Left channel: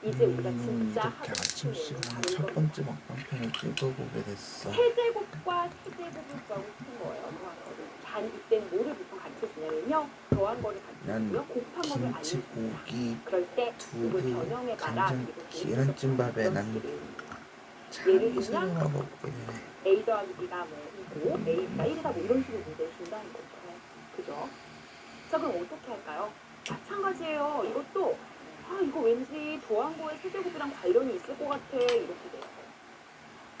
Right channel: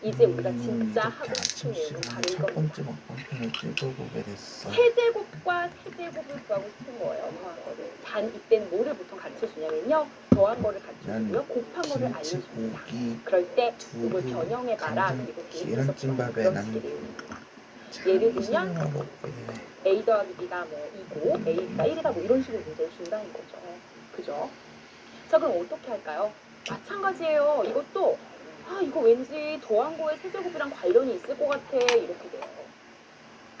이제 우리가 진짜 이렇게 하고 아침 싶은 내용은 시간에 바로 첫 이겁니다. 번째 먹방편을 찍어보게 됐어. 세제곱과 세제곱을 구하고 싶은 거예요. 더한 거를. 단 이때는 뭐를 보통 가르쳐주냐면요. 더한 거를 가르쳐주고요. 곱한 거를 김치, 알려줍니다. 고기, 그럴 때 이걸 두부, 변형해봐라. 간장, 그리고 계란찜밥에 그런 나는 식의 내용입니다. 예를 참 들면 이상한 거 먹게 되네. A 더하기 B가 뭐 2고 A가 1이다 뭐 이런 식으로 문제를 준다는 거죠. 그죠? 자, 그럼 어떻게 할까요? 마찬가지예요. 이것도 이거 왠지 더한 거에 세제곱이랑 관련이 있을 것 같아. 이렇게 돼요.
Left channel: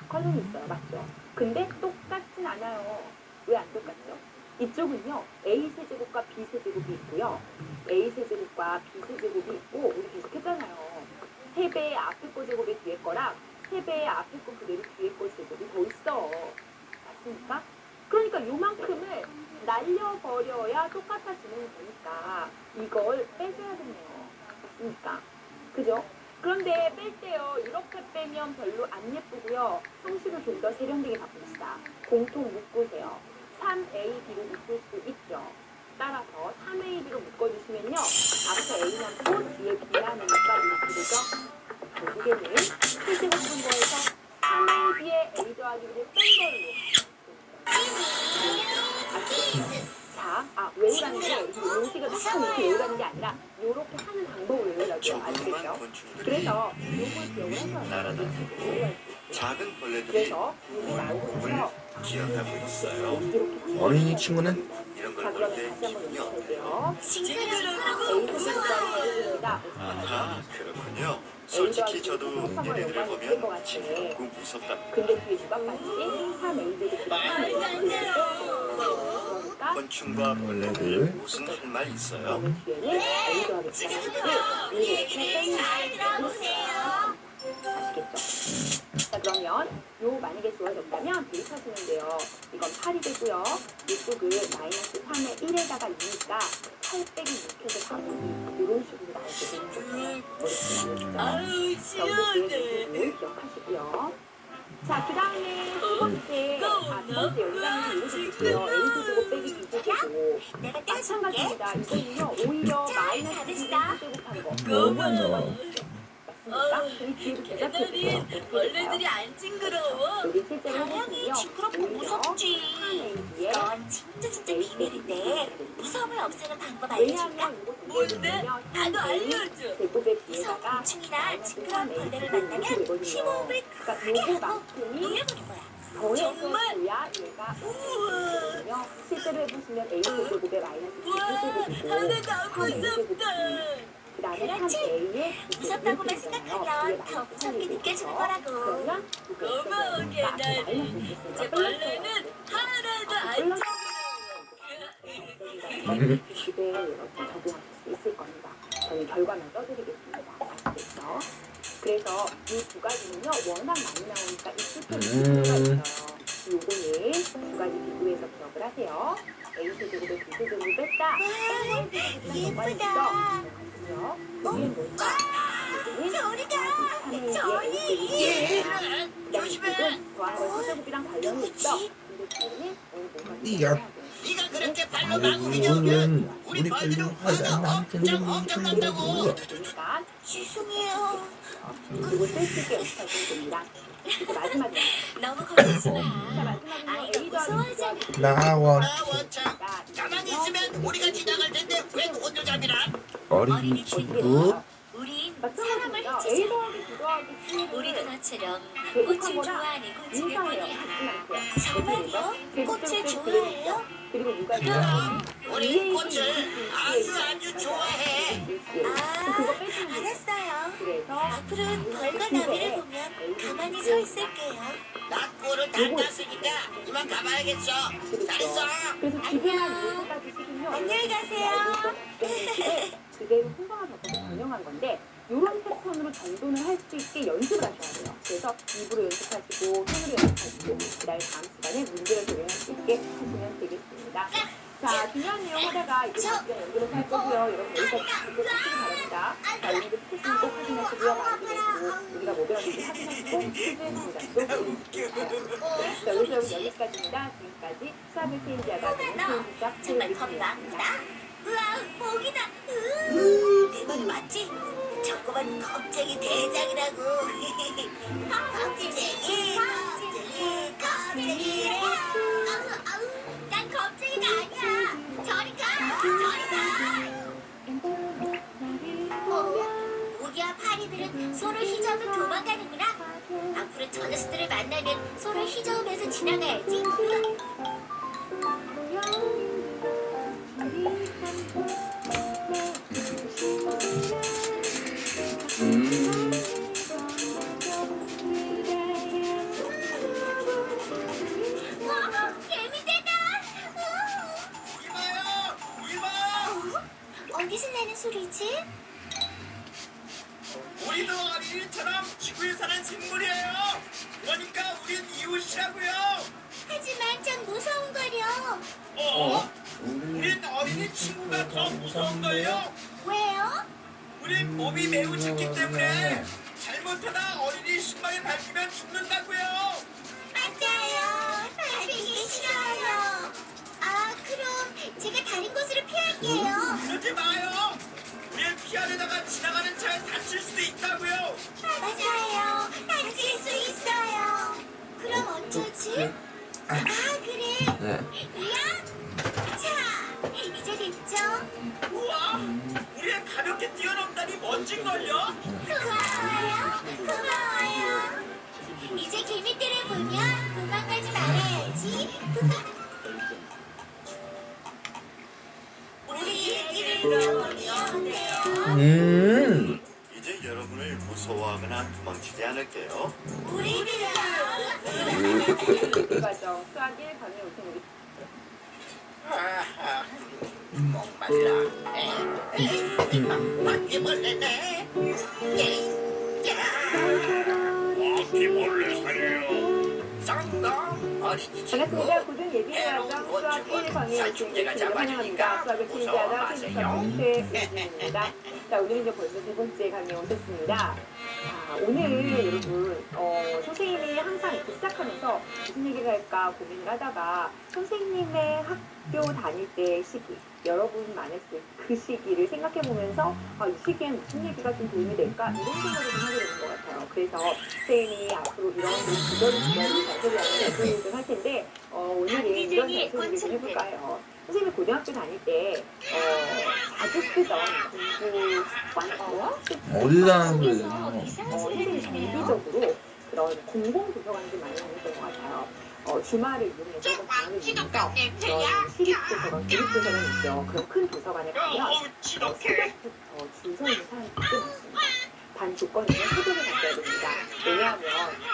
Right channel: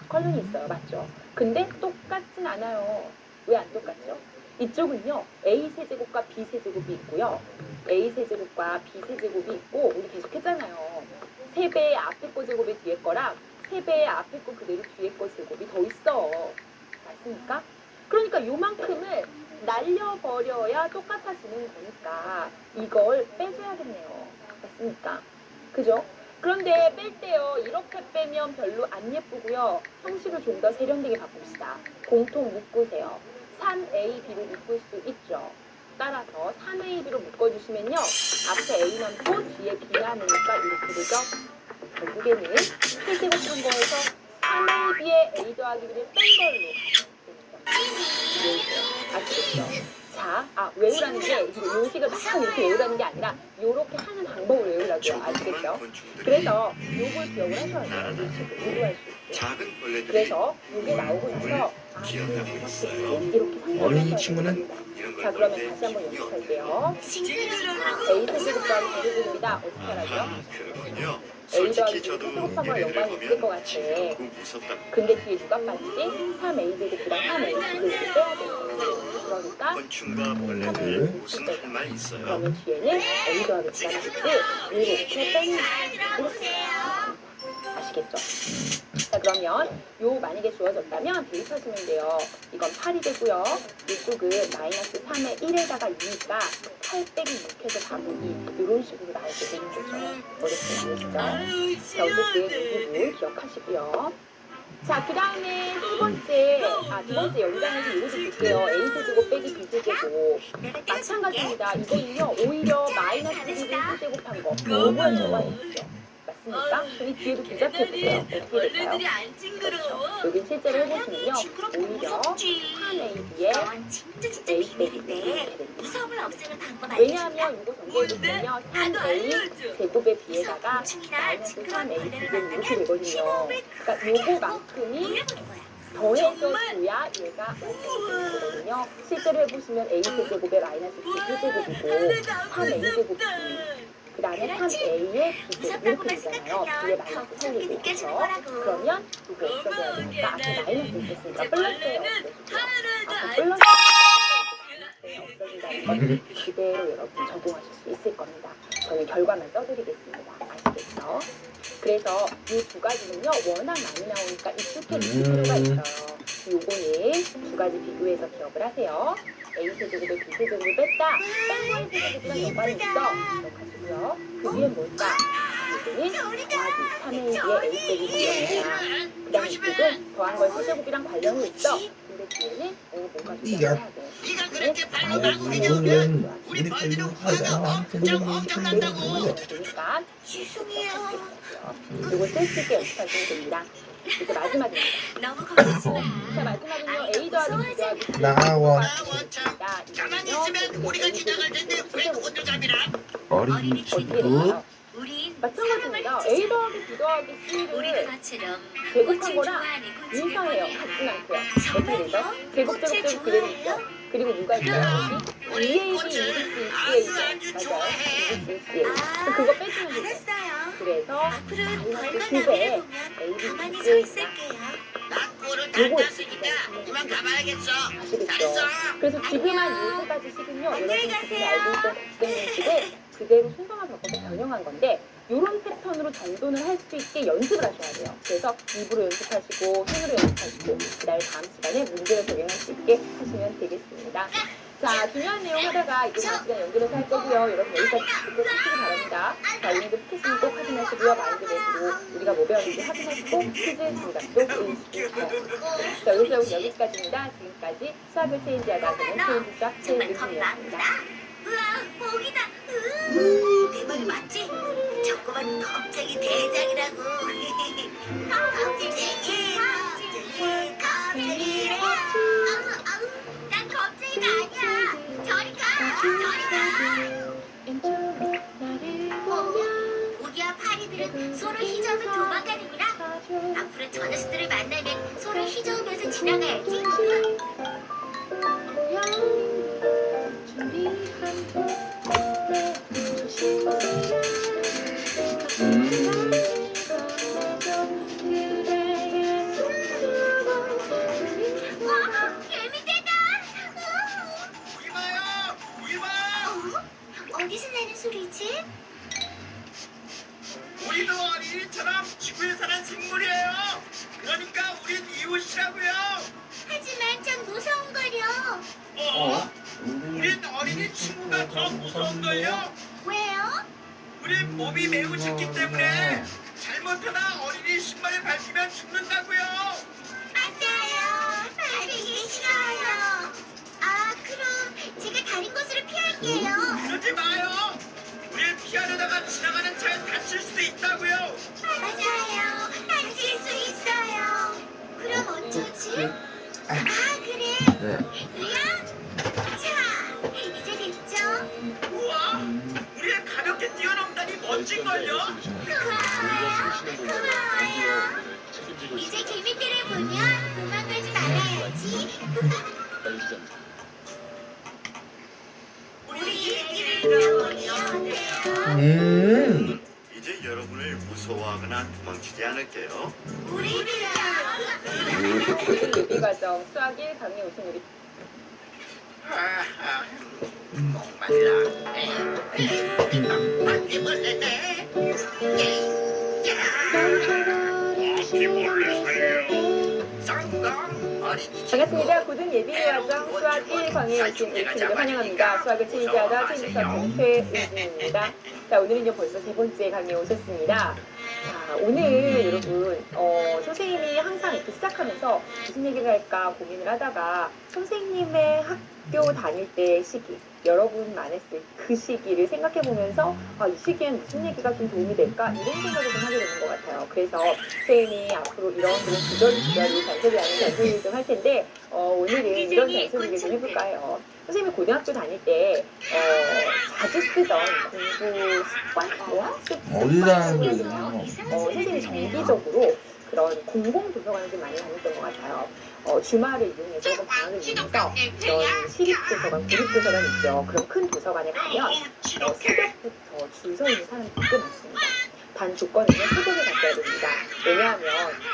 관련이 있어요. 맞죠? 근데 똑같진 않아요. 왜 안 똑같죠? 이쪽은요. A 세제곱과 B 세제곱이 있고요. A 세제곱과 B 세제곱이 있고 우리 계속 했잖아요. 3배의 앞에 거 제곱이 뒤에 거랑 3배의 앞에 거 그대로 뒤에 거 제곱이 더 있어. 맞습니까? 그러니까 요만큼을 날려버려야 똑같아지는 거니까 이걸 빼줘야겠네요. 맞습니까? 그죠? 그런데 뺄 때요. 이렇게 빼면 별로 안 예쁘고요. 형식을 좀 더 세련되게 바꿉시다. 공통 묶으세요. 3AB로 묶을 수 있죠. 따라서 3AB로 묶어주시면요. 앞에 A 남고 뒤에 B 남으니까 이렇게 되죠. 결국에는 세제곱한 거에서 3AB에 A 더하기 B를 뺀 걸로 아시겠죠? 자, 외우라는 게 요식을 막 이렇게 외우라는 게 아니라 요렇게 하는 방법을 외우라고요. 아시겠죠? 그래서 요걸 기억을 하셔야 돼요. 요식을 공부할 수 있게. 작은 벌레들이 그래서 요게 나오고 나서 기억하고 있어요. 이렇게 어린이 친구는 이런 걸 자, 볼 그러면 때 다시 한번 기분이 연습할게요. 어때요? A 세제곱과 B제곱입니다. 어떻게 하죠? 아, 그렇군요. A 솔직히 더하기 저도 세제곱하고는 얘네들 연관이 있을 것 보면 같아. 징그럽고 무섭답니다. 근데 뒤에 누가 빠지지? 3A 제곱이랑 3A 제곱을 빼야 돼요. 그러니까 곤충과 벌레들 벌레들. 무슨 할 말 있어요? 그러면 뒤에는 A 더하기 B가 나오지 이렇게 빼는 거예요. 아시겠죠? 자, 그러면 요 만약에 주어졌다면 대입하시면 돼요. 이건 8이 되고요. 이쪽은 마이너스 3의 1에다가 2니까 8 빼기 6해서 4분이 이런 식으로 나오게 되는 거죠. 어렵지 않으시죠? 자, 오늘 그 부분 기억하시고요. 자, 그 다음에 두 번째 연장에서 이렇게 볼게요. A 세제곱 빼기 B 세제곱. 마찬가지입니다. 이거는요, 오히려 마이너스 1이 세제곱한 거. 요거랑 연관이 있죠. 맞습니까? 그럼 이 뒤에도 대답해보세요. 어떻게 될까요? 안 징그러워. 여기 실제로 해보시면요. 징그럽고 오히려 무섭지. 3AB에 넌 진짜 A 비밀인데 빼기 무서움을 없애는 방법 알려줄까? 왜냐하면 이거 공개해보면요. 3A 제곱에 비에다가 마이너스 3A 이렇게 되거든요. 그러니까 요거만큼이 노래보는 거야. 더해줘야 얘가 5제곱이거든요. 실제로 해보시면 A 세제곱에 마이너스 2제곱이고 3A 제곱이 그 다음에 3A에 무섭다고 이렇게 되잖아요. 뒤에 말씀하면 더 마이너스 무섭게 3이 느껴지는 되죠. 거라고. 그러면 이거 없어져야 되니까 앞에 마이너스 있었으니까 플러스예요. 하나도 앞에 안 플러스 없어진다는 걸 그대로 여러분 적용하실 수 있을 겁니다. 저는 결과만 써드리겠습니다. 아시겠죠? 그래서 이 두 가지는요 워낙 많이 나오니까 익숙해 지실 필요가 있어요. 요거는 두 가지 비교해서 기억을 하세요. A 세제곱에 B 세제곱을 뺐다. 뺀 거에 세제곱이랑 연관이 있어. 기억하시고요. 그 위엔 뭘까? 이거는 더하기 3A의 A 빼기 B입니다. 그 다음에 이쪽은 더한 거에 세제곱이랑 관련이 있어. 근데 뒤에는 뭔가 네가 네가 그렇게 발로 아이고 나무를 이거는 우리 빨리 하자. 나한테 너무 힘들더라고요. 그러니까 죄송해요. 이거 쓸 게 연습하시면 됩니다. 이제 마지막입니다. 너무 걱정하지 마. 자, 마지막은요. A 더하기 B 더하기 나와. 참. 가만히 있으면 우리가 지나갈 텐데 왜 혼자잡이라? 어린이 친구. 우린 마찬가지입니다. A 더하기 B 더하기 우리가 C를 너처럼 제곱한 꽃을 거랑 좋아하는 곤충을 인사해요. 보내요. 같진 않고요. 어떻게 되죠? 정말요? 제곱 꽃을 제곱 제곱 그대로 있죠. 좋아해요? 그리고 누가 있어야지? 우리 2AB, 꽃을 2BC, 아주 2CA 아주 맞아요. 좋아해. 2BC, 아, 그거 빼주면 되죠. 알았어요. 그래서 앞으로는 벌과 그 나무를 집에 보면 가만히 서 ABC가 있을게요. 나 꼴을 다 땄으니까 이만 가봐야겠어. 아시겠죠? 잘했어. 그래서 지금한 요 세 가지 식은요. 안녕히 여러분들이 가세요. 알고 있던 국생식을 그대로 순서만 바꿔서 변형한 건데 이런 패턴으로 정돈을 할 수 있게 연습을 하셔야 돼요. 그래서 입으로 연습하시고 손으로 연습하시고 그다음에 다음 시간에 문제를 적용할 수 있게 하시면 되겠습니다. 자, 중요한 내용 하다가 이제 다음 시간에 연결해서 할 거고요. 여러분 여기까지 듣고 하시기 바랍니다. 자, 오늘도 스케줄은 꼭 확인하시고요. 마인드 내시고 우리가 뭐 배웠는지 확인하시고 퀴즈 정답도 보여주시고요. 자, 오늘 여기까지입니다. 지금까지 수학을 체인지하다 보는 체인지 수학 정말 체인지였습니다. 겁난다. 우와, 복이다. 내 말 맞지? 저 꼬만 겁쟁이 대장이라고. 겁쟁이, 겁쟁이. 아우, 난 겁쟁이가 아니야. 저리 가, 저리 가. 우리와 파리들은 서로 휘저으며 도망가는구나. 앞으로 저 녀석들을 만나면 서로 휘저으면서 지나가야지. 와, 개미떼다. 이마요, 이마. 어디서 나는 소리지? 우리도 어린이처럼 지구에 사는 생물이에요. 그러니까 우린 이웃이라고요. 하지만 좀 무서운거려. 우린 어린이 친구가 더 무서운 거예요. 왜요? 우린 몸이 매우 짙기 때문에 잘못하다 어린이 신발을 밟히면 죽는다고요. 맞아요. 밟히기 싫어요. 아, 그럼 제가 다른 곳으로 피할게요. 그러지 마요. 우린 피하려다가 지나가는 차에 다칠 수도 있다고요. 맞아요. 다칠 수 있어요. 그럼 어쩌지? 아, 그래. 네. 이야. 자, 이제 됐죠? 우와, 우리의 가볍게 뛰어넘다니 멋진걸요. 고마워요. 이제 개미들을 보면 도망가지 말아야지. 우리 얘기를 들어보니 어때요? 이제 여러분을 무서워하거나 도망치지 않을게요. 우리들요. 예비과정 수학 1 강의 오신 우리 목말라. 바퀴벌레네. 바퀴벌레 살려. 성공. 반갑습니다. 고등 예비과정 수학 1 강의에 오신 교수님을 환영합니다. 수학을 체리하다 체리수학 최우진입니다. 자, 오늘은요 벌써 세 번째 강의에 오셨습니다. 자, 오늘 여러분 선생님이 항상 이렇게 시작하면서 무슨 얘기를 할까 고민을 하다가 선생님의 학교 다닐 때 시기, 여러분 만났을 그 시기를 생각해 보면서 이 시기엔 무슨 얘기가 좀 도움이 될까 이런 생각을 좀 하게 되는 것 같아요. 그래서 선생님이 앞으로 이런 그런 주저리 잔소리하는 잔소리를 좀 할 텐데 오늘은 이런 잔소리를 좀 해볼까요? 선생님이 고등학교 다닐 때 자주 쓰던 공부 습관? 어디다는 거예요? 선생님이 정기적으로 그런 공공 도서관을 좀 많이 다녔던 것 같아요. 주말을 이용해서 혹은 방학을 이용해서 이런 시립도서관, 구립도서관 있죠. 그런 큰 도서관에 가면 새벽부터 줄 서 있는 사람들이 꽤 많습니다. 단 조건은요, 새벽에 갔어야 됩니다. 왜냐하면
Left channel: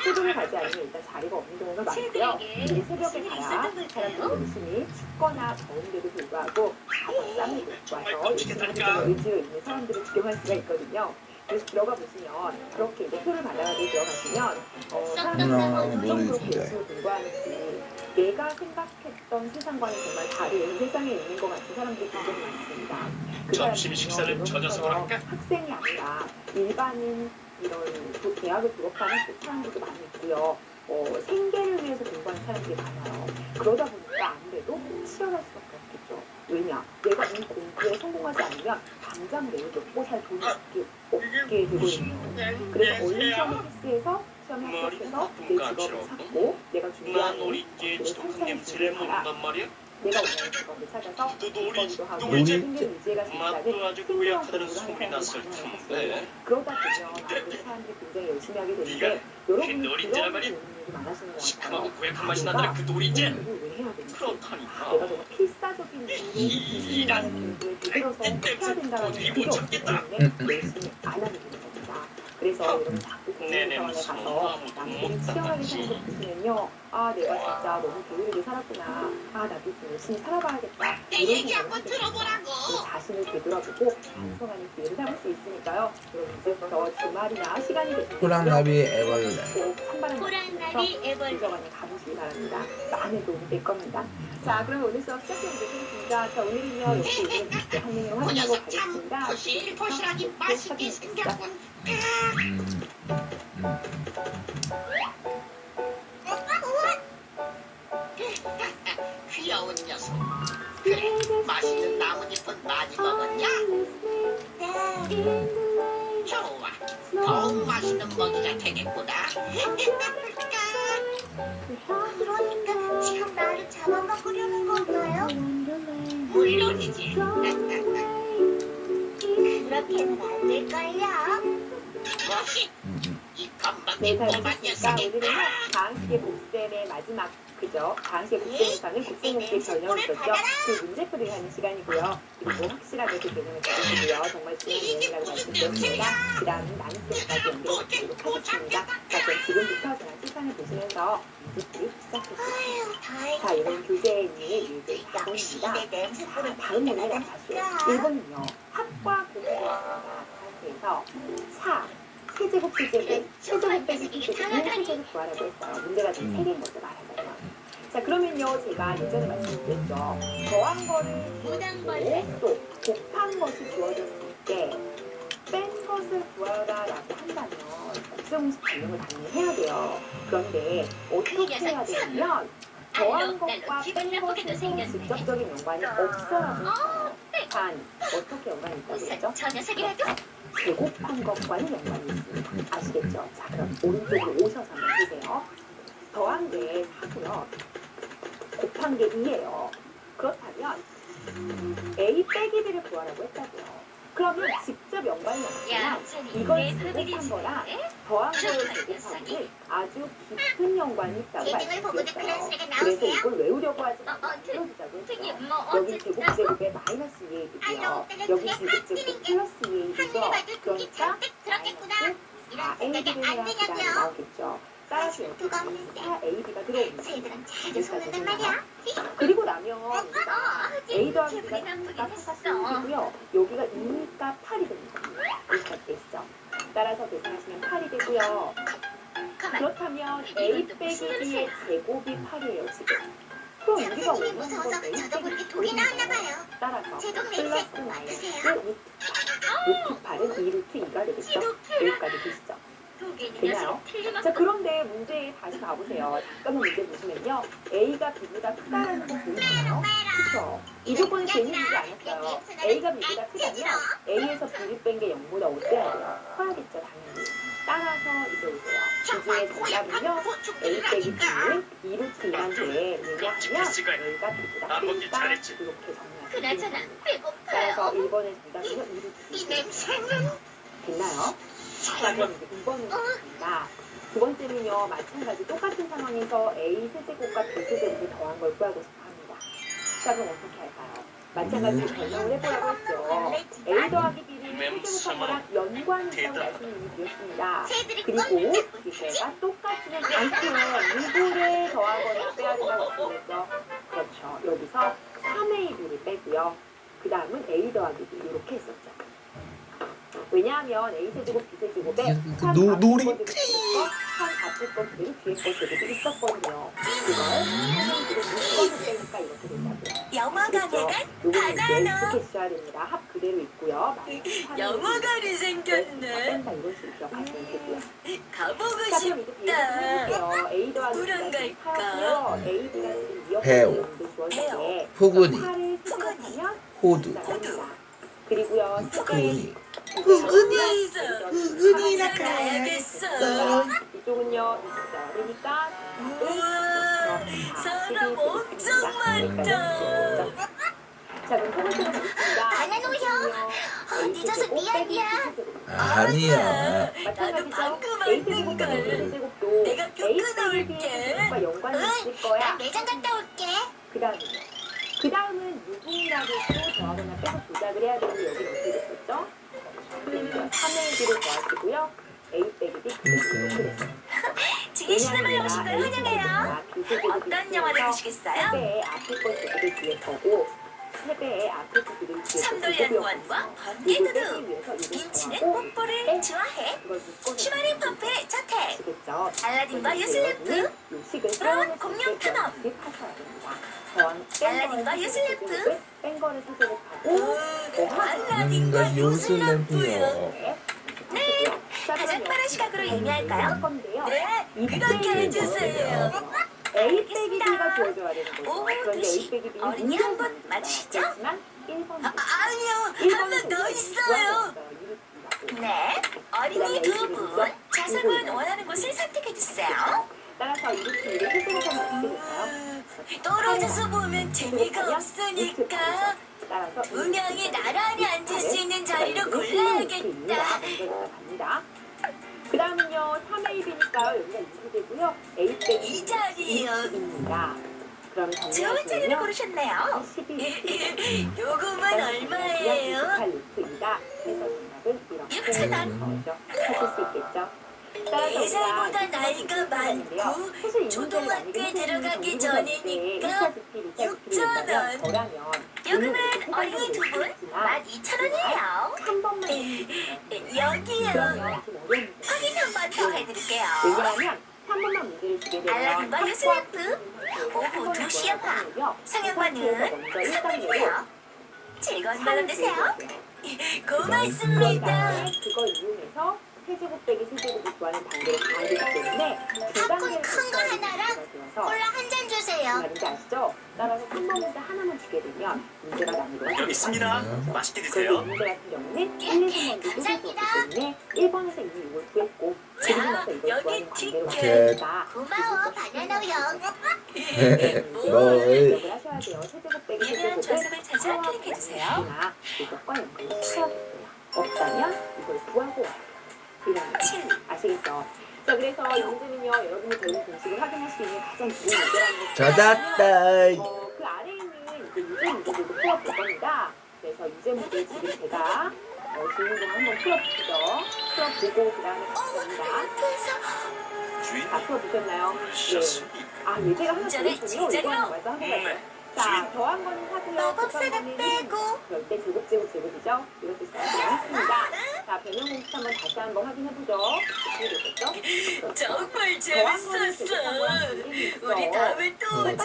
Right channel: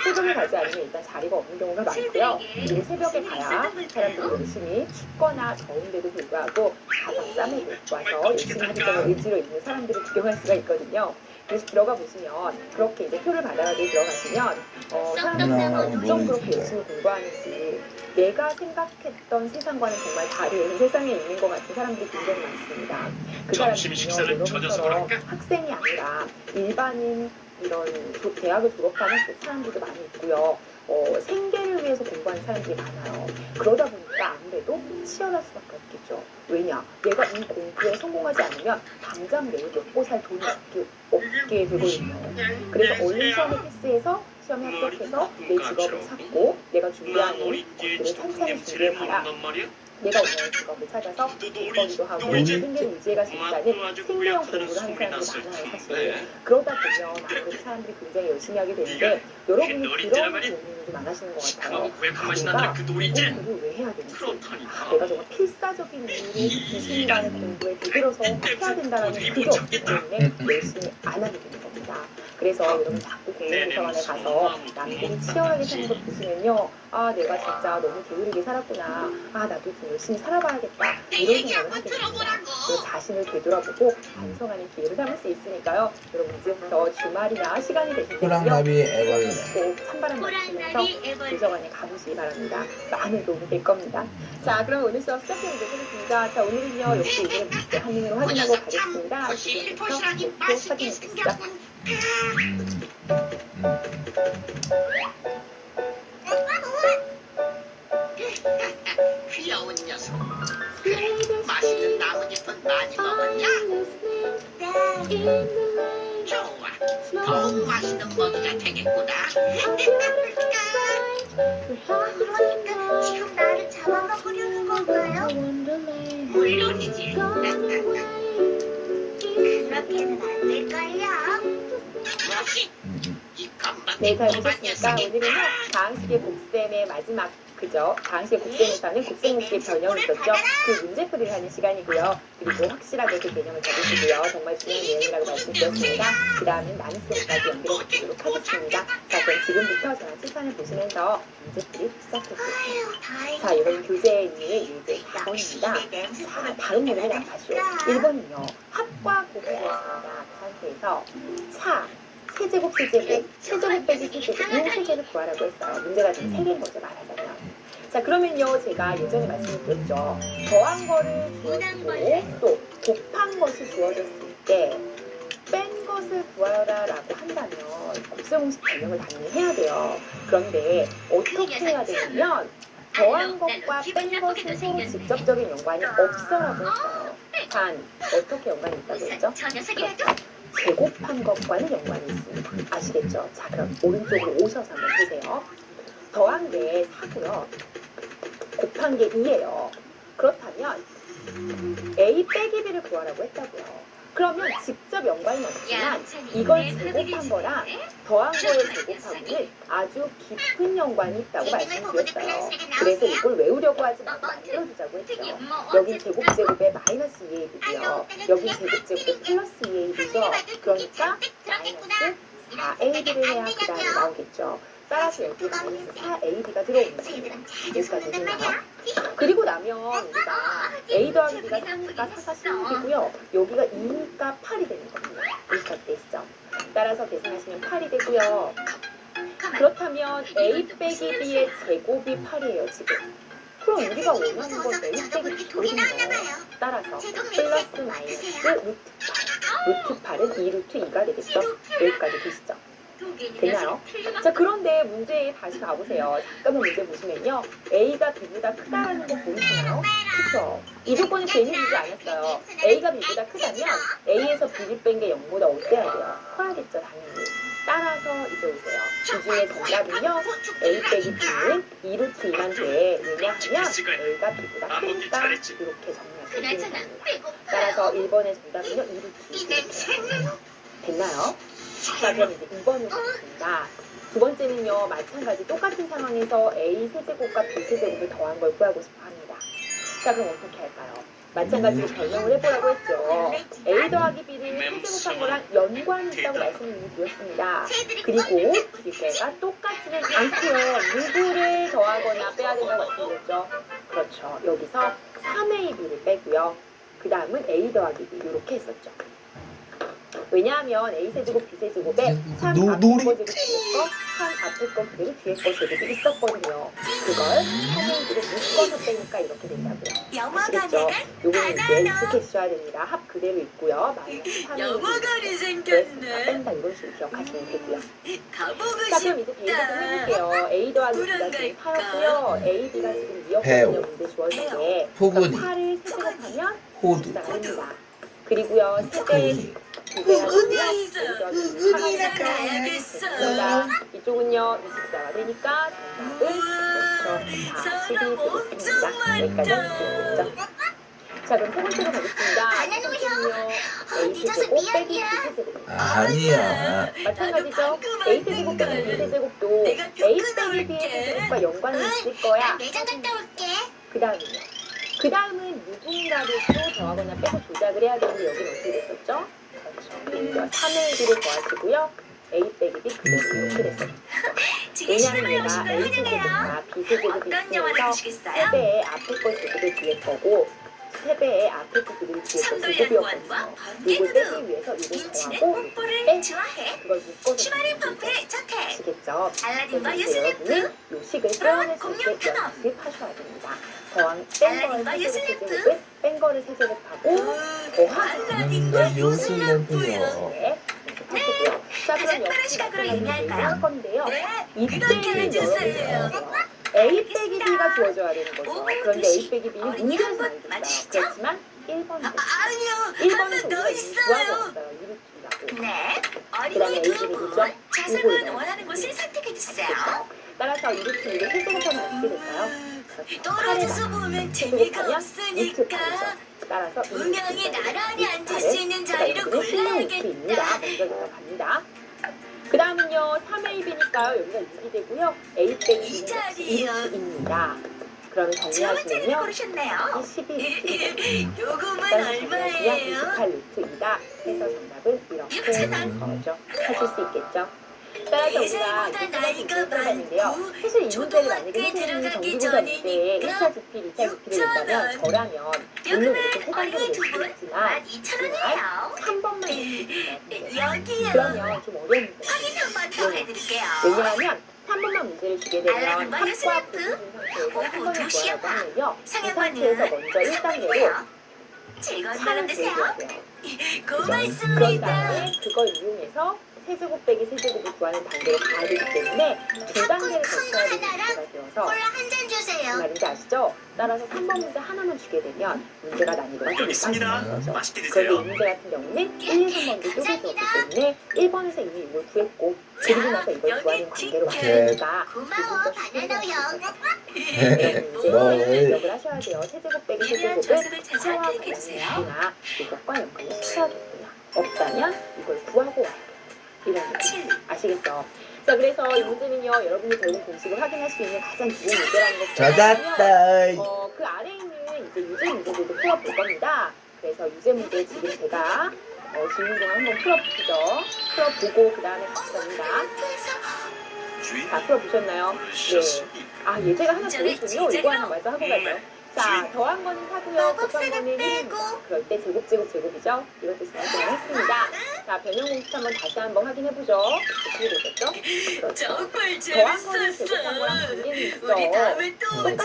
새벽에 가지 않으면 일단 자리가 없는 경우가 많고요. 이 새벽에 가야 사람들이 열심히 춥거나 더운데도 불구하고 다 밥쌈을 먹고 와서 열심히 하겠다는 의지로 있는 사람들을 구경할 수가 있거든요. 그래서 들어가 보시면 그렇게 이제 표를 받아가지고 들어가시면 사람들이 어쩜 그렇게 열심히 공부하는지 내가 생각했던 세상과는 정말 다른 세상에 있는 것 같은 사람들이 굉장히 많습니다. 그 사람들은요, 여러분처럼 학생이 아니라 일반인 이런 대학을 졸업하는 사람들도 많이 있고요. 생계를 위해서 공부하는 사람들이 많아요. 그러다 보니까 아무래도 치열할 수밖에 없겠죠. 왜냐? 내가 이 공부에 성공하지 않으면 당장 내일 먹고 살 돈이 없게 되거든요. 그래서 얼른 시험을 패스해서 시험에 합격해서 내 직업을 찾고 내가 준비하는 것들을 찬찬히 준비해봐야 내가 원하는 직업을 찾아서 벌기도 하고 생계를 유지해갈 수 있다는 생계형 공부를 하는 사람들이 많아요, 사실. 그러다 보면 아무래도 사람들이 굉장히 열심히 하게 되는데 여러분이 그런 고민이 많으시는 것 같아요. 내가 공부를 왜 해야 되는지, 내가 정말 필사적인 이유로 귀신이라는 공부에 들어서 해야 된다는 그게 없기 때문에 열심히 안 하게 되는 겁니다. 그래서 여러분 자꾸 공부도서관에 가서 남들이 치열하게 사는 거 보시면요, 내가 진짜 너무 게으르게 살았구나, 나도 좀 열심히 살아봐야겠다 이런 생각을 하게 됩니다. 그 자신을 되돌아보고 반성하는 기회를 삼을 수 있으니까요. 여러분 이제부터 주말이나 시간이 되실 때요, 호랑나비 애벌레. 꼭 찬바람 맞으면서 도서관에 가보시기 바랍니다. 많은 도움이 될 겁니다. 자, 그럼 오늘 수업 시작해보도록 하겠습니다. 자, 오늘은요 역시 이제 한눈으로 확인하고 가겠습니다. 지금부터 확인해 주시죠. 귀여운 녀석. 그래, 맛있는 나뭇잎은 많이 먹었냐? 네. 좋아. 더욱 맛있는 먹이가 되겠구나. 그러니까 지금 나를 잡아먹으려는 건가요? 물론이지. 그렇게는 안 될걸요. 네, 잘 보셨습니까? 오늘은요, 다항식의 곱셈의 마지막, 그죠? 다항식의 곱셈에서는 곱셈곱기의 변형이 있었죠? 그 문제풀이를 하는 시간이고요. 그리고 확실하게 그 개념을 잡으시고요. 정말 중요한 내용이라고 말씀드렸습니다. 그 다음은 나눗셈까지 연결해 보도록 하겠습니다. 자, 그럼 지금부터 저랑 칠판을 보시면서 문제풀이 시작해보겠습니다. 자, 이건 교재의 문제 4번입니다. 자, 다른 내용을 나가시오. 1번은요, 합과 곱이 되었습니다. 그 상태에서 차, 세제곱 빼기 세제곱 이 세 개를 구하라고 했어요. 문제가 지금 3개인 거죠, 말하자면. 자, 그러면요, 제가 예전에 말씀드렸죠. 더한 거를 주어지고 또 곱한 것이 주어졌을 때 뺀 것을 구하라라고 한다면 곱셈 공식 변형을 당연히 해야 돼요. 그런데 어떻게 해야 되냐면 더한 것과 뺀 것은 서로 직접적인 연관이 없어라고 했어요. 단, 어떻게 연관이 있다고 했죠? 저 녀석이라도 제곱한 것과는 연관이 있습니다. 아시겠죠? 자, 그럼 오른쪽으로 오셔서 한번 보세요. 더한 게 4고요. 곱한 게 2예요. 그렇다면 A 빼기 B를 구하라고 했다고요. 그러면 직접 연관은 없지만 이걸 제곱한 거랑 더한 거를 제곱하고는 아주 깊은 연관이 있다고 말씀드렸어요. 그래서 이걸 외우려고 하지 말고 만들어보자고 했죠. 여기 제곱제곱에 마이너스 2AB고요. 여기 제곱제곱에 플러스 2AB죠. 그러니까 마이너스 4AB를 해야 그 다음에 나오겠죠. 따라서 여기 마이너스 4AB가 들어옵니다. 여기까지 되나요? 그리고 나면 우리가 A 더하기 B가 4가 4가 16이고요. 여기가 2니까 8이 되는 겁니다. 여기까지 되시죠? 따라서 계산하시면 8이 되고요. 그렇다면 A 빼기 B의 제곱이 8이에요, 지금. 그럼 우리가 원하는 건 A 빼기 B거든요. 따라서 플러스 마이너스 루트 8. 루트 8은 2 루트 2가 되겠죠? 여기까지 되시죠? 되나요? 자, 그런데 문제에 다시 가보세요. 잠깐만 문제 보시면요. A가 B보다 크다라는 거 보이시나요? 그쵸? 이 조건을 괜히 주지 않았어요. A가 B보다 크다면 A에서 B를 뺀 게 0보다 어때야 돼요? 커야겠죠, 당연히. 따라서 이제 오세요. 이 중에 정답은요. A 빼기 B는 2 루트 2만 돼. 왜냐하면 A가 B보다 크니까 이렇게 정리하시면 됩니다. 따라서 1번의 정답은요. 2 루트 2. 됐나요? 자, 그럼 이제 2번을 보겠습니다. 두 번째는요, 마찬가지 똑같은 상황에서 A 세제곱과 B 세제곱을 더한 걸 구하고 싶어 합니다. 자, 그럼 어떻게 할까요? 마찬가지로 변형을 해보라고 했죠. A 더하기 B를 세제곱한 거랑 연관이 있다고 말씀을 드렸습니다. 그리고 두 개가 똑같지는 않고요. 누구를 더하거나 빼야 된다고 말씀드렸죠. 그렇죠. 여기서 3AB를 빼고요. 그 다음은 A 더하기 B 이렇게 했었죠. 왜냐하면 A 세제곱 B 세제곱에 3 앞에 거 제곱 뒤에 거, 3 앞에 거 그대로 뒤에 거 제곱이 있었거든요. 그걸 3AB를 묶어서 빼니까 이렇게 된다고요. 아시겠죠? 요거는 이제 익숙해지셔야 됩니다. 합 그대로 있고요. 마이너스 3AB 영화관이 생겼네. 뺀다 이런 식으로 기억하시면 되고요. 가보고 자, 그럼 이제 비교 좀 해볼게요. A 더하기 B가 지금 4였고요. A, B가 지금 2였거든요. 문제 주어지게. 포근이. 8을 세제곱하면 호두. 24가 됩니다. 그리고요, 세배 흑은이라 가야겠어. 이쪽은요 24가 되니까 답은 그렇죠. 12 되겠습니다. 여기까지 되겠죠. 자, 그럼 세 번째로 가겠습니다. A제곱 빼기 B제곱. 아니야. 마찬가지죠. A제곱 빼기 B제곱도 A 빼기 B의 제곱과 연관이 있을 거야. 매장 갔다 올게. 그 다음은 누군가를 또 더하거나 빼고 조작을 해야 되고 여기는 어떻게 됐었죠? 그렇죠. 3의 1을 더하시고요. A 빼기 B 이렇게 됐어요. 지금 시네마 왜냐하면 영식을 내가 A 환영해요. 세제곱과 B 세제곱이 어떤 영화를 있으면서 보시겠어요? 3배의 앞에 거 제곱의 뒤에 거고 3배의 앞에 거 그대로 뒤에 거 삼돌연구원과 제곱이었거든요. 이걸 번개구두. 빼기 위해서 이걸 민치는 더하고 뽀뽀를 좋아해. 이걸 묶어서 주말의 퍼페 자택. 아시겠죠? 알라딘과 그래서 예슬리프. 여러분은 요 식을 표현할 수 공룡 있게 탐험. 연습하셔야 됩니다. 더한 뺀 거를 알라딘과 예슬리프. 세제곱을 뺀 거를 세제곱하고 알라딘과 요술램프요. 네, 하시고요. 자, 가장 그럼 빠른 시각으로 의미할까요? 할 건데요. 네, 이때는 그렇게 해주세요. A 빼기 B가 주어져야 되는 거죠. 오, 그런데 A 빼기 B는 어린이 문제에서 한번 나옵니다. 맞히시죠? 그렇지만 1번이 아니요, 1번은 하나 더 있어요. 이렇습니다. 네. 그다음에 어린이 두 A들이 분. 뭐죠? 좌석은 원하는 곳을 선택해주세요. 따라서 이렇게 이렇게 세제곱하면 어떻게 될까요? 떨어져서 보면 재미가 세제곱하면 없으니까 따라서 두 명이 나란히 앉을 수 있는 자리로 골라야겠다. 먼저 갑니다. 그 다음은요 3AB니까요 여기가 6이 되고요 A 빼기 이 자리요. 2입니다. 그러면 두 번째를 정리하시면요 고르셨네요. 12 요금은 얼마예요? 28루트이다 해서 정답은 이렇게 육천원. 거죠. 하실 수 있겠죠. 따라서 우리가 예상보다 나이가 많고 사실 이 문제를 만약에 초등학교에 선생님이 들어가기 정기고사 때 전이니까 1차 GP, 2차 GP를 낸다면 저라면 물론 이렇게 요금은 어린이 해당되는 두 분 있지만 12,000원이에요. 한 번만 해주세요. 여기요. 그러면 좀 어려운 문제. 확인 한 번 더 해드릴게요. 왜냐하면 한 번만 문제를 주게 되면 알람과 학과 뉴스레프, 오후 2시에 봐. 상해반은 먼저 1단계로 3분이고요. 즐거운 밤 되세요. 그런 고맙습니다. 다음에 그걸 이용해서 세제곱 빼기 세제곱을 구하는 단계를 가야 되기 때문에 두 단계를 거쳐야 되는 문제가 되어서 콜라 한 잔 무슨 주세요. 말인지 아시죠? 따라서 3번 문제 하나만 주게 되면 문제가 난이도가 좀 여기 있습니다. 높아지는 거죠. 맛있게 그런데 이 드세요. 문제 같은 경우는 1, 2, 3번도 쪼개져 없기 때문에 1번에서 이미 이걸 구했고 그리고 나서 이걸 구하는 관계로 왔으니까 고마워 바나나 형. 문제 기억을 하셔야 돼요. 세제곱 빼기 이런 세제곱을 좌석을 자주 구하고 클릭해주세요. 있으나 이것과 연관을 시켜야겠고요. 없다면 이걸 구하고 와야 돼요. 이런 거 7. 아시겠죠? 자, 그래서 이 문제는요, 여러분이 배운 공식을 확인할 수 있는 가장 좋은 문제라는 거. 찾았다. 그 아래에 있는 이제 유제 문제들도 풀어볼 겁니다. 그래서 유제 문제 지금 제가 질문을 한번 풀어보시죠. 풀어보고 그 다음에 같이 갑니다. 주인 다 풀어보셨나요? 네. 오셨습니다. 아, 예제가 하나 더 문제를 있군요. 이거 하나 먼저 하고 갈까요? 자, 더한 거는 사고요. 곱한 거는 1입니다. 그럴 때 제곱, 제곱, 제곱이죠? 이것도 제가 했습니다. 자, 변형 공식 한번 다시 한번 확인해보죠. 어떻게 되겠죠? 그렇죠. 정말 더한 거는 재밌었어. 제곱한 거랑 관계는 있죠. 우리 다음에 또 오자.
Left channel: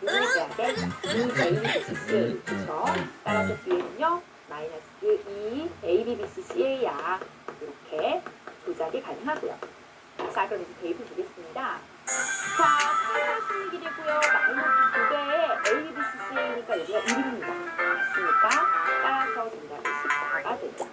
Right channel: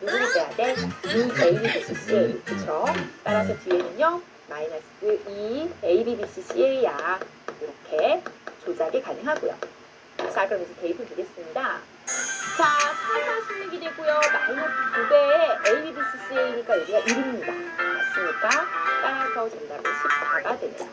누구를 빼야 돼? 2ABCC. 그쵸? 따라서 뒤에는요. 마이너스 2 ABBCCA야. 이렇게 조작이 가능하고요. 자, 그럼 이제 대입을 보겠습니다. 자, 4가 16이 되고요. 마이너스 2배의 ABBCCA니까 여기가 1입니다. 맞습니까? 따라서 정답은 14가 되죠.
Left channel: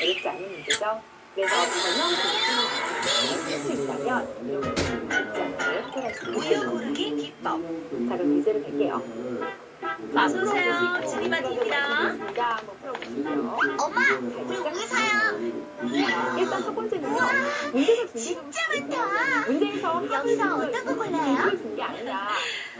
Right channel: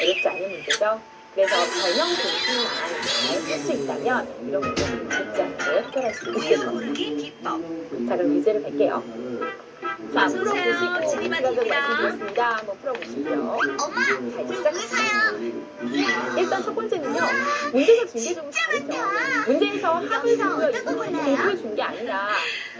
어렵지 않은 문제죠? 그래서 변형 공식만 쓸수 있다면 이런 문제는 어렵지 않게 해결할 수 있겠죠. 고르기 기법. 자, 그럼 문제를 뵐게요. 자, 풀어보시고 시간 좀 말씀드렸습니다. 한번 풀어보시고요. 엄마, 잘 우리 시작합니다. 사요. 일단 첫 번째는요. 문제가 준비적으로 잘했죠. 문제에서 합을 사고요. 이거 공부를 준 게 아니라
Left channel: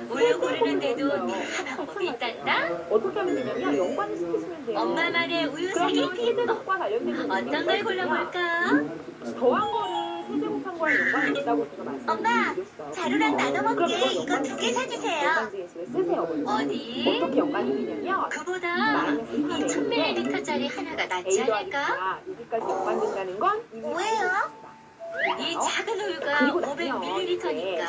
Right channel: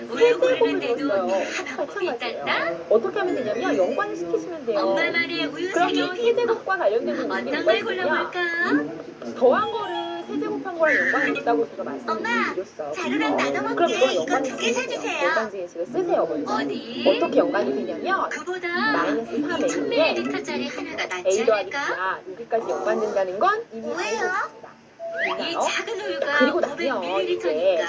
뭘 세제곱을 고르는데도 줬어요. 하나밖에 있단다. 마찬가지예요. 어떻게 하면 되냐면 연관을 시키시면 돼요. 엄마만의 우유 그러면 세제곱이 세제곱과 관련된 문제가 어떤 뭐가 걸 있느냐? 골라볼까? 더한 거를 세제곱한 거랑 연관이 있다고 제가 말씀드렸어요. 자루랑 나눠 그럼 먹게 이거 이거 연관이 2개 사주세요. 연관지행식을 쓰세요. 먼저. 어디? 어떻게 연관이 되냐면 그보다 마이너스 3A인데 1000ml짜리 하나가 낫지 A 더하기 않을까? B가 여기까지 연관된다는 건 이미 뭐예요? 알고 이 있습니다. 작은 우유가 그리고 나면 500ml니까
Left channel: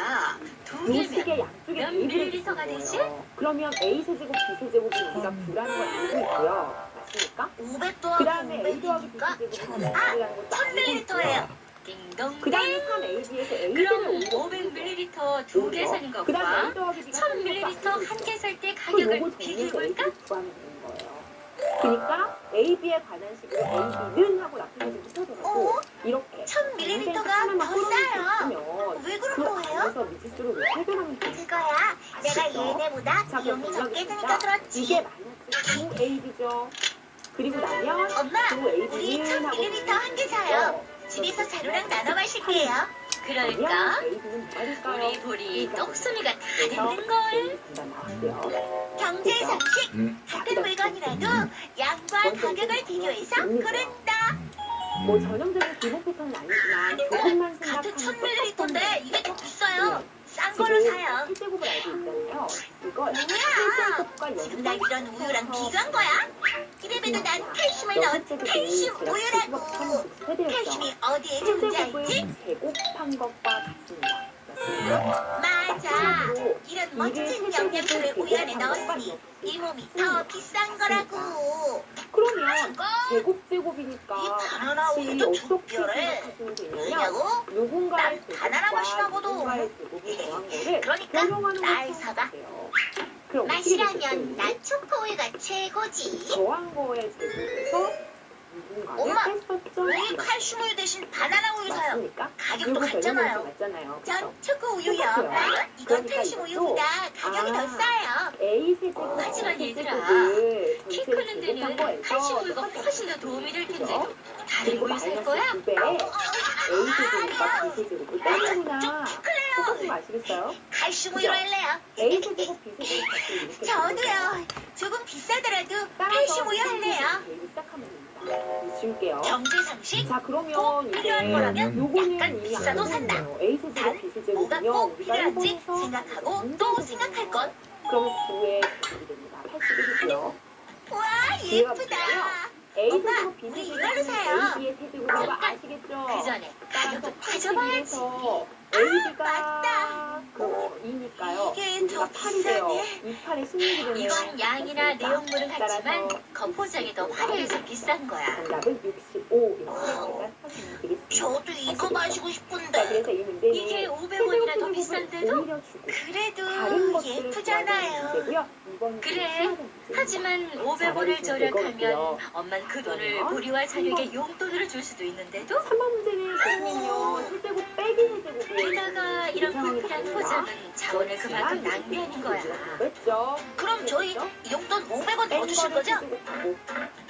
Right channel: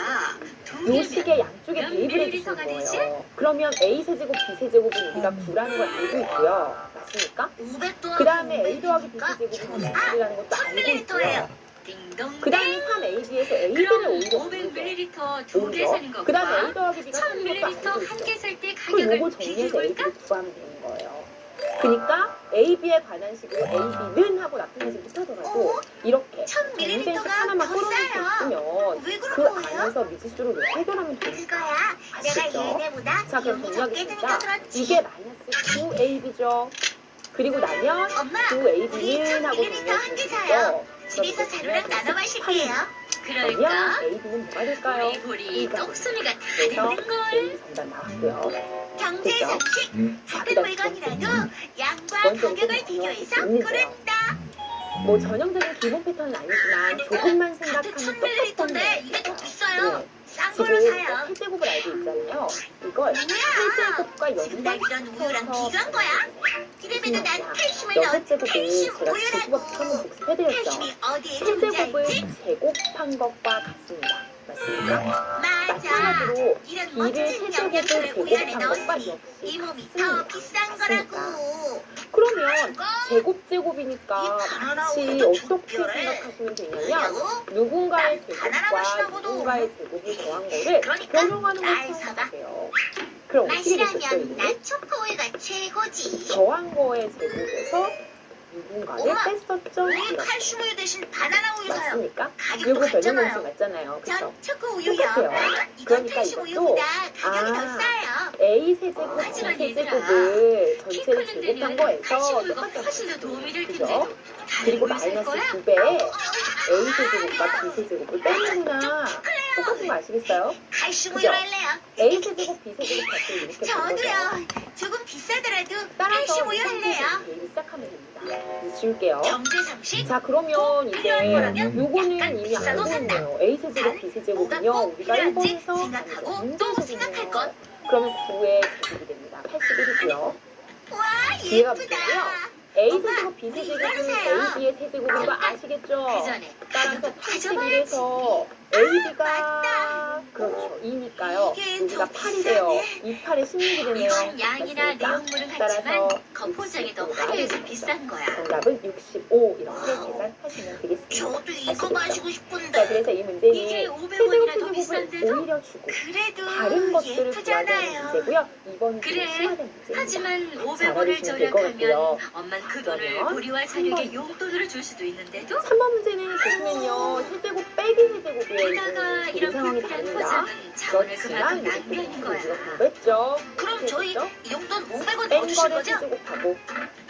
두 요 식의 개면 양쪽에 몇 대입을 해주시는 밀리리터가 되지? 거예요. 그러면 A 세제곱, B 세제곱은 우리가 9라는 걸 알고 있고요. 맞습니까? 500 더하기 그 다음에 A 더하기 B 500이니까 세제곱은 6이라는 것도 알고 1000ml예요. 있고요. 딩동. 그 다음에 3AB에서 A들을 그럼 오히려 500ml 두 개 사는 그 다음에 것과 A 더하기 B가 사는 것도 1000ml 알고 한 있죠. 개 살 때 그럼 가격을 요거 정리해서 비교해볼까? A를 구하면 되는 거예요. 그러니까 AB에 관한 식으로 AB는 하고 나타내지 못하더라도 이렇게 1000ml 정리식 가 하나만 더 끌어낼 수 싸요. 있으면 왜 그 그런 거예요? 안에서 미지수를 왜 해결하면 되는 그거야. 내가 아시죠? 얘네보다 자, 그럼 비용이 적게 드니까 정리하겠습니다. 그렇지. 이게 마이너스 9AB죠. 그리고 나면 엄마, 우리 9AB는 하고 1000ml 한 개 사요. 정리해서 집에서 자루랑 나눠 마실게요. 그러면 그러니까 AB는 뭐가 될까요? 우리 보리 똑소리가 다 그래서 됐는걸. A 정답 나왔고요. 경제 그죠? 상식 자, 같은 그다음 물건이라도 양과 먼저 가격을 이제 비교해서 정리해요. 고른다. 뭐 전형적인 기본 패턴은 아니지만 조금만 같은 생각하면 1000ml인데 이게 더 비싸요. 싼 걸로 지금 사요. 세제곱을 알고 있잖아요. 이걸 세제곱과 정말 연관 이런 우유랑 비교한 거야? 이래봬도 난 칼슘을 여섯 넣은 제곱을 칼슘 제가 우유라고. 제곱을 한번 복습해드렸죠. 칼슘이 어디에 세제곱을 존재하지? 제곱한 것과 같습니다. 맞습니까? 맞아. 마찬가지로 이런 2를 멋진 영양소를 세제곱을 보양해 제곱한 것과 넣었으니 이 역시 몸이 더 비싼 거라고. 그러면 제곱제곱이니까 이 바나나 같이 우유도 어떻게 특별해. 생각하시면 되냐면 뭐라고? 누군가의 난 바나나 제곱과 맛이라고도. 누군가의 제곱을 더한 거를 그러니까 변형하는 날 걸 사봐. 생각하세요. 그럼 어떻게 되겠어요? 마시라면 이게? 난 초코우유가 최고지. 더한 거의 제곱에서 누군가를 엄마, 뺐었죠? 왜 이렇게. 칼슘 우유 대신 바나나 우유 사요? 맞습니까? 가격도 요거 변형 공식 같잖아요. 맞잖아요. 그쵸? 전 초코 우유요. 똑같아요. 이건 그러니까 칼슘 이것도 우유보다 가격이 더 아, 싸요. A 세제곱, B 하지만 세제곱을 키 전체를 크는 제곱한 데는 거에서 칼슘 우유가 똑같아요. 훨씬 더 도움이 될 그죠? 텐데도 그리고 다른 우유 살 마이너스 거야? 9배 A 세제곱과 B 세제곱을 빼는구나. 똑같은 거 아시겠어요? 칼슘 그죠? 우유 할래요. A 세제곱, B 세제곱 값을 이렇게 보는 거죠. 저도요. 조금 비싸더라도 따라서 칼슘 우유 할래요. 계획을 시작하면 됩니다. 이제 지울게요. 경제 상식? 자, 그러면 이제 거라면 요거는 약간 이미 비싸도 알고 산다. 있네요. A 세제곱, B 세제곱은요. 뭐가 꼭 우리가 필요한지 1번에서 생각하고 또 생각할 것. 그러면 9의 곱이 됩니다. 81이고요. 와, 뒤에가 예쁘다. 무슨요? A 엄마, 세제곱, B 우리 세제곱은 이걸 사요. AB의 세제곱인 거 아시겠죠? 그 전에 따라서 가격도 따져봐야지. 81에서 AB가 맞다. 그렇죠. 2니까요. 이게 여기가 더 8이 돼요. 비싸네. 2, 8에 16이 되네요. 이건 양이나 맞습니까? 내용물은 따라서 같지만 겉포장이 더 화려해서 65가 비싼 거야. 정답은 65 이렇게 계산하시면 되겠습니다. 저도 이거 아시겠죠? 마시고 자, 싶은데. 그래서 이 문제는 이게 500원이나 더 세제곱 비싼데도? 세제곱을 오히려 주고 그래도 다른 것들을 구하자는 예쁘잖아요. 문제고요. 이번 그래. 심화된 문제입니다. 하지만 잘 500원을 알으시면 될것 같고요. 절약하면 엄마는 그 돈을 그러면 보리와 사육에 용돈으로 줄 수도 있는데도 3번 문제는 보시면요. 세제곱 빼기 세제곱이에요. 게다가 이 이런 상황이 불필요한 다릅니다. 포장은 자원을 그렇지만 그만큼 낭비하는 거야. 공부했죠. 그럼 저희 그렇죠? 용돈 500원 더 뺀 주실 거를 거죠? 세제곱하고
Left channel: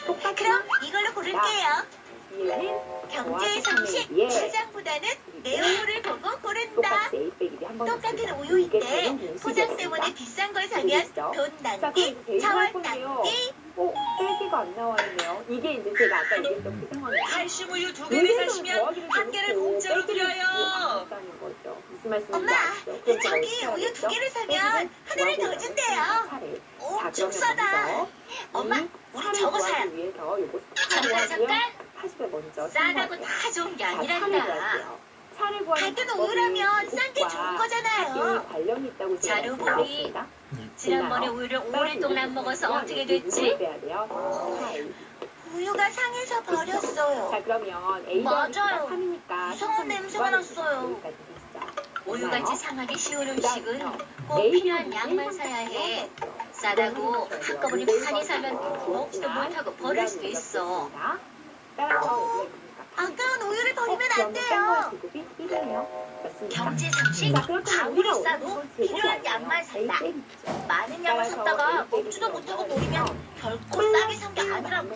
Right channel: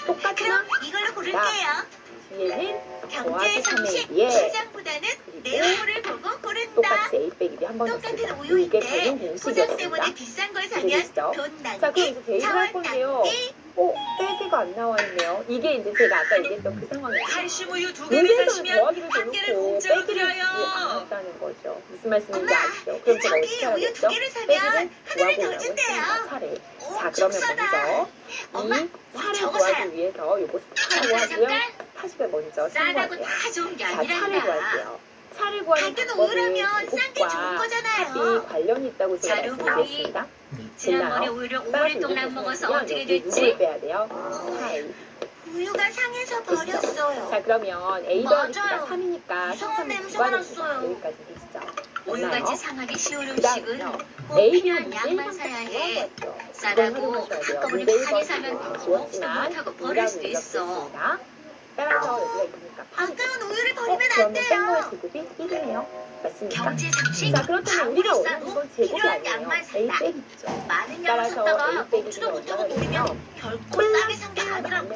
똑같나? 그럼 이걸로 고를게요. 뒤에는 경제 더하기 상식 3의 2에 포장보다는 내용물을 보고 고른다. 똑같이 A 빼기 B 한번 똑같은 이게 우유인데 변형 포장 공식이었습니다. 때문에 비싼 걸 사면 이해되시죠? 돈 자, 그럼 낭비, 이제 대입을 할 자원 건데요. 낭비. 빼기가 안 나와 있네요. 이게 이제 제가 아까 얘기했던 그 상황이에요. 칼슘 우유 2개를 문제에서는 사시면 더하기를 한 개를 대놓고 공짜로 빼기를 드려요. 안 한다는 거죠. 무슨 말씀인지 엄마, 아시죠? 그럼 제가 저기 어떻게 우유 해야겠죠? 2개를 사면 빼기를 하나를 더 구하고 준대요. 나면 차례. 자, 엄청 그러면 싸다. 먼저 엄마, 이 우리 차를 저거 구하기 사요. 위해서 요거 사라고 하고요. 잠깐 80을 먼저 싸다고 신고할게요. 다 좋은 게 자, 차를 아니란다. 구할게요. 차를 구하는 같은 방법은 우유라면 싼 게 좋은 제곱과 합이 거잖아요. 관련이 있다고 제가 자료 말씀드렸습니다. 지난번에 됐나요? 우유를 따라서 오랫동안 안 이렇게 먹어서 보면 어떻게 여기 됐지? 누구를 빼야 돼요? 차이. 우유가 상해서 버렸어요. 자, 그러면 A 더하기 B가 맞아요. 3이니까 이상한 냄새가 났어요. 여기까지 되시죠? 우유같이 상하기 쉬운 그다음에요. 음식은 꼭 A, 필요한 B는 양만 일반 사야 팩트로 해. 하죠. 싸다고 이걸 확인하셔야 돼요. 한꺼번에 문제의 많이 것은 사면 다 먹지도 지웠지만 못하고 버릴 수도 이라고 있어. 이렇습니다. 따라서 여기가 있으니까 아까운 우유를 버리면 안 그러면 뺀 거의 돼요. 제곱이 1이네요. 맞습니까? 경제 상식 자, 그렇다면 우리가 원하는 싸도 건 제곱이 필요한 아니에요. 양만 A 산다. 빼기죠. 많은 양을 따라서 샀다가 A 빼기가 먹지도 못하고 얼마나 버리면 되냐면 결코 싸게 산 게 아니라고.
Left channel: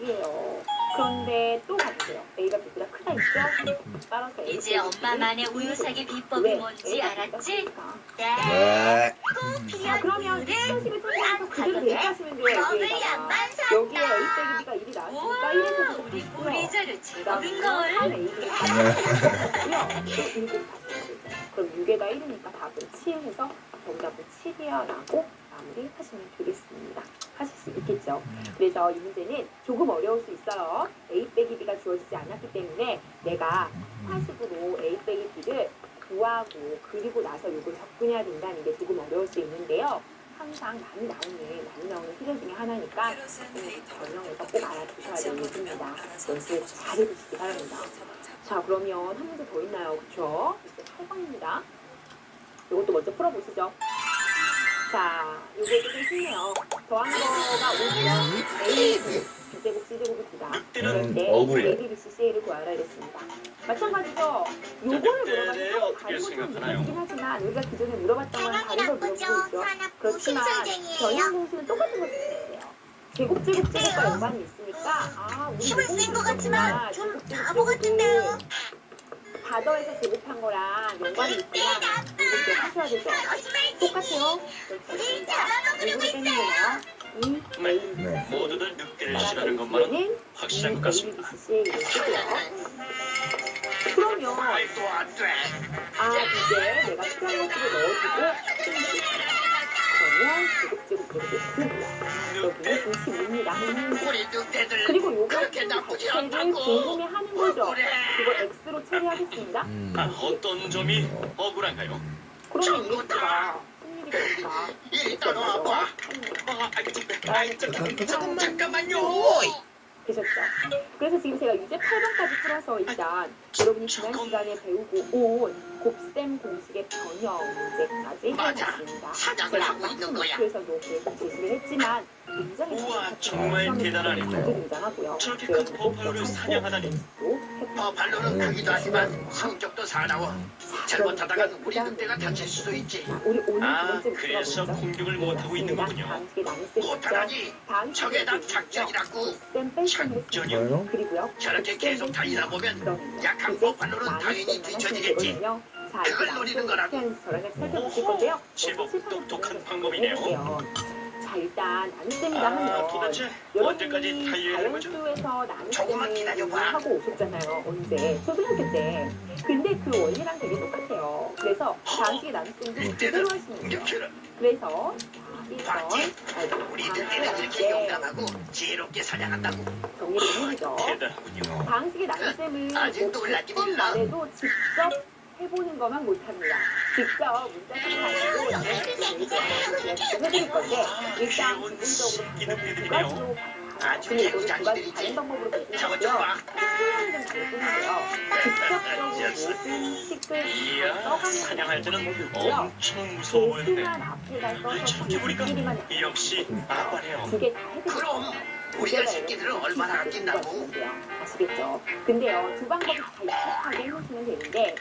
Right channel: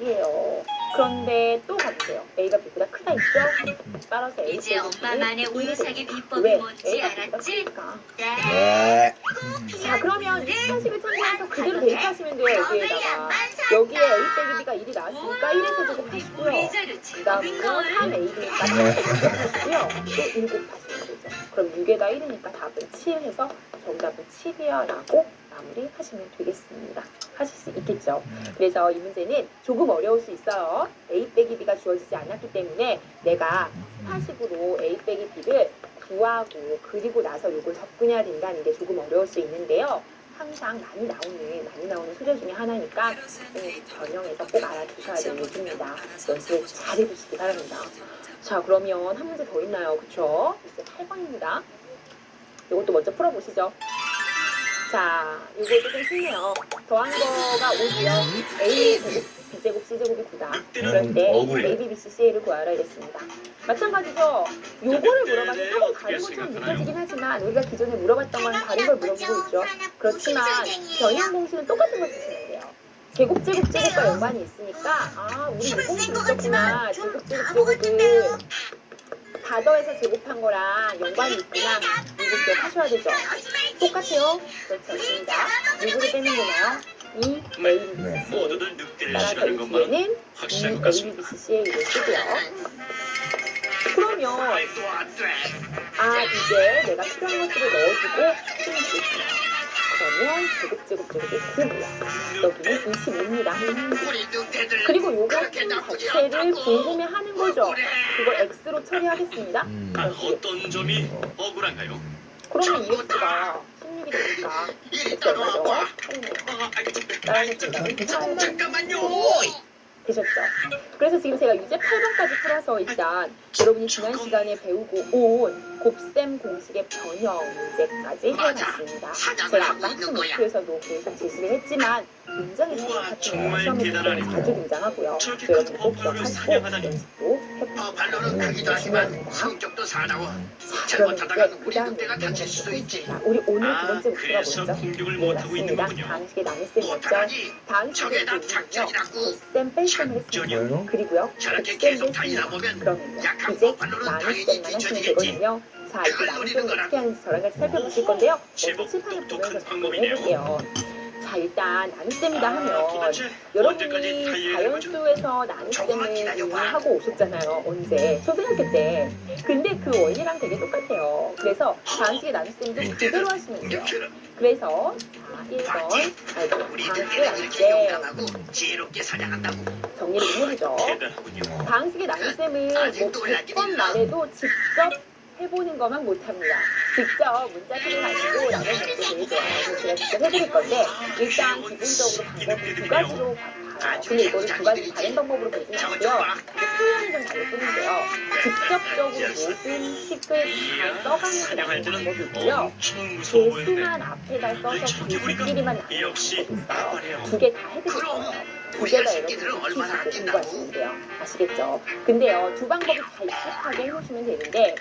1이에요. 그런데 또 같아요. A가 B보다 크다 있죠? 따라서 A 이제 엄마만의 우유 사기 비법이 왜? 뭔지 A가 B보다 알았지? 크니까. 네. 네. 자, 그러면 이 식식을 참고해서 그대로 대입하시면 돼요. 먹을 여기에다가. 양만 산다. 여기에 A 빼기 B가 1이 나왔으니까 1의 세제곱 우리 하시고요. 자료 그 제법인 다음에 걸. 3AB니까 하시고요. 또 7 곱하시면 되죠. 그럼 6에다 1이니까 답은 7 해서 정답은 7이야 라고 마무리하시면 되겠습니다. 하실 수 있겠죠. 그래서 이 문제는 조금 어려울 수 있어요. A 빼기 B가 주어지지 않았기 때문에 내가 스타식으로 A 빼기 B를 구하고 그리고 나서 이걸 접근해야 된다는 게 조금 어려울 수 있는데요. 항상 많이 나오는 소재 중에 하나니까 전형에서 꼭 알아두셔야 될 얘기입니다. 연습 잘 해주시기 바랍니다. 자, 그러면 한 문제 더 있나요? 그쵸? 이제 8번입니다. 이것도 먼저 풀어보시죠. 자, 이거 좀 쉽네요. 더한 거가 5면 A, B제곱, C제곱이 9다. 그럴 때 억울해. A, B, B, C, C를 구하라 이랬습니다. 마찬가지죠. 요거를 물어봐서 조금 다른 것처럼 느껴지긴 하지만 우리가 기존에 물어봤던 건 다른 걸 물어보고 있죠. 그렇지만 변형 공식은 똑같은 걸 쓰시면 돼요. 제곱과 연관이 있으니까 우리 힘을 요거 센 것 있었구나. 같지만 좀 제곱을 바보 같은데요. 다 더해서 제곱한 거랑 연관이 있구나. 이거 기억하셔야 되죠. 똑같아요. 그렇지 않습니다. 누구를 빼면 되나요? 이 A, B, 네. C. 모두들 늑대를 따라서 싫어하는 이 것만은 뒤에는 확실한 이 것 A, 같습니다. B, C, C를 쓰고요. 그러면 말도 안 돼. 이제 내가 필요한 것들을 넣어주고 풀면 되겠다. 그러면 제곱이 9고요. 여기는 25입니다. 우리 늑대들 그리고 요거 그렇게 나쁘지 자체를 않다고. 궁금해하는 거죠. 그래. 그걸 X로 처리하겠습니다. 어떤 점이 억울한가요? 그러면 EX가 16이 되니까 이리 X 얼마죠? 따라와봐. 8이네요. 아, 나는 잠깐만요. 되셨죠? 그래서 지금 제가 유제 8번까지 풀어서 일단 여러분이 지난 시간에 배우고 온 곱셈 공식의 변형 문제까지 해봤습니다. 제가 아까 학습 목표에서도 계속 제시를 했지만 굉장히 우와, 정확한 정말 시험에 대단하네요. 자주 등장하고요. 저렇게 여러분 큰 꼭 포부를 기억하시고 사냥하다니. 연습도 해보시고 발로는 크기도 하지만 성격도 사나워. 잘못하다가 우리 늑대가 다칠 수도 있지. 우리 오늘 두 번째 목표가 그래서 뭐죠? 공격을 네, 못하고 있는 맞습니다. 거군요. 방식의 나눗셈 있죠? 못하니 방식의 저게 다 나눗셈은요. 작전이라고. 곱셈 뺄셈을 했습니다. 뭐요? 그리고요. 저렇게 곱셈 계속 달리다 뺐습니다. 보면 그러면요. 약한 이제 버팔로는 당연히 나눗셈만 하시면 뒤처지겠지. 되거든요. 자, 이제 그걸 노리는 나눗셈을 어떻게 거라고. 하는지 저랑 같이 살펴보실 건데요. 제법 먼저 칠판을 똑똑한 보면서 방법이네요. 해볼게요. 자, 일단 나눗셈이다 하면 도대체 언제까지 여러분이 달려야 거죠? 자연수에서 조금만 나눗셈을 기다려봐. 하고 오셨잖아요. 언제? 초등학교 때. 근데 그 원리랑 되게 똑같아요. 그래서 방식의 나눗셈도 그대로 하시면 돼요. 그래서 자, 1번 우리 방식의 늑대는 이렇게 나눗셈 용감하고 지혜롭게 사냥한다고. 정리를 좀 해보죠. 대단하군요. 방식의 나눗셈은 아직 뭐 놀라긴 100번 있나? 말해도 직접 해보는 것만 못합니다. 직접 문자식을 가지고 나눠줄 때 제일 좋아요. 그래서 제가 직접 해드릴 건데 일단 기본적으로 방법이 두 가지로 봐요. 근데 이거를 두 가지 다른 방법으로 보지는 않고요. 표현이 좀 다를 뿐인데요. 직접적으로 모든 식을 다 사냥할 써가는 때는 방법이 있고요. 엄청 무서워 보이는데. 개수만 앞에다 써서 개수끼리만 나누는 역시 방법이 있어요. 아빠네요. 두 개 다 해드릴 거예요. 두 개 우리가 다 새끼들을 여러분이 얼마나 익히시고 아낀다고. 공부하시면 돼요. 아시겠죠? 근데요, 두 방법이 다 익숙하게 해놓으시면 되는데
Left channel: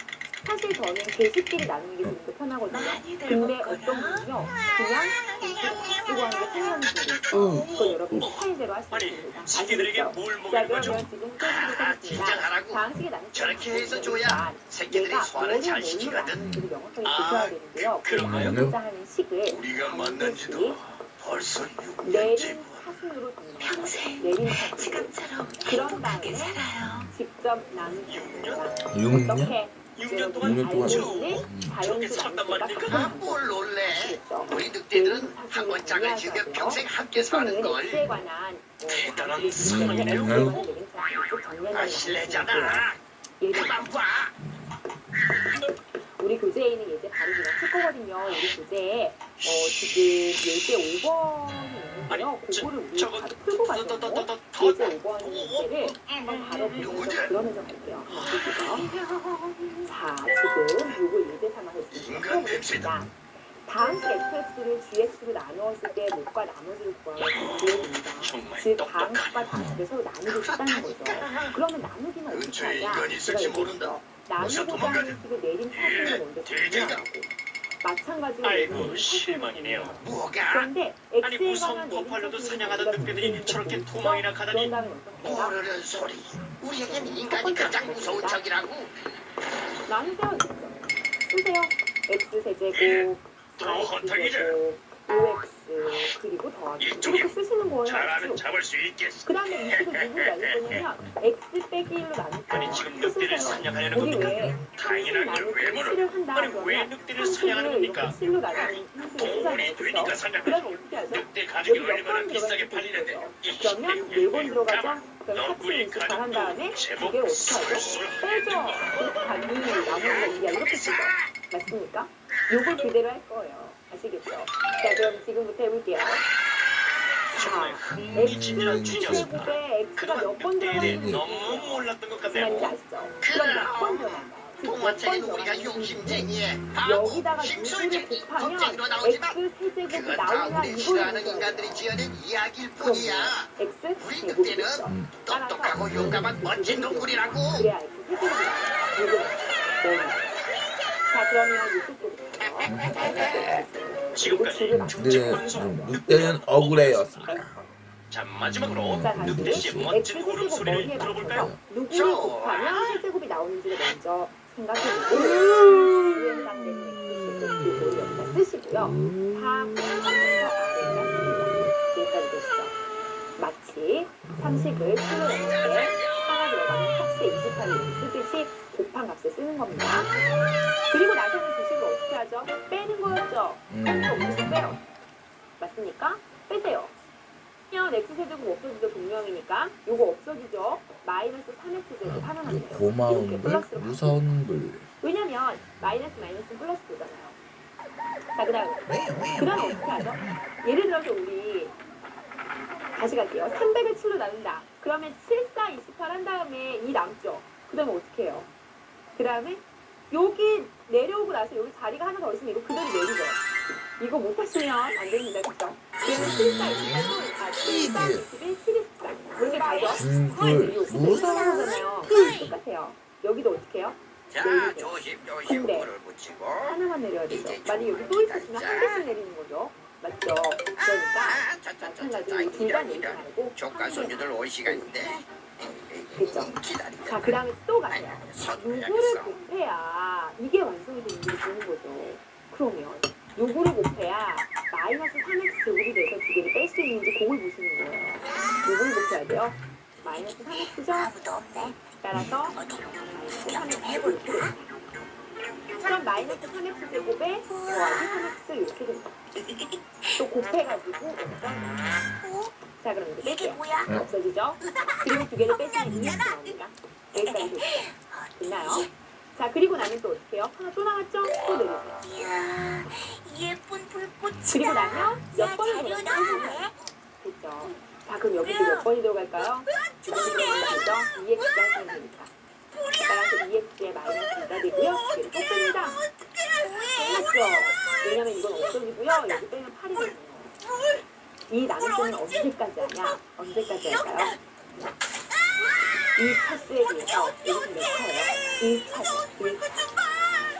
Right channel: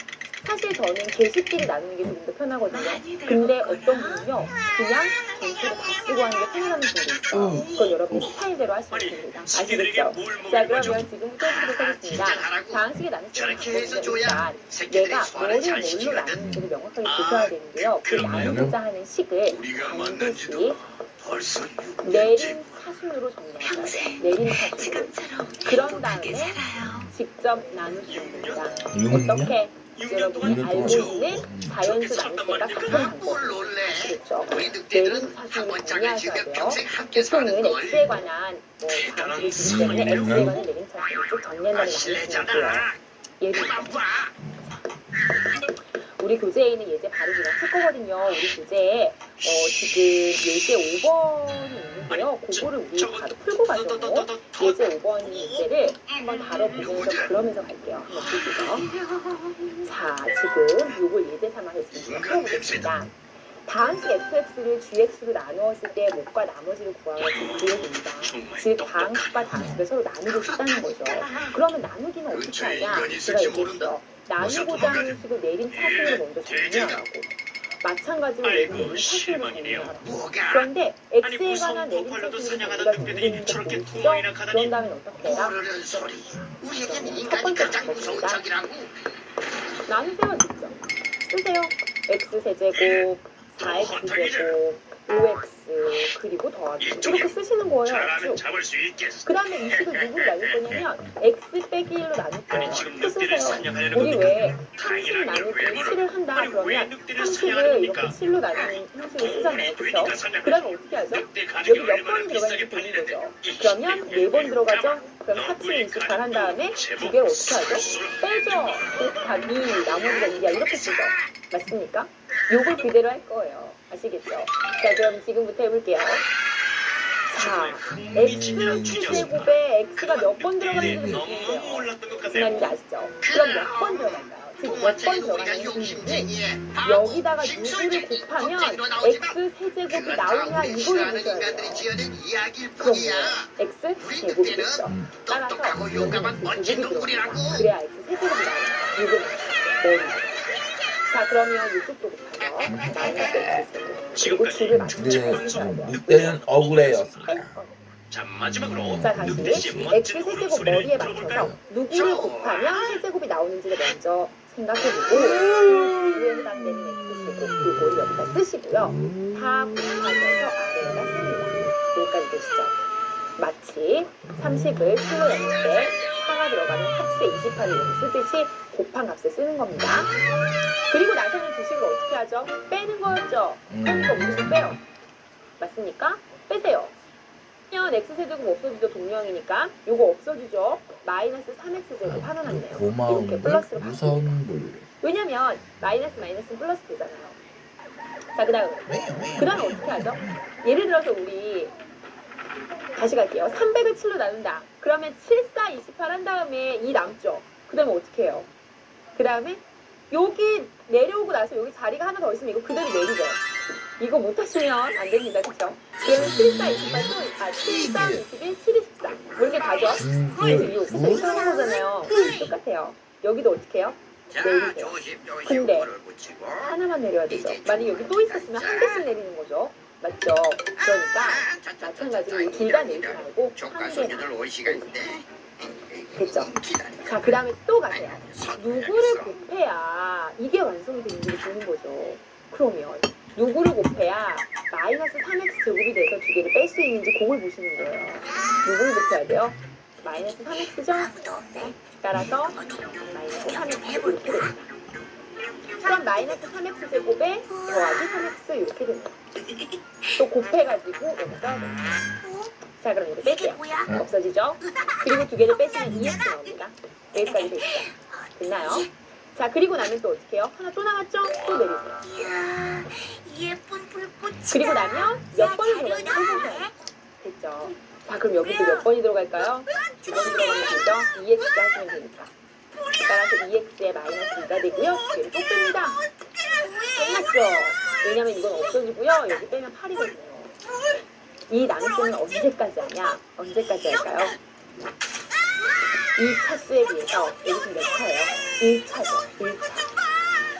사실 저는 개수끼리 나누는 게 좀 더 편하거든요. 근데 어떤 분은요, 그냥 개수를 다 쓰고 하는 게 편하다는 분도 있어요. 그건 여러분의 스타일대로 하시면 아니, 됩니다. 새끼들에게 아시겠죠? 뭘 자, 먹인 거죠? 그러면 지금 해보도록 하겠습니다. 방식의 나눗셈 저렇게 해서 방법은 일단 줘야 새끼들이 내가 소화를 뭐를 잘 뭘로 시키거든. 나누는지를 명확하게 보셔야 되는데요. 그 그런가요? 나누고자 하는 식을 우리가 반드시 만난지도 벌써 내림 6년째. 사순으로 정리하세요. 평생 내림 사순으로. 지금처럼 그런 행복하게 다음에 살아요. 직접 나누시면 됩니다. 6년? 어떻게 6년 여러분이 동안 알고 저- 있는 자연수 나눗셈과 같은 방법. 뭘 놀래? 아시겠죠? 우리 내림 늑대들은 한 사순을 번 짝을 정리하셔야 지으면 돼요. 평생 함께 사는 보통은 걸. X에 관한 뭐 대단한 방식이 있기 때문에 X에 수준이네요. 관한 내림 사순을 쭉 정리한다는 말씀을 드리고요. 실례잖아. 예를 그만 봐. 우리 교재에 있는 예제 바로 그냥 풀 거거든요. 우리 교재에 지금 예제 5번이 있는데요. 그거를 우리 바로 풀고 가죠. 예제 5번 예제를 한번 다뤄보면서 그러면서 갈게요. 한번 보시죠. 자, 지금 요걸 예제 삼아서 지금 풀어보겠습니다. 방식 fx를 gx로 나누었을 때 목과 나머지를 구하면 보여줍니다. 즉 방식과 방식을 서로 나누고 싶다는 거죠. 그러면 나누기는 어떻게 하냐? 제가 얘기했죠. 나누고자 하는 식을 내림 사순으로 먼저 정리하라고. 마찬가지로 아이고, 내림 사순으로 실망이네요. 정리하라고. 뭐가? 그런데 아니, x에 무서운 관한 내림 버팔로도 사순을 사냥하던 우리가 늑대들이 정리하는 저렇게 거 구멍이나 보이시죠? 가다니. 그런 다음에 어떻게 해요? 모르는 소리. 우리에겐 첫 인간이 번째 가장 무서운 방법입니다. 적이라고. 나누세요 직접. 쓰세요. x세제곱, 4x제곱, 5x 그리고 더하기 이렇게 쓰시는 거예요. 잘하면 쭉. 잡을 수 있겠어. 그 다음에 이 식을 누구로 나눌 거냐면 x 빼기 1로 나눌 거예요. 아니, 지금 또 늑대를 쓰세요. 사냥하려는 우리 겁니까? 왜 30 당연한 걸 나누기 왜 물어? 7을 한다 아니, 왜 그러면 늑대를 30을 사냥하는 이렇게 겁니까? 7로 나누는 형식을 쓰잖아요. 그렇죠? 그러면 어떻게 하죠? 늑대 여기 가죽이 몇 얼마나 번이 비싸게 들어가는지 보는 팔리는데. 거죠. 그러면 4번 들어가죠? 그럼 4, 7, 28 한 다음에 두 개를 어떻게 하죠? 빼죠. 곱하기 나머지가 2야 이렇게 쓰죠. 맞습니까? 요걸 그대로 할 거예요. 아시겠죠? 자, 그럼 지금부터 해볼게요. 자, x제곱에 x가 몇 번 들어가는지 너무 모르겠어요. 몰랐던 것 무슨 말인지 같네요. 아시죠? 그럼 몇 번 들어갈까요? 지금 몇 번 동화책에는 우리가 들어가는지 욕심쟁이에 여기다가 누구를 곱하면 x 세제곱이 나오냐 이걸 보셔야 인간들이 돼요. 지어낸 이야기일 그럼요. 뿐이야. x 우리 제곱이겠죠. 늑대는 따라서 똑똑하고 용감한 멋진 동물이라고. 그래야 x 세제곱이 나와요. 요걸 넣어요. 자, 그러면 이쪽도 곱하죠. 마이너스 x 그리고 g를 맞춰주셔야 돼요. 늑대는 억울해였습니다. 자, 마지막으로 자, 다시 늑대씨의 x 멋진 세제곱 울음소리를 머리에 들어볼까요? 맞춰서 누구를 곱하면 세제곱이 나오는지를 먼저 생각해보고 위에 해당되는 x 세제곱 요걸 여기다 쓰시고요. 다 곱하면서 아래에다 씁니다. 여기까지 되시죠? 마치 30을 7로 나눌 때 4가 들어가는 합수의 28을 이렇게 쓰듯이 곱한 값을 쓰는 겁니다. 그리고 나서는 주식을 어떻게 하죠? 빼는 거였죠? 그러니까 우리도 빼요. 맞습니까? 빼세요. 그러면 x세제곱 없어지죠. 동명이니까 요거 없어지죠. 마이너스 3x제곱 하나 남네요. 고마운 이렇게 불, 플러스로 무서운 불. 왜냐면 마이너스는 플러스 되잖아요. 자, 그 다음에 어떻게 하죠? 예를 들어서 우리 다시 갈게요. 300을 7로 나눈다. 그러면 7, 4, 28 한 다음에 2 남죠. 그 다음에 어떻게 해요? 그 다음에 여기 내려오고 나서 여기 자리가 하나 더 있으면 이거 그대로 내리죠. 이거 못하시면 안 됩니다. 그쵸? 그러면 7, 4, 28, 7, 4, 21, 7, 24. 이렇게 가죠? 그래서 이상한 거잖아요. 똑같아요. 여기도 어떻게 해요? 자, 내리세요. 조심 조심 근데 불을 붙이고. 하나만 내려야 되죠. 만약 여기 또 있었으면 한 개씩 내리는 거죠. 맞죠? 그러니까 마찬가지로 둘 다 내리지 말고 조카 한 개만. 손주들 올 시간인데. 됐죠? 자, 그 다음에 또 가세요. 요구를 곱해야 이게 완성이 되는지 보는 거죠. 그러면 요구를 곱해야 마이너스 3x 제곱이 돼서 두 개를 뺄 수 있는지 그걸 보시는 거예요. 요구를 곱해야 돼요. 마이너스 3x죠? 따라서 마이너스 3x 이렇게 됩니다. 그럼 마이너스 3x 제곱에 더하기 3x 이렇게 됩니다. 또 곱해가지고 여기다 넣어요. 자, 그럼 이거 이게 뺄게요. 뭐야? 없어지죠? 그리고 두 개를 빼시면 2x 나옵니다. 여기까지 됐죠? 됐나요? 자, 그리고 나면 또 어떻게 해요? 하나 또 나왔죠? 또 내리세요. 이야, 예쁜 불꽃이. 그리고 나면 몇 번을 들어가는지 해보세요. 됐죠? 자, 그럼 여기서 몇 번이 들어갈까요? 2번이 들어가면 되죠? 2x 하시면 되니까. 따라서 2x에 마이너스 2가 되고요. 두 개를 또 뺍니다. 끝났죠? 왜냐면 이건 없어지고요. 여기 빼면 8이 되고요. 이 나눗셈은 언제까지 하냐? 언제까지 할까요? 이 차수에 비해서 여기서 몇 차예요? 1차죠. 1차.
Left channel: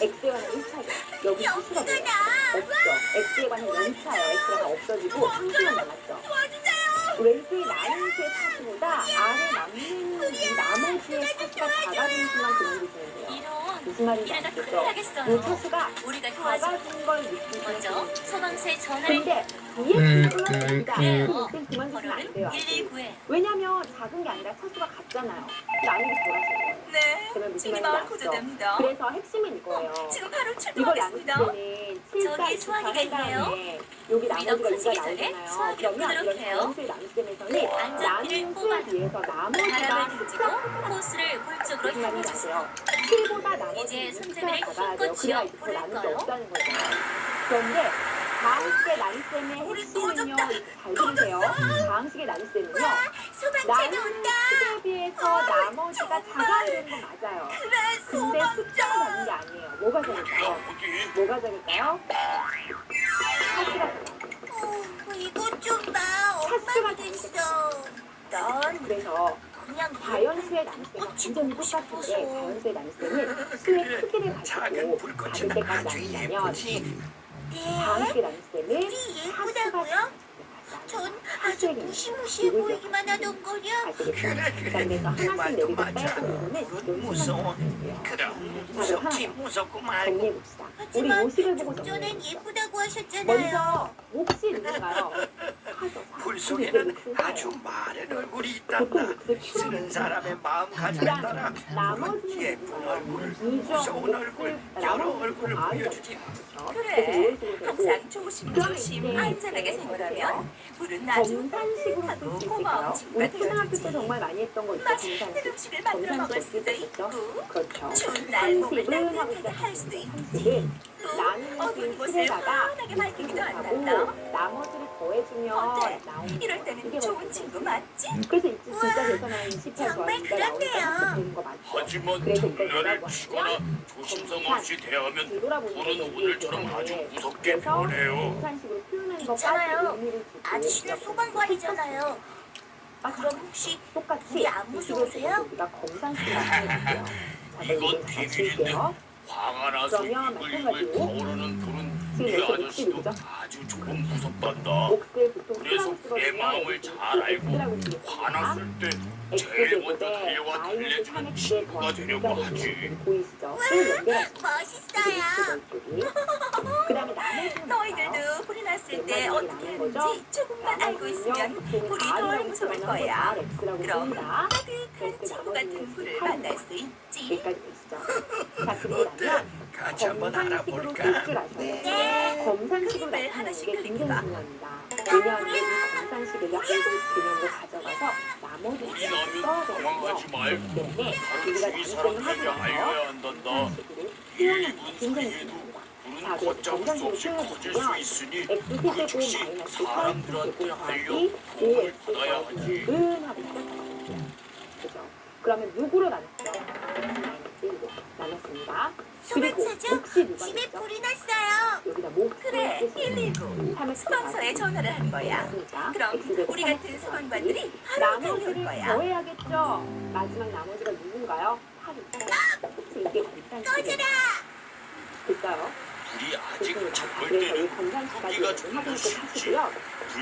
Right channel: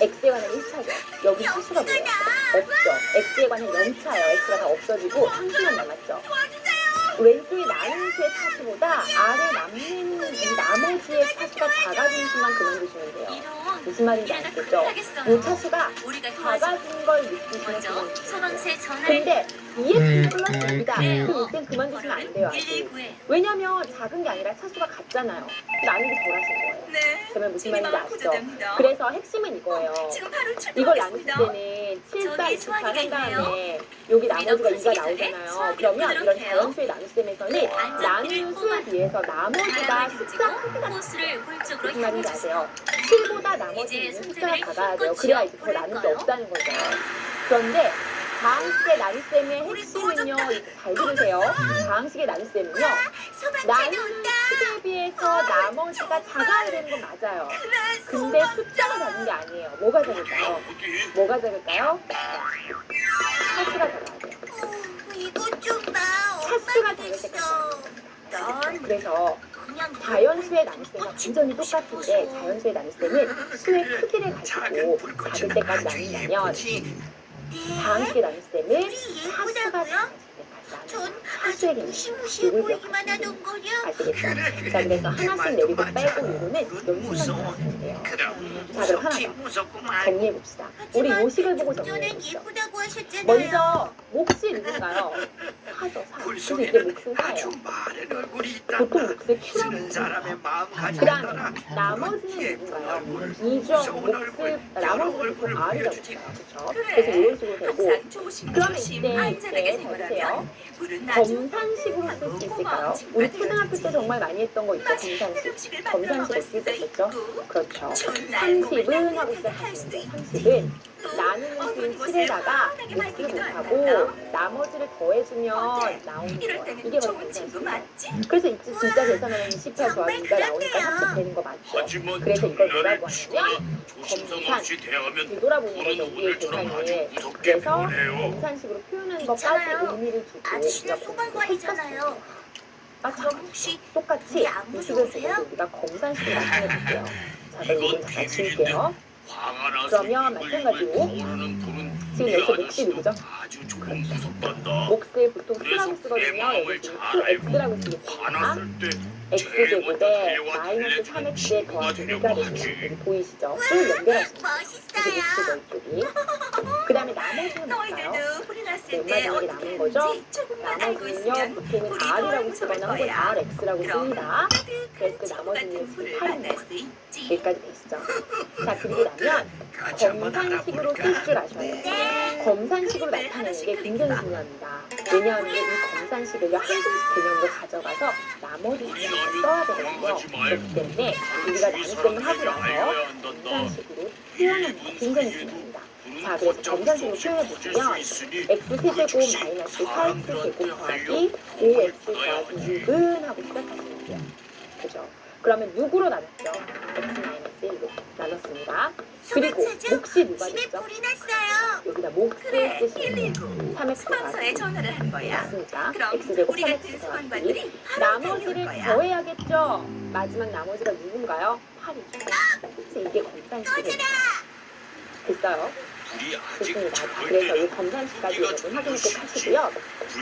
x에 관한 1차죠. 여기 차수가 뭐예요? 없죠. x에 관한 0차예요. x가 다 없어지고 상수만 남았죠. 왼쪽에 나눈수의 차수보다 아래 남는 이 나머지의 차수가 작아지는 수만 그만두시면 돼요. 무슨 말인지 아시겠죠? 이 차수가 우리가 도와줘. 작아진 걸 느끼시면 먼저 돼요. 서방새 전화를 근데 2x 플러스 2다. 그럼 이땐 그만두시면 안 돼요. 아직. 119에. 왜냐면 작은 게 아니라 차수가 같잖아요. 나누기 덜 하신 거예요. 네. 그러면 무슨 지금 말인지 마음 아시죠? 고조됩니다. 그래서 핵심은 이거예요. 지금 바로 이걸 나눌 출동하겠습니다. 때는 7과 저기 28 수학이가 한 있네요. 다음에 여기 나머지가 2가 수학이 나오잖아요. 수학이 그러면 이런 끊어주세요. 자연수의 나눗셈에서는 나누는 수에 비해서 나머지가 숫자가 크게 나와요. 코스를 골 쪽으로 무슨 말인지 향해 아세요? 7보다 나머지 이제 있는 손등을 숫자가 작아야 돼요. 힘껏 그래야 이제 더 쥐어 나눌 게 볼까요? 없다는 거죠. 그런데 다항식의 나눗셈의 핵심은요. 잘 들으세요. 다항식의 나눗셈은요. 나누는 수에 비해서 나머지가 작아야 되는 건 맞아요. 근데 숫자가 작은 게 아니에요. 뭐가 작을까요? 뭐가 작을까요? 차수가 작아야 돼요. 이것 좀 봐. 차수가 엄마도 작을 때가 있어. 넌 그래서 그냥 자연수의 나눗셈과 완전히 똑같은데 자연수의 나눗셈은 수의 크기를 가지고 작은 불꽃은 작을 때까지 아주 나눈다면 예쁘지. 다항식의 나눗셈은 차수가 예쁘다고요? 작을 전 때까지 아주 나눈 무시무시해 보이기만 하던 거냐? 아시겠죠? 그래, 자, 그래서 하나씩 내리고 맞아. 빼고 이거는 그건 무서워. 연습만 돼요. 그럼 자, 그럼 무섭지 하나 무섭고 말고. 정리해봅시다. 우리 요식을 보고 전엔 정리해봅시다. 예쁘다고 하셨잖아요. 먼저 몫이 누군가요? 사죠, 사. 굴 그래서 이게 속에는 몫은 아주 사예요. 마른 얼굴이 있다. 보통 몫을 큐라고 쓰는 해요. 사람의 마음 그 가진다나. 다음에 나머지는 예쁜 누군가요? 얼굴, 이죠, 무서운 얼굴, 몫을, 여러 나머지는 얼굴을 보통 R이라고 보여주지. 해요. 그렇죠? 그래서 이런 식으로 되고 항상 조심 그러면 조심 이때 안전하게 잘 생활하면 보세요. 물은 나중 검산식으로 쓸 수 있을까요? 우리 초등학교 때 정말 많이 했던 거 있죠? 검산식. 음식을 만들어 검산식 먹을 어떻게 수도 썼죠? 있고 그렇죠. 좋은 날 몸을 30은 하고 따뜻하게 할 수도 시작하시면 있지. 30은 또 나누는 어두운 수인 곳을 7에다가 환하게 몫을 밝히기도 못하고 한단다. 나머지를 더해주면 어때? 나오는 이럴 거예요. 때는 이게 바로 좋은 친구 검산식이에요. 맞지? 그래서 이제 진짜 계산하면 28 더하기 2가 나오니까 합격되는 거 맞죠? 그래서 이걸 뭐라고 하냐면 검산, 뒤돌아보는 거죠. 우리의 계산을. 그래서 검산식으로 표현하는 것까지 있잖아요. 의미를 두고 아저씨는 소방관이잖아요. 맞죠? 그럼 혹시 똑같이 우리 안 의식을 무서우세요? 보고 우리가 검산식으로 나타내볼게요. 자, 그럼 이건 잠깐 지울게요. 그러면 마찬가지로 지금 여기서 몫이 누구죠? 아주 조금 무섭단다. 몫을 보통 그래서 Q라고 쓰거든요. 내 마음을 여기 지금 잘 알고 X라고 쓰겠습니다. 화났을 때 X 제일 먼저 제곱에 대화 마이너스 들려주는 3X에 친구가 더하기 되려고 2가 되는 하지. 여기 보이시죠? 쭉 연결하시면 돼요. 이게 멋있어요. X죠, 이쪽이. 그 다음에 나머지는 뭘까요? 너희들도 불이 났을 때 네, 마지막에 어떻게 남은 거죠? 하는지 조금만 알고 나머지는요, 있으면 보통은 우리 더 R이라고 무서울 쓰거나 혹은 거야. RX라고 그럼 씁니다. 그래서 그 친구 같은 나머지는 불을 8입니다. 만날 수 있지. 여기까지 되시죠? 자, 그리고 나면 같이 한번 검산식으로 알아볼까? 쓸 줄 아셔야 돼요. 검산식으로 나타내는 게 굉장히 중요합니다. 왜냐하면 이 검산식을요, 항공식 개념으로 가져가서 나머지 개념을 써야 되거든요. 그렇기 때문에 우리가 나눗셈을 하고 나서 검산식으로 표현하는 게 굉장히 중요합니다. 자, 그래서 검산식으로 표현해보시면 x 세제곱 마이너스 4x 제곱 더하기 5x 더하기 6은 하고 시작하시면 돼요. 그죠? 그러면 6으로 나눴죠. x-1로 나눴습니다. 그리고 몫이 누가 집에 됐죠? 불이 났어요. 여기다 몫을 그래, 쓰시면 119. 3x 소방서에 전화를 한 거야. 맞습니까? 그럼 x제곱 우리 같은 3x 더하기 소방관들이 바로 나머지를 배울 거야. 더해야겠죠? 마지막 나머지가 누군가요? 8이죠. 그래서 이게 검산식이에요. 됐어요? 불이 아직 좋습니다. 자, 적을 그래서 이 때는 검산식까지 후기가 여러분 확인 꼭 좀 하시고요.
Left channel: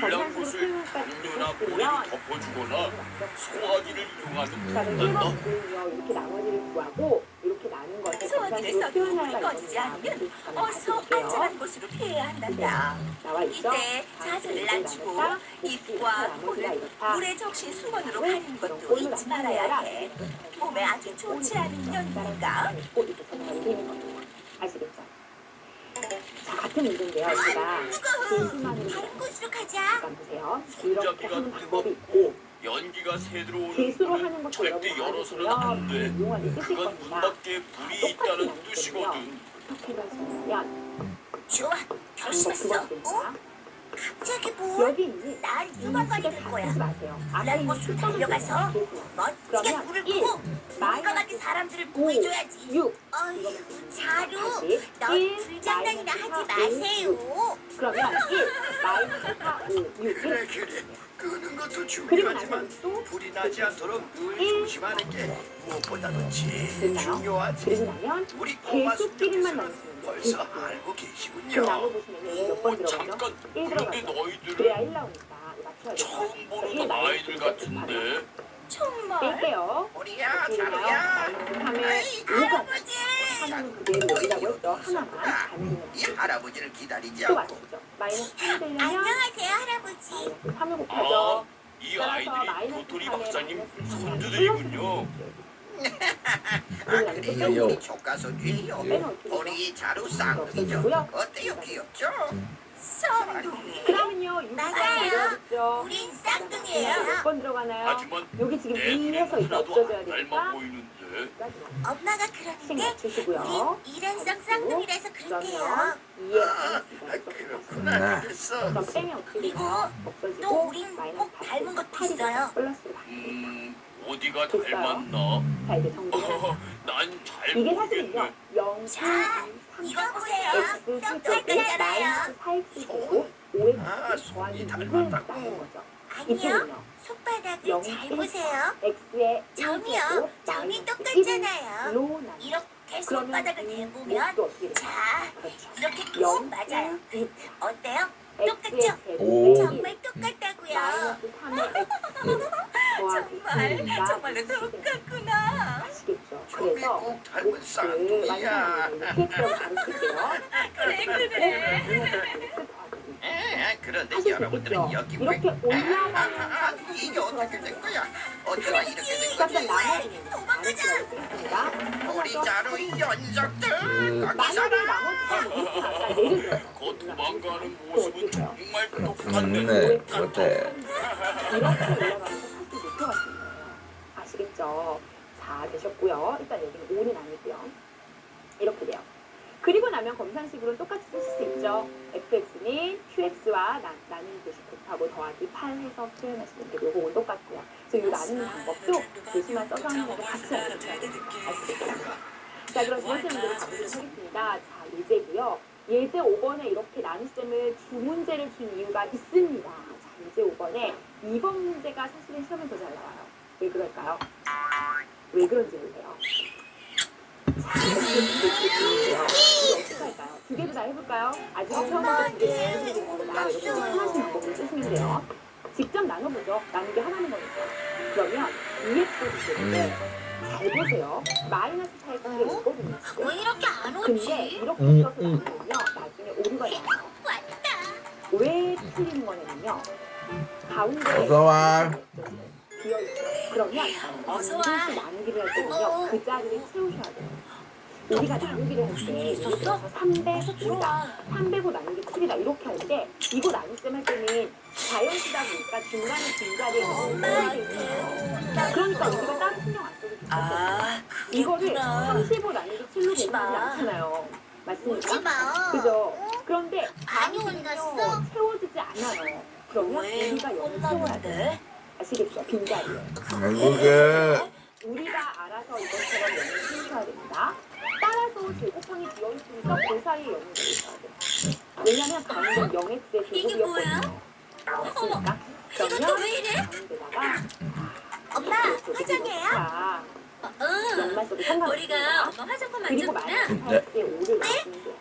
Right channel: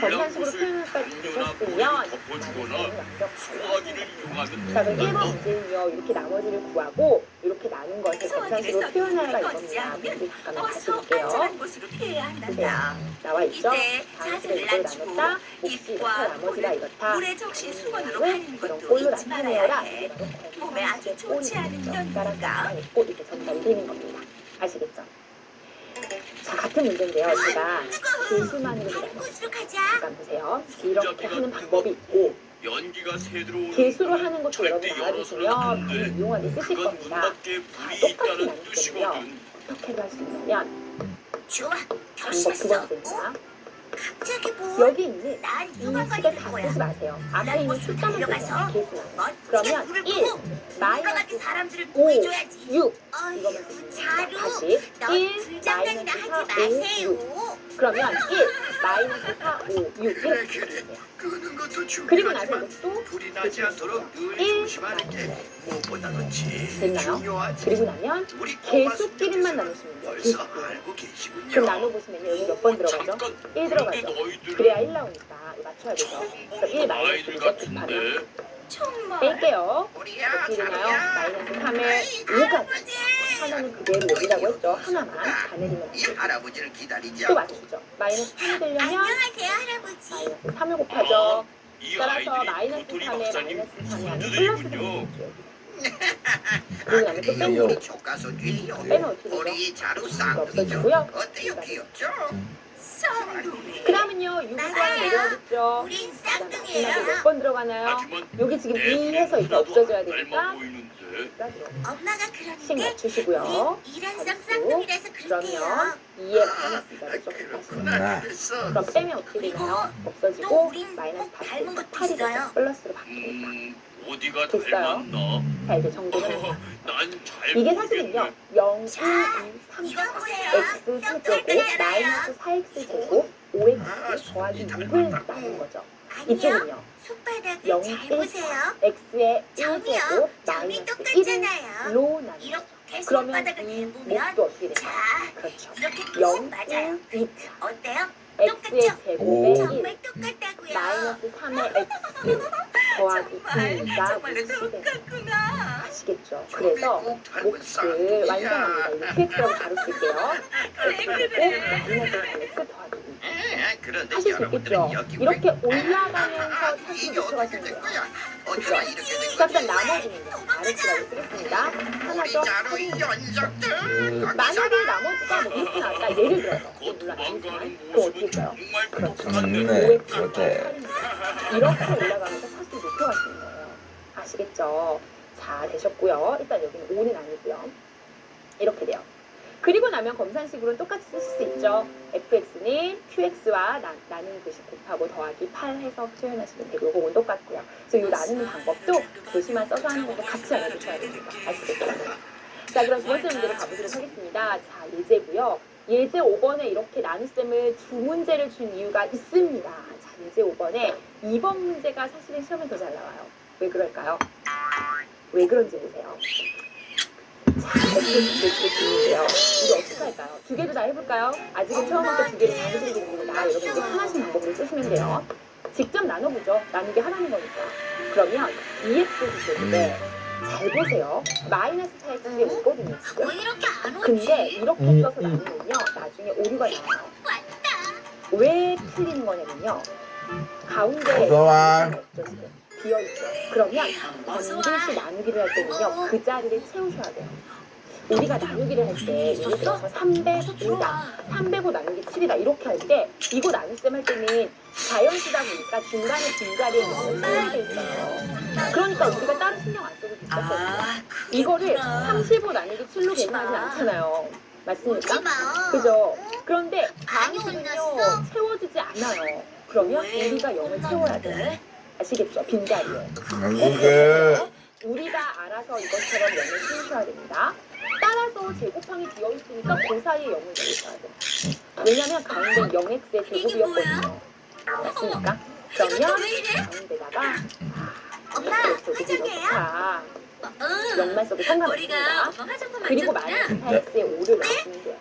검산식으로 불량것을 표현할까지 음료나 보셨으면 모래를 덮어주거나 소화기를 이용하면 자, 그럼 1번 된다. 문제는요. 이렇게 나머지를 구하고 이렇게 나눈 것을 검산식으로 소화기를 표현하라 꺼지지 이겁니다. 않으면 우리 잠깐만 다시 어서 볼게요. 안전한 곳으로 피해야 한단다. 나와 있죠? 이때 자세를 낮추고 나눴다. 몫이 입과 이렇다. 나머지가 코를 이렇다. 물에 적신 수건으로 왜 가리는 이런 것도 꼴로 잊지 말아야 나타내어라. 해. 몸에 아주 좋지 않은 따라서 연기가 있고 이렇게 적발이 되는 겁니다. 아시겠죠? 자, 같은 문제인데요. 제가 개수만으로 다른 곳으로 가자. 잠깐 보세요. 이렇게 하는 방법이 있고 연기가 새 들어오는 개수로 하는 것도 여러분 절대 열어서는 알아두시면 안 돼. 불을 이용하게 쓰실 그건 겁니다. 문 밖에 불이 똑같이 있다는 나누거든요. 뜻이거든. 어떻게 할 수 있냐면 좋아. 방법 두 결심했어. 번째입니다. 갑자기 뭐? 여기 있는 난 이 소방관이 식을 될 다 거야. 쓰지 마세요. 앞에 있는 숫자만 달려가서 쓰세요. 개수만. 멋지게 그러면 불을 1 끄고 마이너스 건강하게 사람들을 5 구해줘야지. 6 어휴, 이거만 쓰시면 자루. 다시 넌 1 불장난이나 마이너스 하지 4 5 6 마세요. 그러면 1 마이너스 4 5 6 그래 이렇게 그래. 쓰세요. 끄는 것도 그리고 나서 중요하지만 또 불이 나지 않도록 늘 1 조심하는 게 무엇보다도 제일 됐나요? 중요하지. 그리고 나면 우리 꼬마 개수끼리만 손님께서는 나누시면 돼요. 벌써 개수끼리. 알고 계시군요. 그럼 나눠보시면 여기 몇 번 들어가죠? 잠깐. 1 그런데 들어가죠. 너희들은 그래야 1 나오니까 이거 맞춰야 되죠. 처음 그래서 보는 1 거 마이너스 아이들 2 같은데. 곱하면 정말 뺄게요. 우리야 어떻게 되나요? 자루야. 마이너스 3에 5가 하나는 그대로 여기라고 했죠. 하나만 다 내리면 이 할아버지를 기다리지 또 않고 맞추죠. 마이너스 3이 되려면 안녕하세요, 할아버지. 마이너스 3을 곱하죠. 이 따라서 아이들이 마이너스 도토리 3에 박사님 마이너스 3이 아니라 손주들이군요. 그리고 나면 또 빼는 우리 교과서지요. 빼면 어떻게 되죠? 우리 자루 이거 쌍이죠. 없어지고요. 어때요 귀엽죠? 성동이 그 다음은요. 6번 맞아요. 내려가겠죠. 우린 몇 쌍둥이에요. 번 들어가나요? 하지만 여기 지금 내 2해서 이렇게 누나도 없어져야 안 닮아 되니까 보이는데. 엄마가 씩 그러는데 맞추시고요. 우린 일한성 쌍둥이라서 그러면 그렇대요. 2에 아, 마이너스 2가 그렇구나. 그랬어. 그럼 빼면 어떻게 되나요? 또 없어지고 우린 마이너스 꼭 닮은 것도 8이 있어요. 되죠. 플러스로 바뀝니다. 어디가 됐어요. 닮았나? 자 이제 정리를 난잘 이게 사실은요 0, 1, 2, 3, 이거 보세요. x 세제곱 마이너스 4x 제곱 5x 더하기 6을 나눈 거죠. 아니요. 이쪽은요 손바닥을 영, 잘 일, 보세요. x의 점이요. 1제곱 점이 마이너스 똑같잖아요. 1로 나눈 이렇게 그러면 손바닥을 이 대보면 몫도 어떻게 되나요? 자, 그렇죠. 이렇게 0, 꼭 맞아요. 1, 2 어때요? x의 제곱에 오. 1 정말 똑같다고요. 마이너스 3의 x 더하기 정말 2가 정말로 몫이 되는 똑같구나. 아시겠죠? 그래서 꼭 닮은 몫을 쌍둥이야. 완성합니다. 이렇게 x라고 바로 쓸게요. 그래 그리고 그래. 마이너스 3x 더하기 2 그런데 하실 수 여러분들은 있겠죠? 여기 이렇게 왜- 올라가면서 아, 사실 이게 목표가 어떻게 된 생겨요. 거야? 그죠? 어쩌나 이렇게 된 자, 거지? 그럼 나머지는 RX라고 쓰겠습니다. 하나 우리 더 자루 연속들. 만약에 나머지가 뭐 이렇게 나왔다. 예를 들어서 곧 도망가는 그럼 어떻게 모습은 돼요? 정말 그렇죠. 똑같네. 네, 그렇대. 이렇게 올라가면서 사실 목표가 생겨요. 아시겠죠? 자, 되셨고요. 일단 여기는 5는 아니고요. 이렇게 돼요. 그리고 나면 검산식으로는 똑같이 쓰실 수 있죠. fx는 qx와 나누는 듯이 곱하고 더하기 8 해서 표현하시면 되고 이거는 똑같고요. 그래서 이 나누는 방법도 교수만 써서 하는 거고 같이 알려주셔야 됩니다. 아시겠죠? 자, 그럼 두 번째 문제로 가보도록 하겠습니다. 자, 예제고요. 예제 5번에 이렇게 나눗셈을 두 문제를 준 이유가 있습니다. 자, 예제 5번에 2번 문제가 사실은 시험에 더 잘 나와요. 왜 그럴까요? 왜 그런지 보세요. 자, 이거 어떻게 할까요? 두 개도 다 해볼까요? 아직은 처음부터 두 개를 다 해드리는 거보다 여러분 이제 편하신 방법을 쓰시면 돼요. 직접 나눠보죠. 나누기 하라는 거니까. 그러면 2x 제곱인데 잘 보세요. 마이너스 4x가 있거든요, 지금. 왜 이렇게 안 오지? 근데 이렇게 써서 나누면요, 나중에 오류가 나와요. 왔다. 왜 틀리는 거냐면요, 가운데에 어서 와. 비어있죠. 그러면 반드시 나누기를 할 때는요, 그 자리를 채우셔야 돼요. 우리가 나누기를 할 때 예를 들어서 305다, 305 나누기 7이다 이렇게 할 때 이거 나눗셈 할 때는 자연수다 보니까 중간에 빈자리에 넣는 셈이 있어요. 그러니까 우리가 따로 신경 안 써도 됐었거든요. 아, 이거를 그렇구나. 35 나누기 7로 계산하진 않잖아요. 오지 맞습니까? 마. 그죠? 그런데 많이 다음은요 혼났어? 채워지지 않아요. 그러면 왜 우리가 0을 채워야 돼요. 혼났는데? 아시겠죠? 빈자리에. 한국에 우리가 알아서 이것처럼 0을 씌우셔야 됩니다. 따라서 제곱항이 비어있으니까 그 사이에 0을 넣으셔야 돼요. 왜냐면 가운데 0x의 제곱이었거든요. 맞습니까? 그러면 왜 이래? 가운데다가 엄마, 화장해요? 자, 응. 0만 써도 우리가 상관없습니다. 엄마 화장품 그리고 만졌구나. 마이너스 8x의 5를 넣으시면 돼요.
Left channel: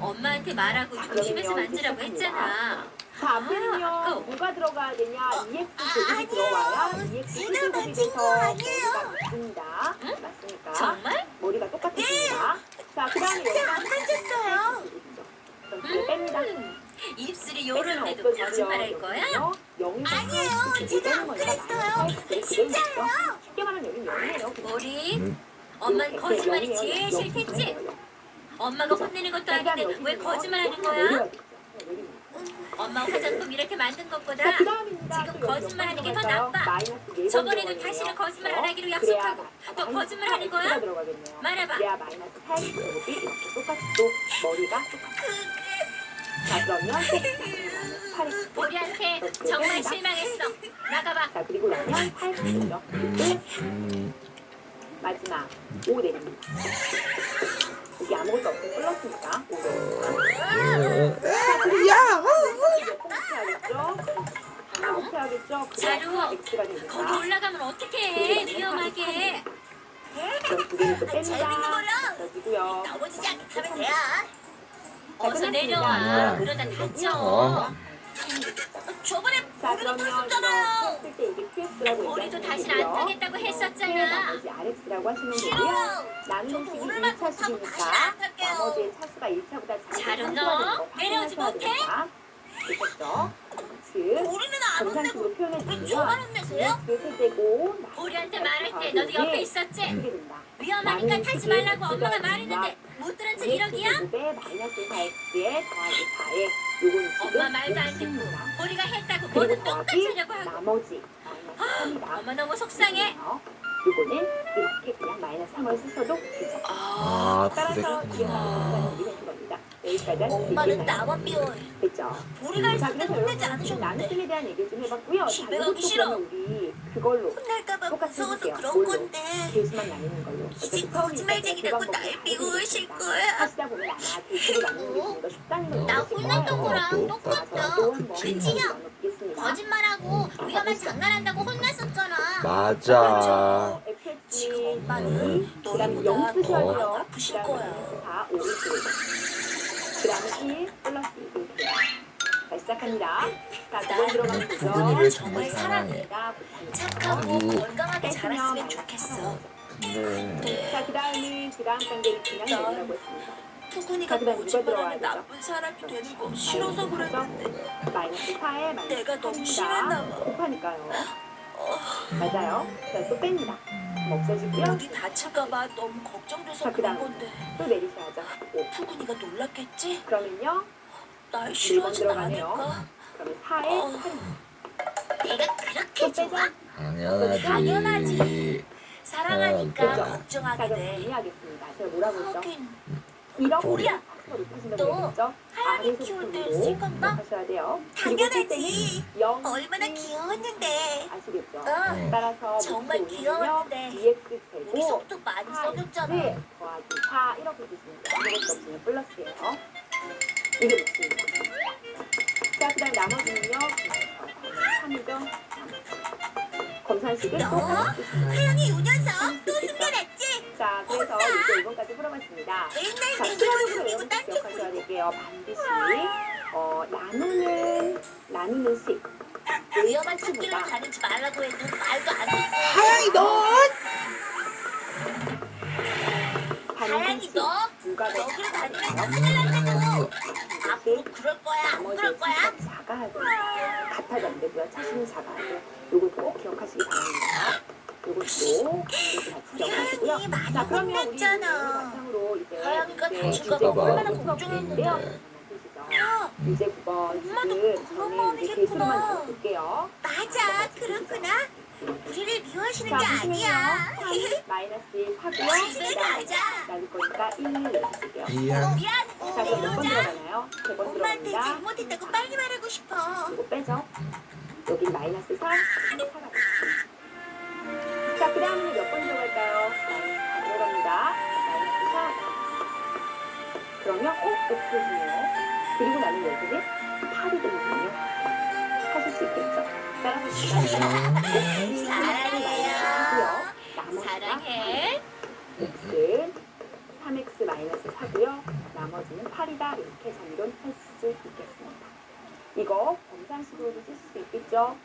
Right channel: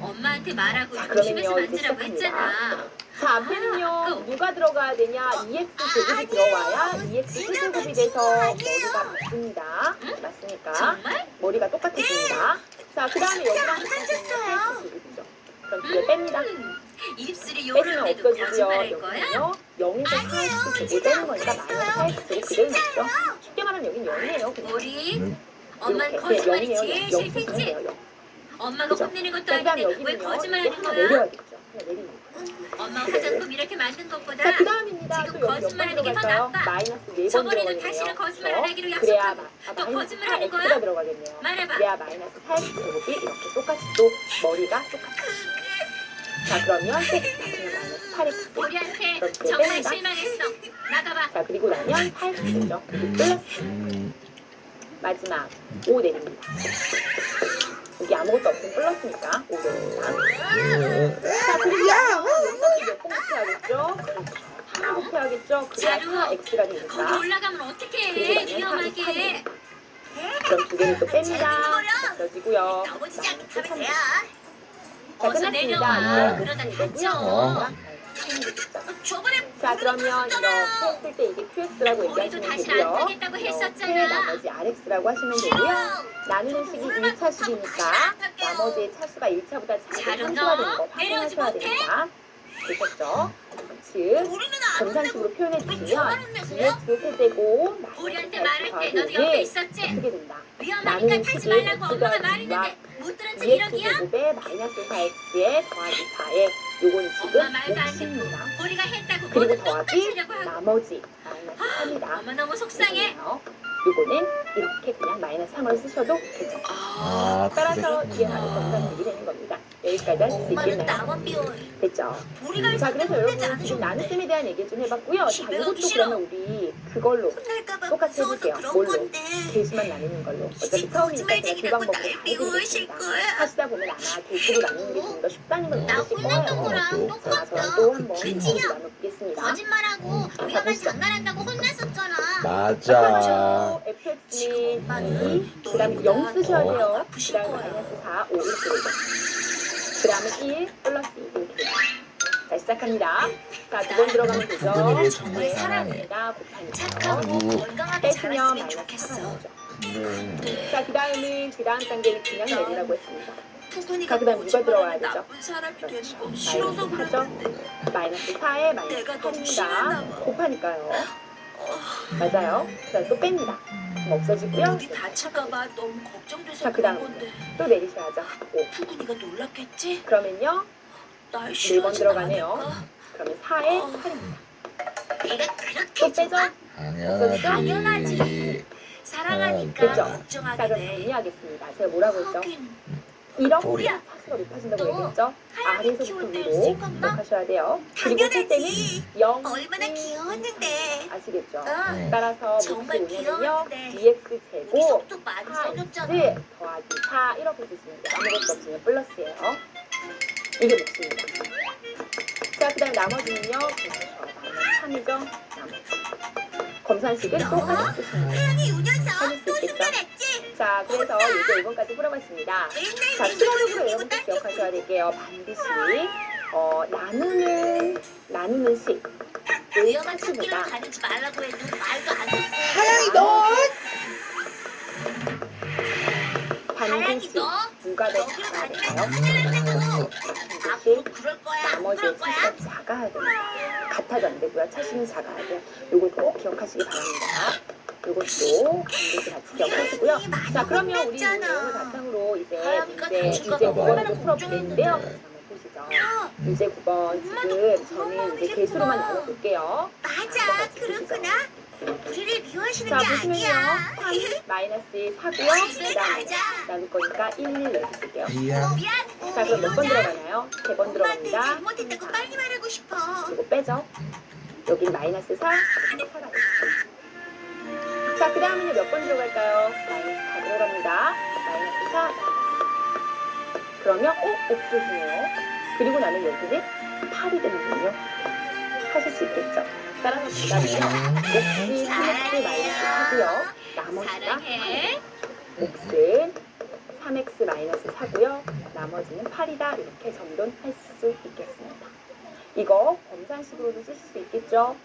엄마한테 말하고 자, 조심해서 그러면요, 이제 만지라고 했잖아. 자, 앞에는요, 누가 들어가야 되냐? 2x 제곱이 들어와야 2x 제곱이 돼서 머리가 맞습니다. 맞습니까? 정말? 머리가 똑같습니다. 자, 그 다음에 여기랑 맞았어요. 그럼 뒤에 뺍니다. 입술이 빼주면 요런데도 없어지고요. 거짓말할 거야? 여기는요, 0에서 4x를 제곱되는 거니까 마이너스 4x를 그대로 있죠. 쉽게 말하면 여긴 0이에요. 그냥. 우리 엄마는 거짓말이 제일 싫댔지? 엄마가 혼내는 것도 아닌데 왜 거짓말하는 거야? 내려야겠죠. 내리면. 엄마 화장품 이렇게 만든 것보다 자, 그 다음입니다. 지금 또 여기 거짓말하는 몇 게 번 더 들어갈까요? 나빠. 마이너스 4번 저번에는 들어가겠네요. 다시는 거짓말을 하기로 그래야 약속하고 또 마이너스 거짓말하는 4x가 거야? 들어가겠네요. 말해봐. 그래야 마이너스 4x제곱이 이렇게 똑같이 또 머리가 똑같아요. 자, 그러면 또 마이너스 8x. 우리한테 이렇게 정말 뺍니다. 실망했어. 나가봐. 자, 그리고 나면 8x죠. 플러스 마지막 5 내립니다. 여기 아무것도 없으면 플러스니까 5 내립니다. 자, 그리고 몇번 곱해야겠죠? 다 곱해야겠죠? 그래야 자루, 4x가 거기 되니까. 올라가면 어떡해. 그리고 위험하게. 그럼 두 개를 또 뺍니다. 없어지고요. 너무 시작하면 돼요. 자, 어서 내려와. 끝났습니다. 그러다 다쳐. 저번에 자, 그러면 이렇게 했을 때 이게 QS라고 우리도 얘기하시면 다시는 안 되고요. 되겠다고 이렇게 했었잖아. 나머지 RX라고 하시면 되고요. 나누는 식이 1차식이니까 나머지의 차수가 1차보다 작은 자루 상수가 되는 넣어. 거 내려오지 확인하셔야 못해? 됩니다. 되셨죠? 즉, 우리는 안 정상식으로 표현해 왜 주시면 저만 혼내세요? DX를 세제곱 우리한테 말할 때 너도 옆에 있었지? 쓰게 된다. 위험하니까 타지 말라고 엄마가 말했는데 못 들은 척 2x 이러기야? 제곱에 마이너스 4x에 더하기 4에 요건 지금 엄마 말도 안 듣고 60입니다. 우리가 했다고 그리고 뭐든 똑같이 더하기 하려고 하고. 나머지 마이너스 3이다. 엄마 너무 속상해. 요거는 이렇게 그냥 마이너스 3을 쓰셔도 되죠. 아, 따라서 뒤에 가는 그랬구나. 검사들이 되는 겁니다. 여기까지 할 수 엄마는 있겠나요? 나만 비워요. 됐죠? 우리가 자, 그래서 여러분 지금 않으셨는데 나눗셈에 대한 얘기 좀 해봤고요. 자, 집에 이것도 가기 싫어. 그러면 우리 그걸로 혼날까봐 똑같이 무서워서 해주세요. 그런 뭘로? 건데. 개수만 나누는 걸로. 어차피 이제 처음이니까 제가 두 거짓말쟁이라고 방법으로 날 비우실 해드리겠습니다. 거야. 하시다 보면 아마 개수로 나누는 게 좀 더 쉽다는 걸 나 느끼실 혼냈던 거예요. 거랑 또 똑같아. 자, 또 한번 그치. 같이 나눠보겠습니다. 거짓말하고 위험한 장난한다고 혼냈었잖아. 맞아. FX는 엄마는 2, 그 다음에 0 쓰셔야 더 돼요. 그 아프실 다음에 거야. 마이너스 4, 5 이렇게 되죠. 그 다음에 1 플러스 2 이렇게 돼요. 자, 시작합니다. 자, 2번 들어가면 되죠. 부분이를 정말 사랑해. 착하고 건강하게 빼시면 자랐으면 마이너스 좋겠어. 4가 나오죠. 근데 자, 그 다음에 그 다음 단계를 그냥 내리라고 했습니다. 푸근이가 자, 그다음 누가 들어와야 거짓말하는 되죠? 나쁜 사람이 되는 그렇죠. 거 싫어서 마이너스 그랬는데. 마이너스 4에 마이너스 내가 너무 싫었나 8입니다. 봐. 곱하니까요. 맞아요. 자, 또 뺍니다. 그럼 없어지고요. 어디 다칠까봐 너무 걱정돼서 자, 그런 그다음. 건데. 또 내리셔야죠. 5. 푸근이가 놀랐겠지? 그러면요. 날 4번 싫어하진 들어가네요. 않을까? 그러면 4에 어. 8입니다. 내가 그렇게 또 빼죠. 당연하지. 사랑하니까 그죠? 자, 걱정하게 그럼 돼. 정리하겠습니다. 제가 뭐라고 했죠? 하긴 이렇게 우리야. 차수가 높아진다고 너 얘기했죠? 하얀이 키울 때 아래서부터 쓸 건가? 하셔야 돼요. 그리고 할 때는 당연하지. 0, 얼마나 귀여웠는데. 아시겠죠? 응. 따라서 정말 밑에 오면요. 귀여웠는데. 2x 제곱 여기서부터 많이 4x 써줬잖아. 더하기 4 이렇게 쓰시면 돼요. 아무것도 없으면 플러스예요. 이게 몫입니다. 자, 그 다음 나머지는요. 3이죠. 나머지. 검산식은 똑같이 쓰시면 돼요. 혜연이 요 녀석 하실 수 또 있겠죠? 숨겨놨지? 자, 그래서 이제 5번까지 풀어봤습니다. 자, 맨날 수학으로 맨날 여러분들 딴 기억하셔야 될게요. 반드시 나누는 식. 위험한 찾기를 가르지 말라고 해도 말도 안 듣고. 하양이 너. 하양이 반드시 너 누가 더 여기로 다니면 작아요? 큰일 난다고. 반드시 앞으로 그럴 거야. 안 나머지 그럴 거야. 차수가 작아야 돼요. 같아도 안 되고요. 차수는 작아야 돼요. 요걸 꼭 기억하시기 바랍니다. 요것도 반드시 같이 기억하시고요. 자, 그러면 우리 이 내용을 바탕으로 이제 하양이가 이제 다칠까 유제 봐 9번을 얼마나 풀어보는데요. 걱정했는데. 보시죠. 유제 9번 지금 저는 이제 개수로만 나눠볼게요. 맞아, 그렇구나. 우리를 미워하시는 자, 게 보시면요. 아니야. 3 마이너스 4고요. 집에 그 다음에 가자. 나눌 거니까 1 내주실게요. 이양. 미안. 자, 그럼 몇 번 내려오자. 들어가나요? 3번 엄마한테 들어갑니다. 잘못했다고 빨리 말하고 싶어. 이거 빼죠. 여긴 마이너스 4, 4가 있어요. 자, 그 다음은요, 몇 번 들어갈까요? 마이너스 4 들어갑니다. 마이너스 4. 그러면, 없어지네요. 그리고 나면 여기는 8이 되는군요. 하실 수 있겠죠? 따라서 기다리면, 몫이 3x 마이너스 4고요. 나머지가 사랑해. 몫은 3x 마이너스 4고요. 나머지는 8이다. 이렇게 정돈할 수 있겠습니다. 이거 검산식으로도 쓰실 수 있겠죠?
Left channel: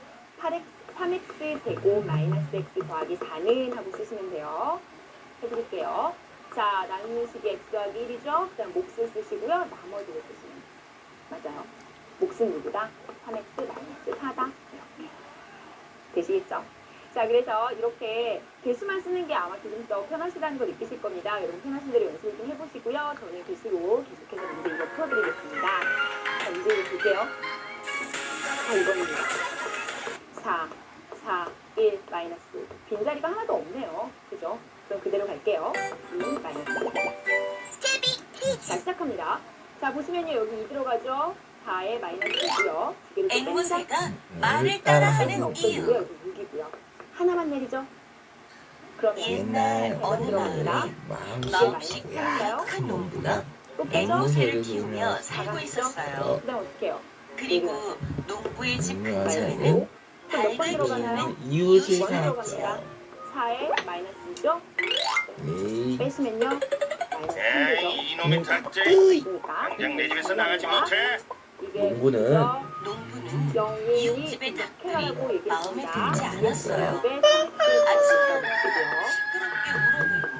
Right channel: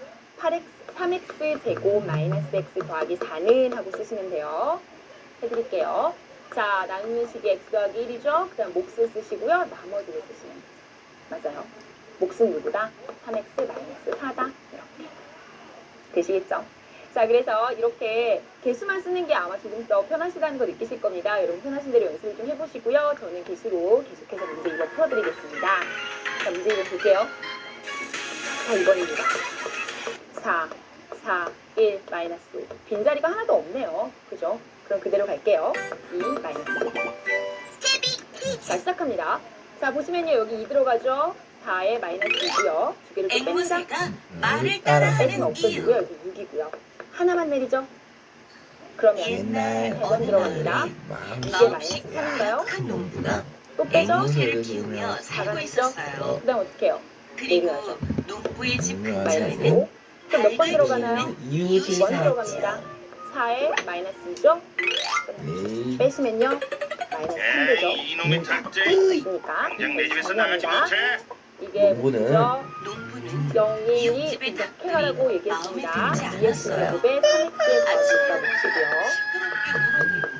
3x 제곱 마이너스 x 더하기 4는 하고 쓰시면 돼요. 해드릴게요. 자, 나누는 식이 x 더하기 1이죠? 그 다음 몫을 쓰시고요. 나머지를 쓰시면 돼요. 맞아요. 몫은 누구다? 3x 마이너스 4다. 이렇게. 되시겠죠? 자, 그래서 이렇게 개수만 쓰는 게 아마 조금 더 편하시다는 거 느끼실 겁니다. 여러분 편하신 대로 연습을 좀 해보시고요. 저는 개수로 계속해서 문제 이거 풀어드리겠습니다. 자, 문제 이거 볼게요. 자, 2번입니다. 4, 4, 1, 마이너스. 빈자리가 하나도 없네요. 그죠? 그럼 그대로 갈게요. 2, 마이너스. 자, 시작합니다. 자, 보시면요. 여기 2 들어가죠? 4에 마이너스 2고요. 두 개를 또 뺀다. 앵무새가 말을 N은 따라하는 없어지고요. 이유. 여기 6이고요. 하나만 내리죠? 그러면 옛날 1번 들어갑니다. 마음이 이게 마이너스 3인가요? 큰 놈부가 또 빼죠? 앵무새를 키우며 앵무새를 살고 나가죠? 있었어요. 그 다음 어떻게 해요? 그리고 농부의 집 음, 근처에는 마이너스 5. 그럼 몇 번 달걀이 들어가나요? 있는 이웃이 2번 살았죠. 들어갑니다. 4에 마이너스 2죠? 에이, 빼시면요. 마이너스 3되죠. 에이, 이놈의 작제. 그러니까 당장 내 집에서 나가지 못해. 이게 농부는 뭐죠? 농부는 영인이 이웃집의 이렇게 하라고 마음에 얘기했습니다. 들지 않았어요. 2x제곱에 3x의 아침에 더하기가 몫이고요. 시끄럽게 물어대고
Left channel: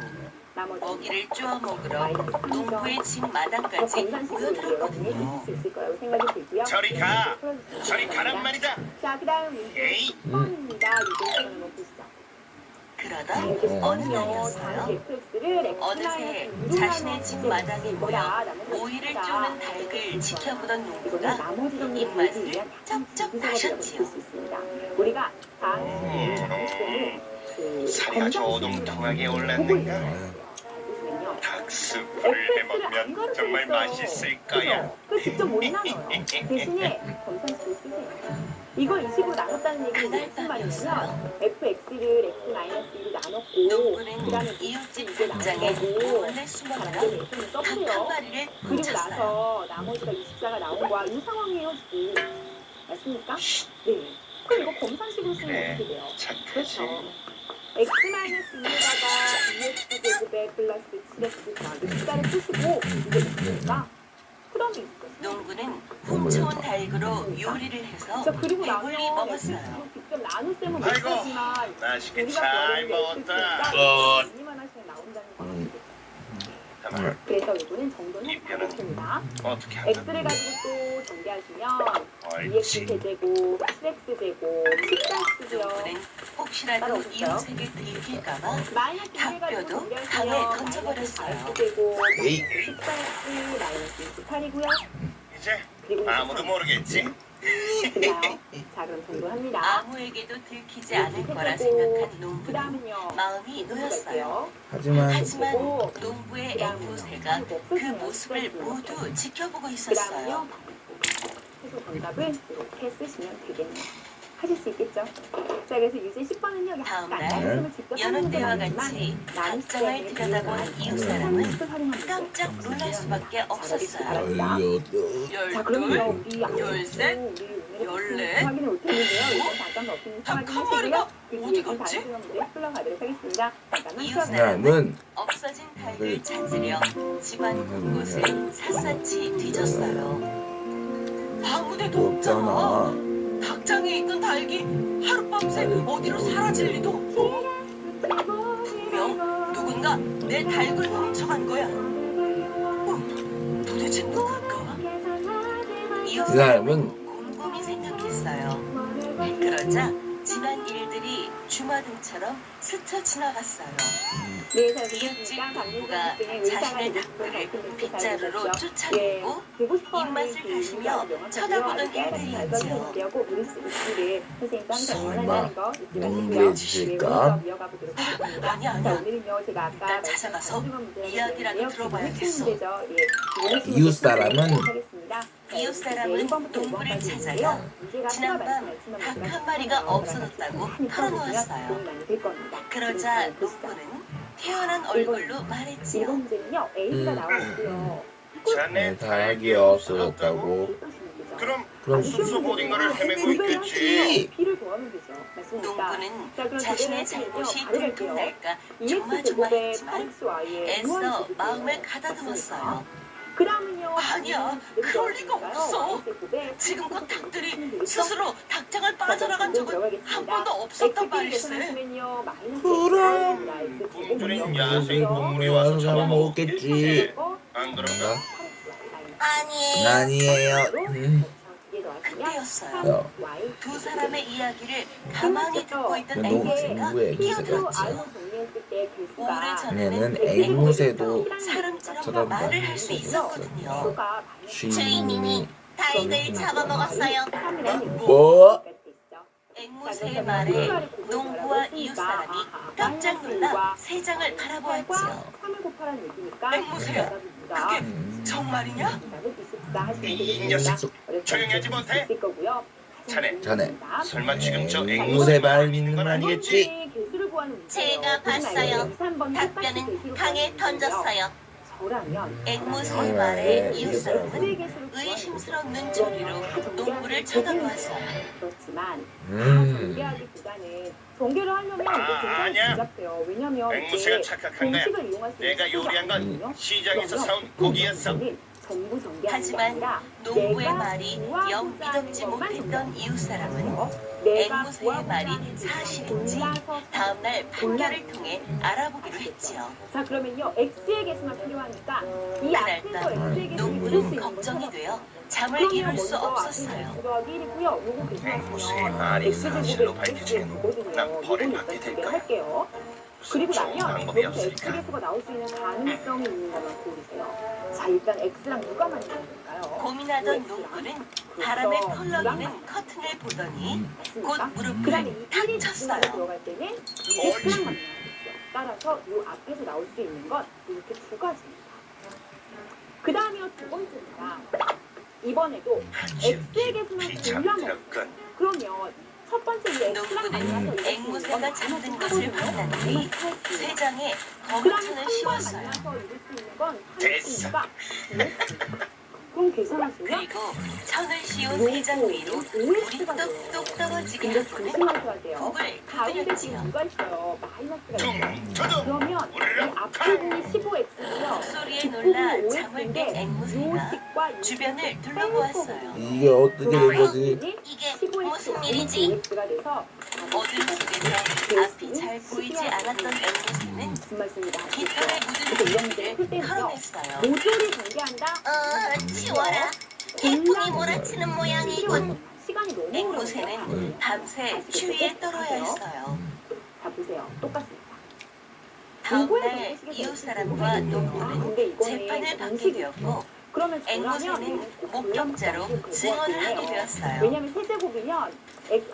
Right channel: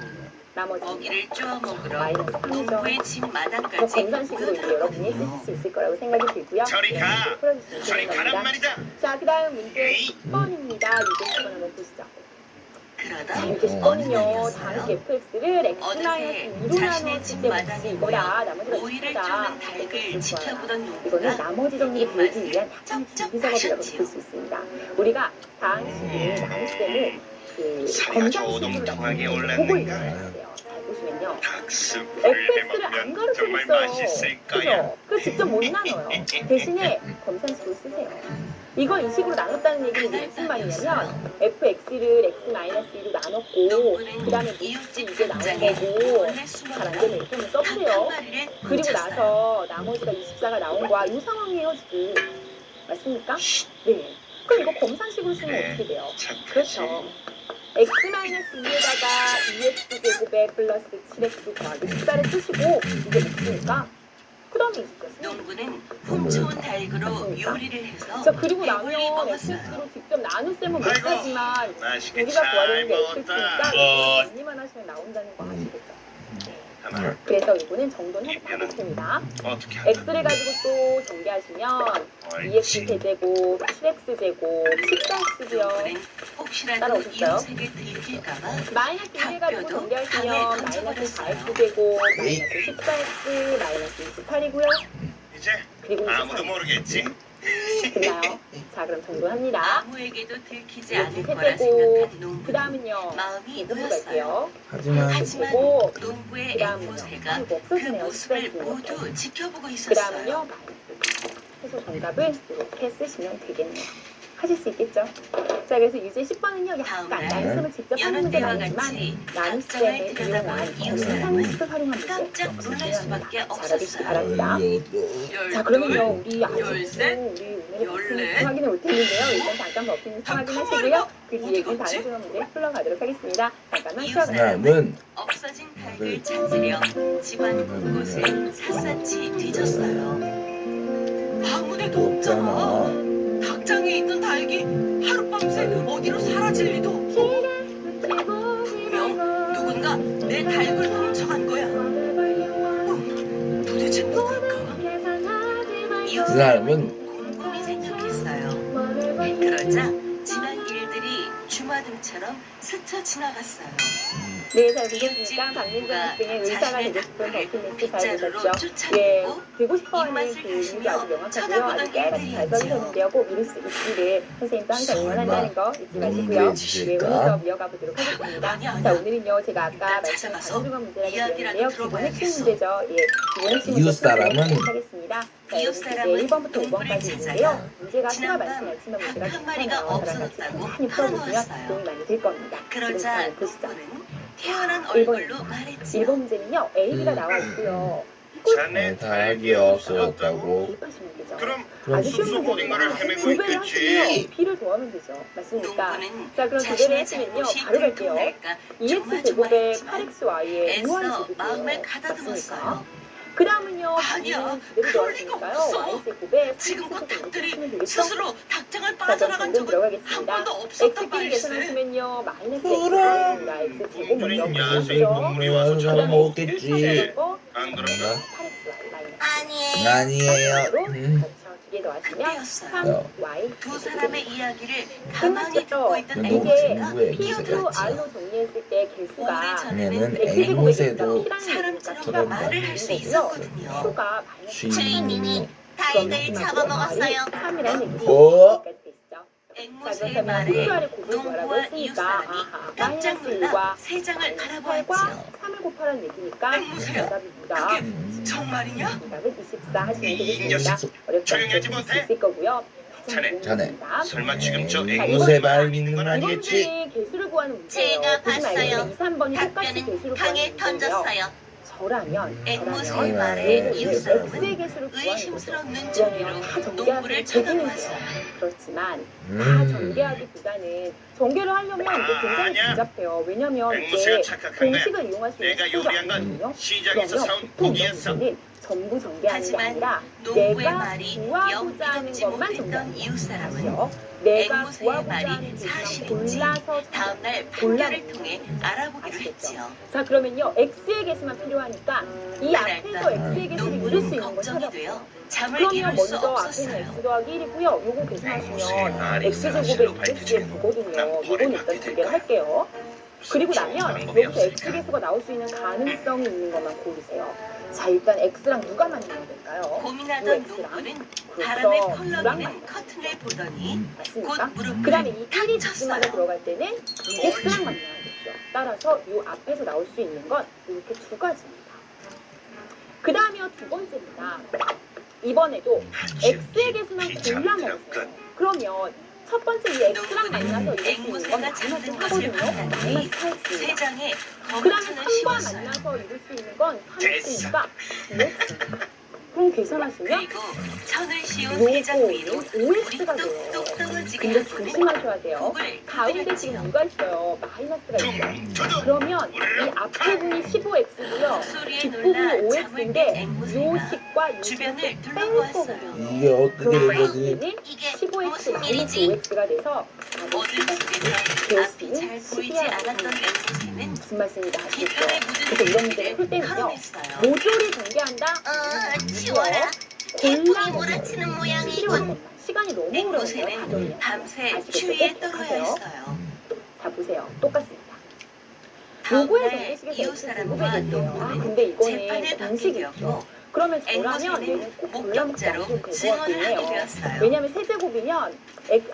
나머지 먹이를 쪼아 먹으러 마이너스 3이죠. 농부의 집 뭐 마당까지 건강식으로 이제 여러분이 쓰실 수 있을 거라고 생각이 들고요. 저리 가. 풀어주시면 저리 되는 가란 겁니다. 말이다. 자, 그 다음 문제 에이. 10번입니다. 유제 10번 한번 보시죠. 그러다 자, 유제 어느 10번은요. 날이었어요. 다른 fx를 x 어느새 마이너스 2로 자신의 나누었을 집 때 마당에 뭐다. 나머지가 오이를 있다. 쪼는 닭을 지켜보던 이거는 농부가 나머지 정리를 보여주기 입맛을 위한 쩍쩍 분석이라고 하셨지요. 볼 수 있습니다. 우리가 다항식을 나눌 때는 그 사야 저 오동통하게 올랐는가? 잘 보시면요. 닭수프를 fx를 안 해먹으면 가르쳐 정말 줬어요. 맛있을 그죠? 거야. 그 직접 못 나눠요. 대신에 검산식으로 쓰세요. 이걸 이 식으로 나눴다는 얘기는 무슨 말이냐면 fx를 x-2로 나눴고 그 다음에 몫이 이게 나온 거고 잘 안 되면 이렇게 써보세요. 그리고 나서 나머지가 24가 나온 거야. 이 상황이에요 지금. 맞습니까? 네. 그럼 이거 검산식으로 쓰면 네. 어떻게 돼요? 착하지. 그렇죠. x-2에다가 2x 제곱에 플러스 7x 더하기 14를 쓰시고 이게 있으니까 그 다음에 20가 농부는 훔쳐온 닭으로 요리를 해서 자, 그리고 배불리 나면 먹었어요. fx로 직접 나누셈은 못 아이고, 하지만 맛있게 우리가 구하려는 잘 게 먹었다. fx니까 언니만 하시면 나온다는 거 아시겠죠? 하나, 그래서 이거는 정돈해서 하겠습니다. 어떻게 x를 가지고 또 전개하시면 2x 옳지. 제곱, 7x 제곱, 14x고요. 농부는 혹시라도 따라오실까요? 이웃에게 들킬까봐 마이너스 1을 가지고 닭뼈도 전개하시면 강에 마이너스 던져버렸어요. 4x 제곱, 에이. 마이너스 14x, 마이너스 28이고요. 이제 그리고 아무도 23. 모르겠지. 됐나요? 자, 그럼 정돈합니다. 아무에게도 들키지 이렇게 않을 거라 세제곱, 생각한 그 농부는 다음은요. 마음이 이거 놓였어요. 갈게요. 하지만 하지만 그리고 농부의 그 다음은요. 앵무새가 이거 그 없어지네요. 모습을 14x. 모두 지켜보고 그 있었어요. 다음은요. 그래서 정답을 이렇게 쓰시면 되겠네요. 하실 수 있겠죠? 자, 그래서 유제 10번은요. 약간 다음날 나눗셈을 직접 하는 여느 문제는 때와 아니지만 같이 나눗셈을 닭장을 들여다본 이용한 이웃 사람은 검산식을 활용한 문제. 깜짝 놀랄 수밖에 잘해주시기 없었어요. 바랍니다. 자, 그러면요. 우리 아직도 열셋, 우리 오늘의 열넷, 확인해 올 텐데요. 일단 잠깐 버티는 확인하시고요. 그 뒤에 어디 다른 갔지? 시간 문제 풀러가도록 하겠습니다. 잠깐만 이웃 쉬어가요. 사람은 없어진 닭을 찾으려 집안 곳곳을 샅샅이 뒤졌어요. 아무데도 없잖아. 닭장에 있는 닭이 하룻밤새 어디로 사라질 리도 없고 분명 누군가 내 닭을 훔쳐간 거야. 도대체 누굴까? 이웃 이 사람은 곰곰이 생각했어요. 그러자 지난 일들이 주마등처럼 스쳐 지나갔어요. 네, 잘 이웃집 보셨습니까? 박민정 누가 학생의 의사가 자신의 되고 싶은 닭을 버킷리스트 잘 빗자루로 보셨죠? 예, 쫓아내고 되고 싶어하는 입맛을 그 이유가 아주 다시며 명확하고요. 쳐다보던 아주 깨알같이 잘 일들이었지요. 써주셨는데요. 꼭 이룰 수 있기를 선생님도 항상 응원한다는 거 잊지 마시고요. 공부해 네, 오늘 주실까? 수업 이어가 보도록 하겠습니다. 아니야. 자, 오늘은요, 제가 아까 일단 말씀한 찾아가서 단순한 문제라고 이야기라도 드렸는데요. 기본 핵심 들어봐야겠어. 문제죠. 예, 기본 핵심 이웃 문제 사람은 풀어보도록 하겠습니다. 자, 이웃 여기 사람은 이제 1번부터 농부를 5번까지 찾아가 있는데요. 문제가 수가 지난밤 많지만 닭 문제가 한 마리가 많아요. 없어졌다고 많이 풀어보시면 털어놓았어요. 도움이 많이 될 겁니다. 그러자 보시죠. 농부는 태어난 1번 얼굴로 말했지요. 1번 문제는요. A가 나와 있고요. 네, 다락이 없어졌다고. 대입하시면 되죠. 그럼 그럼 아주 쉬운 숲속 문제니까 어딘가를 헤매고 2배를 있겠지. 하시면 B를 더하면 되죠. 맞습니까? 농부는 자, 그럼 2배를 자신의 하시면요. 잘못이 바로 갈게요. 들통날까 2x 제곱에 조마조마했지만 8xy의 애써 무한제곱이에요. 마음을 맞습니까? 가다듬었어요. 그 다음은요. 아니야, 그대로 그럴 리가 넣어주니까요. 없어. y제곱에 지금 그 8x제곱을 닭들이 쓰시면 되겠죠? 스스로 닭장을 자, 그럼 빠져나간 당근 적은 한 들어가겠습니다. 번도 없었단 x끼리 말이지. 계산하시면요. 마이너스 그럼. x제곱입니다. x제곱 동물이 먼저 야생 보시죠. 동물이 와서 와서 잡아먹겠지. 안 그런가? 8xy 마이너스 아니에요. 아니에요. 그렇죠. 두개 더하시면 그때였어요. 3y 두 사람의 이야기를 가만히 듣고 끝났죠? 있던 너무 이게 누구의 P 미세가 로 있지? R로 정리했을 때 개수가 얘는 오래전에는 앵무새도 사람처럼 저런 말을 할 수 있었거든요. 수가 주인님이 닭을 잡아먹었어요. 3이라는 얘기죠. 뭐? 앵무새의 말에 농부와 이웃 사람이 깜짝 놀라 세 장을 바라보았지요. 3을 곱하라는 얘기니까 앵무새야, 정답입니다. 그게 정말이냐? 정답은 24 하시면 이 되겠습니다. 녀석, 어렵지 조용히 하지 않게 못해? 있을 거고요. 자네, 자네. 설마 지금 저 에이, 앵무새 말 믿는 건 이번 아니겠지? 문제는 개수를 구하는 문제예요. 제가 보지 말고 봤어요. 2, 3번이 똑같이 답변은 개수를 강에 구하는 문제예요. 던졌어요. 저라면 앵무새의 말에 이웃 X의 사람은 개수를 구하는 의심스러운 거죠. 눈초리로 다 전개하기 농부를 쳐다보았어요. 그렇지만 다 음. 전개하기보다는 전개를 하려면 이게 굉장히 아니야. 복잡해요. 왜냐면 앵무새가 이게 착각한 거야. 공식을 이용할 수 있는 내가 수가 요리한 건 아니거든요. 시장에서 그러면 사온 보통 고기였어. 문제는 전부 전개하는 게 하지만 아니라 농부의 내가 말이 영 구하고자 하는 믿었지 것만 못했던 전개하는 이웃 사람은 거예요. 내가 앵무새의 구하고자 말이 하는 것만 사실인지 골라서 다음날 판결을 통해 알아보기로 했지요. 자, 그러면요. X의 개수만 필요하니까 이 앞에서 X의 개수를 이룰 수 농부는 있는 걸 걱정이 찾아보세요. 되어 잠을 그러면 이룰 수 먼저 앞에는 없었어요. X 더하기 1이고요. 요거 앵무새의 계산하시면 말이 X제곱에 사실로 2X에 밝혀지면 9거든요. 난 요거는 벌을 일단 받게 전개를 될까? 할게요. 그리고 나면 방법이 여기서 X 없을까? 개수가 나올 수 있는 가능성이 있는 것만 고르세요. 자, 일단 X랑 누가 만나면 될까요? 고민하던 X랑. 농부는 그렇죠. 바람에 누가 펄럭이는 만나요? 커튼을 보더니 곧 맞습니까? 무릎을 그 다음에 이 탁 1이 쳤어요. 지금 안에 들어갈 때는 X랑 만나야겠죠. 따라서 요 앞에서 나올 수 있는 건 이렇게 두 가지입니다. 그 다음이요, 두 번째입니다. 이번에도 X의 개수만 골라 먹었어요. 그러면 첫 번째 이 X랑 만나서 이룰 수 있는 건 앵무새가 마이너스 잡는 것을 4거든요. 봤더니 마이너스 4X입니다. 세 장에 그 다음에 검은천을 3과 씌웠어요. 만나서 이룰 수 있는 건 됐어. 3X니까 2X. 그럼 계산하시면 그리고 천을 씌운 세 장 위로 요거 우리 5X가 돼요. 뚝뚝 떨어지게 근데 하고는 조심하셔야 돼요. 북을 가운데 지금 두드렸지요. 누가 있어요? 마이너스가 있어요. 저도 그러면 이 앞에 분이 15x고요. 소리에 뒷부분이 놀라 잠을 5x인데 깬 앵무새가 요식과 요식을 주변을 뺀 둘러보았어요. 거거든요. 이게 어떻게 된 그럼 거지? X는 이게 15x 무슨 마이너스 일이지? 5x가 돼서 어둠 속에서 앞이 잘 보이지 않았던 앵무새는 무슨 말씀인지 아시겠죠? 깃털에 묻은 그래서 이런 문제를 풀 소리를 때는요. 털어냈어요. 모조리 전개한다? 치워라. 태풍이 몰아치는 모양이군. 필요한 시간이 너무 오래 걸려요. 앵무새는 밤새 아시겠죠? 추위에 꼭 떨어야 하세요. 했어요. 자, 보세요. 똑같습니다. 요거의 다음날 정리식에서 이웃 사람과 아, 농부는 근데 이거는 재판을 받게 공식이 되었고 있죠. 그러면 저라면 앵무새는 얘는 꼭 골라먹지 않으셔도 목격자로 될것 증언을 같긴 해요. 하게 되었어요. 왜냐면 세제곱이면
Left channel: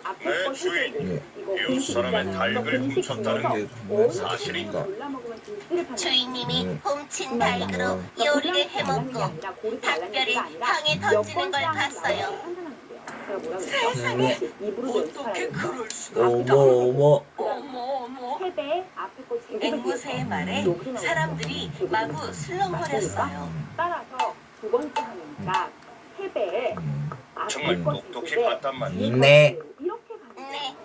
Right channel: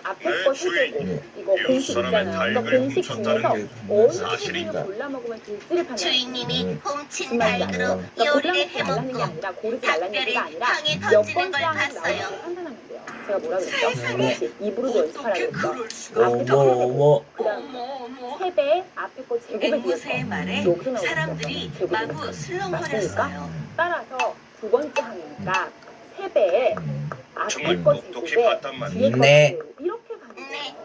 앞에 거 세제곱 네. 이거 이웃 공식 사람의 있잖아요. 달걀을 그러니까 공식 훔쳤다는 중에서 게 어느 사실인가? 부분을 골라 먹으면 될지를 판단해요. 주인님이 훔친 무슨 말인지 달그로 알아요? 그러니까 요리를 골라먹지 말라는 게 해먹고 아니라 고르지 말라는 닭뼈를 얘기가 아니라 방에 몇 던지는 번째 걸 하면 나오는지 봤어요. 판단하면 돼요. 제가 뭐라 그랬죠? 네. 그렇지. 입으로도 연습하라고 어떻게 했죠. 그럴 수가? 어머 어머. 그다음 어머 어머. 3배 앞에 거 제곱에 앵무새의 비해서 말에 여기서 나오는 사람들이 제곱이 마구 맞습니까? 슬렁거렸어요. 따라서 두 번째 하니까 3배에 앞에 정말 거 똑똑히 제곱에 봤단 말이야. 뒤에 거 네. 제곱 이렇게 가는 거예요. 네.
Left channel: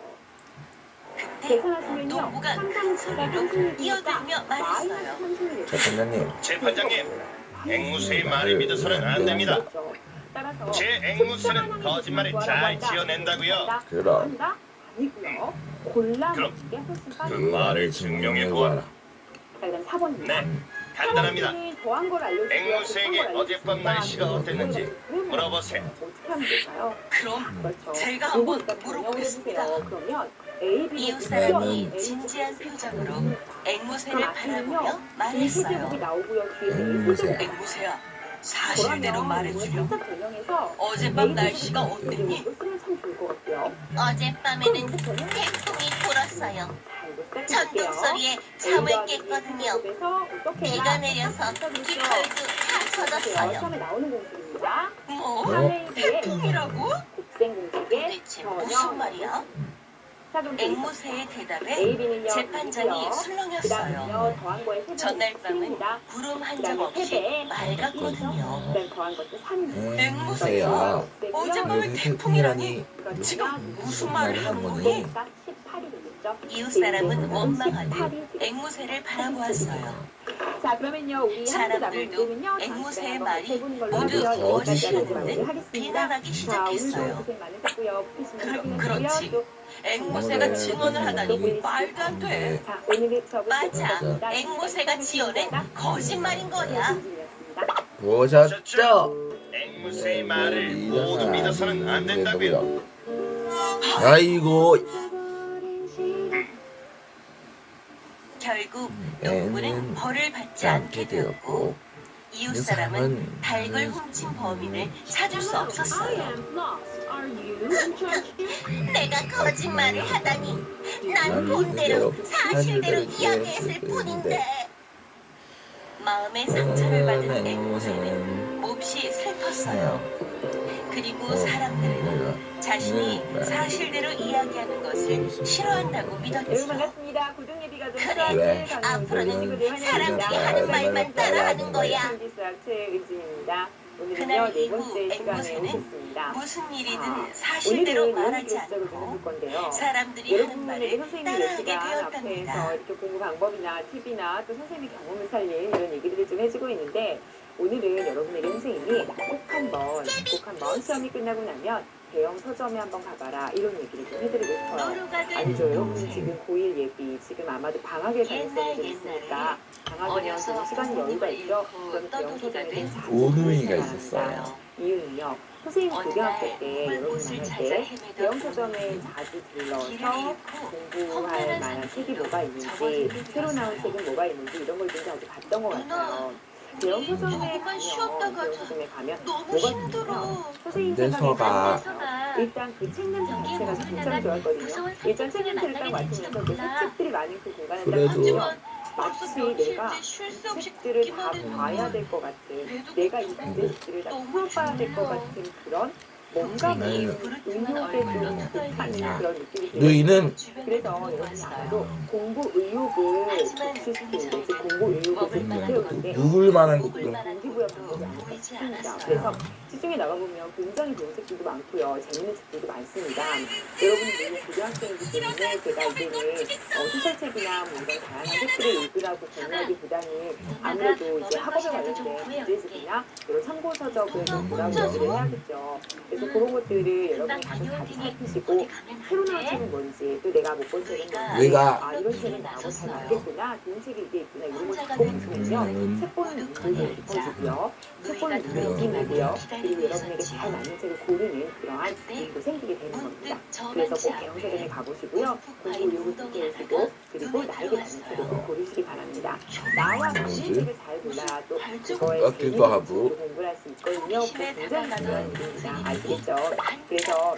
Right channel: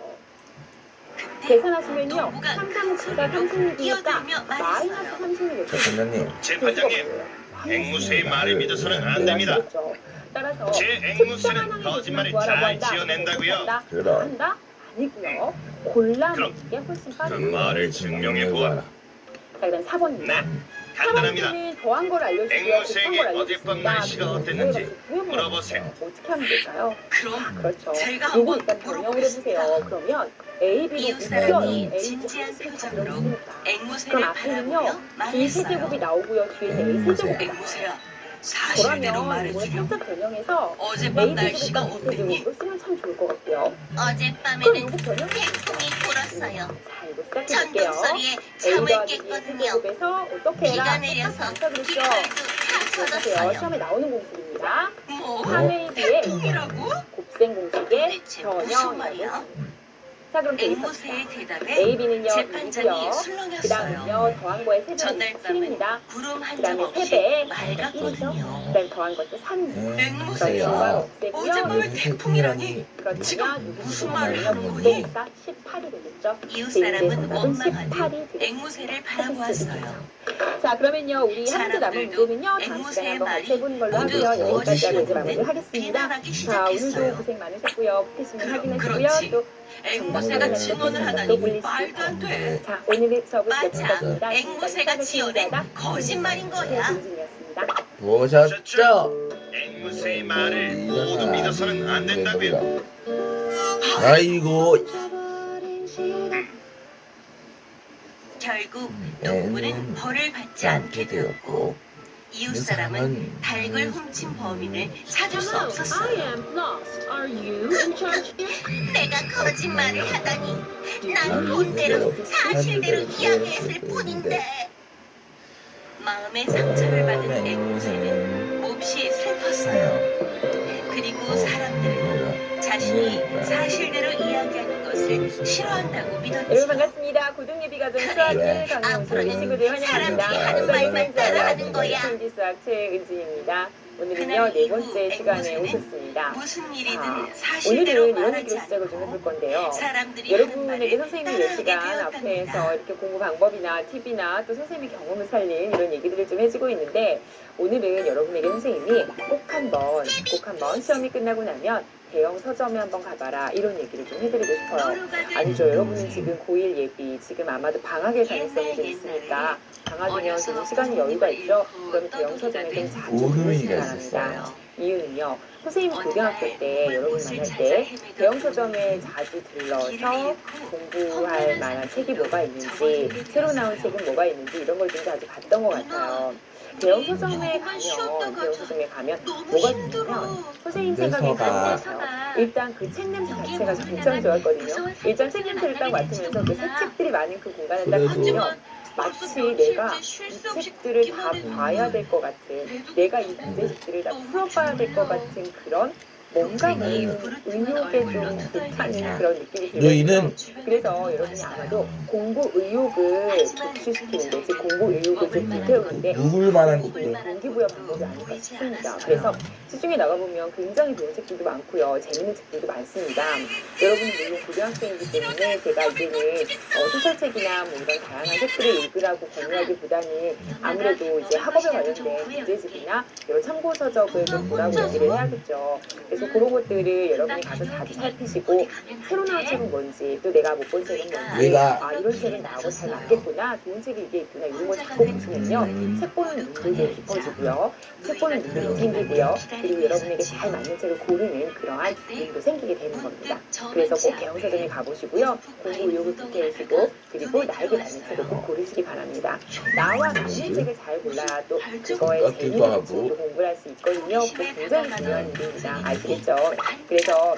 그때 계산하시면요. 농부가 3 큰 3 소리로 36이니까 뛰어들며 마이너스 말했어요. 36이 자, 판장님. 재판장님, 앵무새의 말에 믿어서는 안 됩니다. 그렇죠. 따라서 제 앵무새는 거짓말을 잘 지어낸다고요. 그럼 한다? 아니고요. 골라 먹는 게 훨씬 그 빠르죠. 말을 증명해보아라. 자, 그다음 4번입니다. 네, 간단합니다. 4번째는 더한 걸 알려주고요. 앵무새에게 곱한 걸 어젯밤 알려주니까 날씨가 어땠는지 왜 물어보세요? 물어보세요. 어떻게 하면 될까요? 그럼 그렇죠. 제가 요거 한번 일단 번역을 물어보겠습니다. 해보세요. 그러면 A, B로 이웃 묶여 사람이 A, 진지한 B, 표정으로 그럼 앵무새를 앞에는요. 바라보며 B 세제곱이 말했어요. 나오고요. 뒤에는 A 앵무새. 세제곱이 나와요. 앵무새야, 사실대로 저라면 이걸 말해주렴. 살짝 변형해서 어젯밤 A 날씨가 세제곱과 B 어땠니? 세제곱으로 쓰면 참 좋을 것 같고요. 그럼 어젯밤에는 이거 변형 태풍이 불었어요. 자, 이거 천둥 시작해볼게요. 소리에 A 잠을 더하기 B 깼거든요. 세제곱에서 어떻게 해라? 비가 내려서 아까 그랬죠? 깃털도 다 보세요. 쏟았어요. 처음에 나오는 공식입니다. 뭐? 3AB의 태풍이라고? 곱셈 공식의 대체 무슨 말이야? 자, 그럼 앵무새의 대입합시다. 대답에 AB는요, 재판장이 2요. 그 술렁였어요. 다음은요, 더한 거에 3배는 전날밤은 7입니다. 구름 한 그 점 다음에 없이 3배, 맑았거든요. 그 다음에 더한 것도 3. 앵무새야. 어젯밤을 왜 태풍이라니. 그러면 지금 무슨 누구 말을 하는 거니? 거니? 18이 되겠죠? 이웃 제 사람은 정답은 원망하니 18이 되겠습니다. 앵무새를 바라보았어요. 자, 그러면요, 우리 한 문제 남은 문제는요, 다음 시간에 앵무새의 한번 같이 말이 해보는 걸로 모두 하고요. 여기까지 하고 이제 거짓이었는데 마무리 하겠습니다. 비난하기 자, 오늘도 시작했어요. 고생 많으셨고요. 포켓신문 확인하시고요. 그렇지. 또 앵무새가 오늘 증언을 하다니 올리시기 말도 안 돼. 자, 오늘의 수업은 맞아. 여기까지입니다. 앵무새가 지어낸 거짓말인 거야. 김진이었습니다. 보셨죠? 앵무새의 말을 모두 믿어서는 안 된다고요. 아이고 결국 애는 동물은 벌을 받지 않게 않게 되었고 되었고 이웃 그 사람은 사람은 닭을 훔친 범인을 찾을 수 없었어요. 내가 거짓말을 하다니 난 본대로 사실대로 이야기했을 뿐인데. 마음의 상처를 받은 앵무새는 몹시 슬펐어요. 그리고 사람들은 자신이 사실대로 이야기하는 것을 싫어한다고 여러분 믿었죠. 반갑습니다. 고등예비가 된 왜? 수학을 강의하는 친구들 환영합니다. 사람들이 하는 말만 따라하는 거야. 신기 수학책 은지입니다. 오늘은요 그날 네 이후 번째 시간에 앵무새는 오셨습니다. 무슨 자, 일이든 오늘은 사실대로 이런 말하지 얘기로 시작을 좀 해볼 않고 건데요. 사람들이 하는 여러분에게 말을 선생님이 몇 따라하게 시간 되었답니다. 앞에서 이렇게 공부 방법이나 팁이나 또 선생님이 경험을 살린 이런 얘기들을 좀 해주고 있는데 오늘은 여러분에게 선생님이 꼭 한번 시험이 끝나고 나면 대형 서점에 한번 가봐라 이런 얘기를 좀 해드리고 싶어요. 아니죠. 여러분이 지금 고1 예비 지금 아마도 방학에 다녔었는 게 있으니까 방학이면 지금 시간이 여유가 있죠. 그럼 대형 서점에 좀 자주 오누이가 가보시기 바랍니다. 있었어요. 이유는요. 선생님이 고등학교 때 여러분 만날 때 대형 서점에 자주 들러서 공부할 만한 책이 뭐가 있는지 새로 나온 책은 뭐가 있는지 이런 걸 좀 자주 봤던 것 같아요. 대형 서점에 가면 뭐가 좋냐면 선생님 생각에 내서가 다른 것 같아요. 일단 그 책 냄새 자체가 굉장히 좋았거든요. 일단 책 냄새를 딱 맡으면서 그 새 책들이 많은 그 공간을 딱 그래도 가면 마치 내가 이 책들을 다 봐야 될 것 같은 내가 이 문제집들을 다 풀어봐야 될 것 같은 그런 뭔가 그 의욕에 좀 불타는 그런 느낌이 들어요. 너희는 그래서 여러분이 아마도 공부 의욕을 독취시키는데 즉 공부 의욕을 좀 불태우는데 누굴 말하는 그 것도 동기부여 방법이 아닐까 싶습니다. 그래서 시중에 나가보면 굉장히 좋은 책들도 많고요. 재밌는 책들도 많습니다. 여러분이 물론 고등학생이기 때문에 제가 이제는 소설책이나 뭐 이런 다양한 책들을 읽으라고 권유하기보다는 아무래도 이제 학업에 관련된 문제집이나 여러 참고서적을 좀 보라고 얘기를 해야겠죠. 그래서 그런 것들을 여러분이 가서 자주 살피시고 새로 나온 책은 뭔지 또 내가 못 본 책은 뭔지 내가 이런 책은 나하고 잘 맞겠구나 좋은 책이 이게 있구나 이런 걸 잡고 보시면요 책 보는 눈도 좀 깊어지고요 책 보는 눈도 생기고요 그리고 여러분에게 잘 맞는 책을 고르는 그러한 눈도 생기게 되는 겁니다. 그래서 꼭 대형서점에 가보시고요 공부 의욕을 불태우시고 그리고 나에게 맞는 책을 꼭 고르시기 바랍니다. 나와 맞는 책을 잘 골라야 또 그거에 재미있는 책으로 공부를 할 수 있거든요. 그거 굉장히 중요한 일입니다. 아시겠죠? 그래서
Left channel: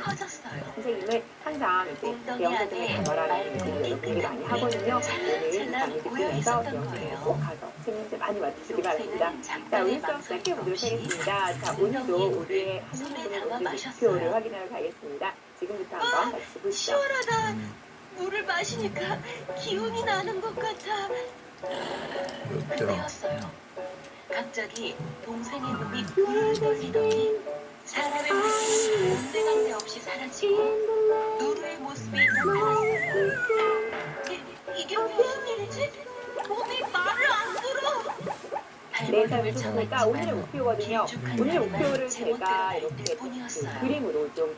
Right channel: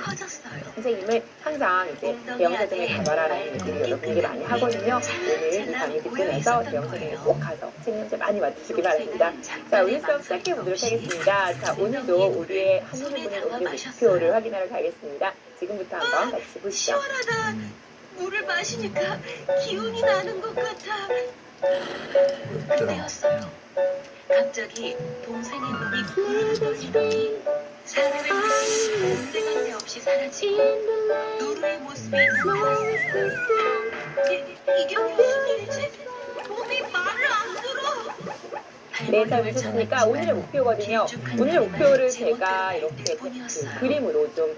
선생님은 항상 이제 대형서점에 가봐라라는 얘기를 여러분에게 많이 하거든요. 오늘 이 강의 듣고 나서 대형서점에 꼭 가서 책 문제 많이 맡으시기 바랍니다. 자, 오늘 수업 시작해 보도록 하겠습니다. 자, 오늘도 우리의 한민분의 오늘 목표를 확인하러 가겠습니다. 지금부터 한번 같이 보시죠. 시원하다. 물을 마시니까 기운이 나는 것 같아. 그때였어요. 갑자기 동생의 눈이 붉어지더니 사람의 모습이 온데간데 없이 사라지고 누르의 모습이 나타났어요. 이게 무슨 일이지? 몸이 말을 안 들어. 네, 잘 보셨습니까? 오늘의 목표거든요. 오늘의 목표를 제가 이렇게 그 그림으로 좀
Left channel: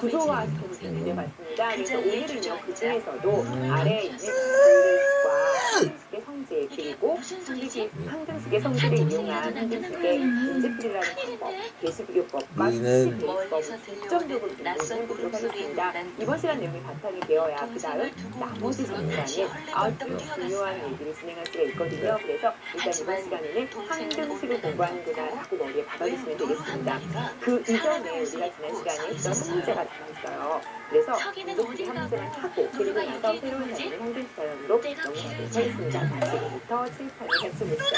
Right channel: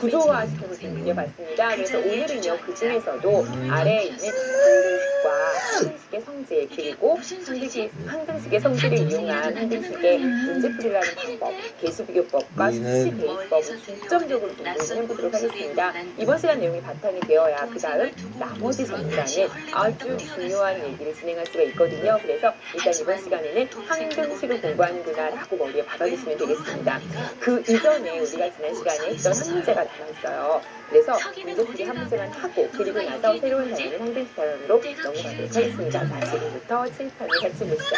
구조화시켜서 좀 그려봤습니다. 그래서 오늘은요, 그 중에서도 아래에 있는 상등식과 상등식의 성질, 그리고 상등식의 성질을 이용한 상등식의 문제풀이라는 방법, 개수비교법과 수치대입법을 중점적으로 좀 공부해보도록 하겠습니다. 이번 시간 내용이 바탕이 되어야 그 다음 나머지 전시간은 아주 중요한 얘기를 진행할 수가 있거든요. 그래서 일단 이번 시간에는 상등식을 공부하는구나 라고 머리에 박아주시면 되겠습니다. 그 이전에 우리가 지난 시간에 했던 한 문제가 남아있어요. 그래서 문제풀이 한 문제만 하고 그리고 나서 새로운 단위는 상등식 단원으로 넘어가도록 하겠습니다. 자, 지금부터 칠판을 같이 보시죠.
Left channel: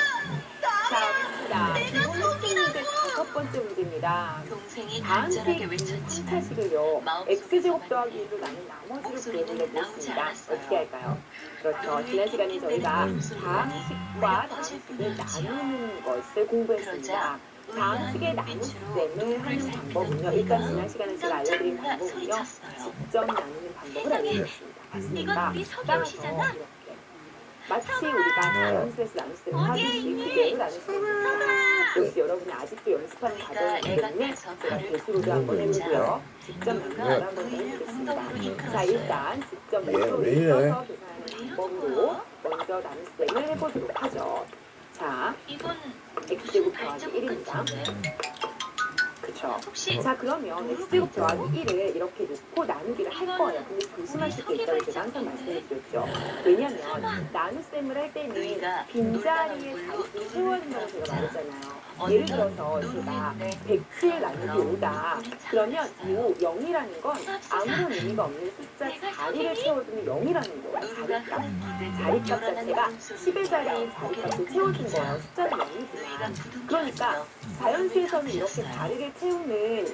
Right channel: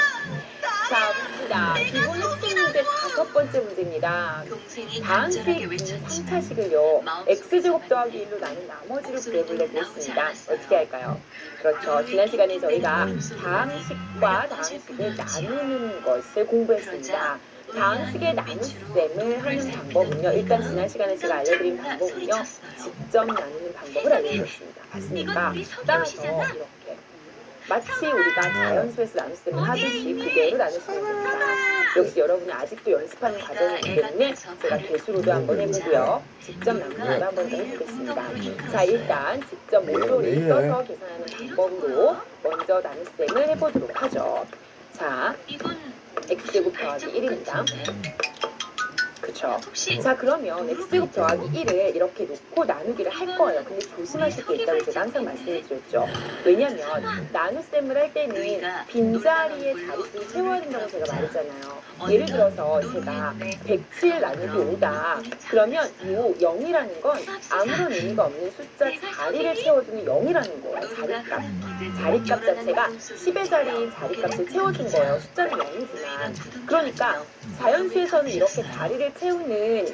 자, 자, 기본 핵심 문제 5번째 문제입니다. 동생이 다음 간절하게 식 외쳤지. 3차식을요. x제곱 더하기 1로 나눈 나머지로 구해보려고 했습니다. 어떻게 할까요? 그렇죠. 지난 시간에 저희가 다항식과 다항식을 나누는 것을 공부했습니다. 다항식의 나눗셈을 하는 방법은요. 일단 지난 시간에 제가 알려드린 방법은요. 직접 나누는 방법을 알려드렸습니다. 맞습니까? 따라서 이렇게 마치 우리가 자연수에서 나눗셈을 하듯이 그대로 나누시면 됩니다. 역시 여러분이 아직도 연습하는 과정이기 때문에 제가 개수로도 한번 해보고요. 직접 나누기도 한번 더 해보겠습니다. 자, 일단 직접 모조리를 써서 계산하는 방법으로 먼저 나눗셈을 해보도록 하죠. 자, 이건 x제곱 더하기 1입니다. 그쵸? 혹시 자, 그러면 x제곱 더하기 1을 이렇게 놓고 나누기를 할 거예요. 근데 조심하실 게 있다고 제가 항상 말씀을 드렸죠. 왜냐면 나눗셈을 할 때는 빈자리에 자릿수를 채워야 된다고 제가 말했잖아요. 예를 들어서 제가 107 나누기 5다. 그러면 요 0이라는 건 아무런 의미가 없는 숫자 자리를 채워주는 0이라는 거예요. 자리값. 자리값 자체가 10의 자리인 자리값을 채워준 거예요. 숫자는 0이지만. 그러니까 자연수에서는 이렇게 자리를 채우는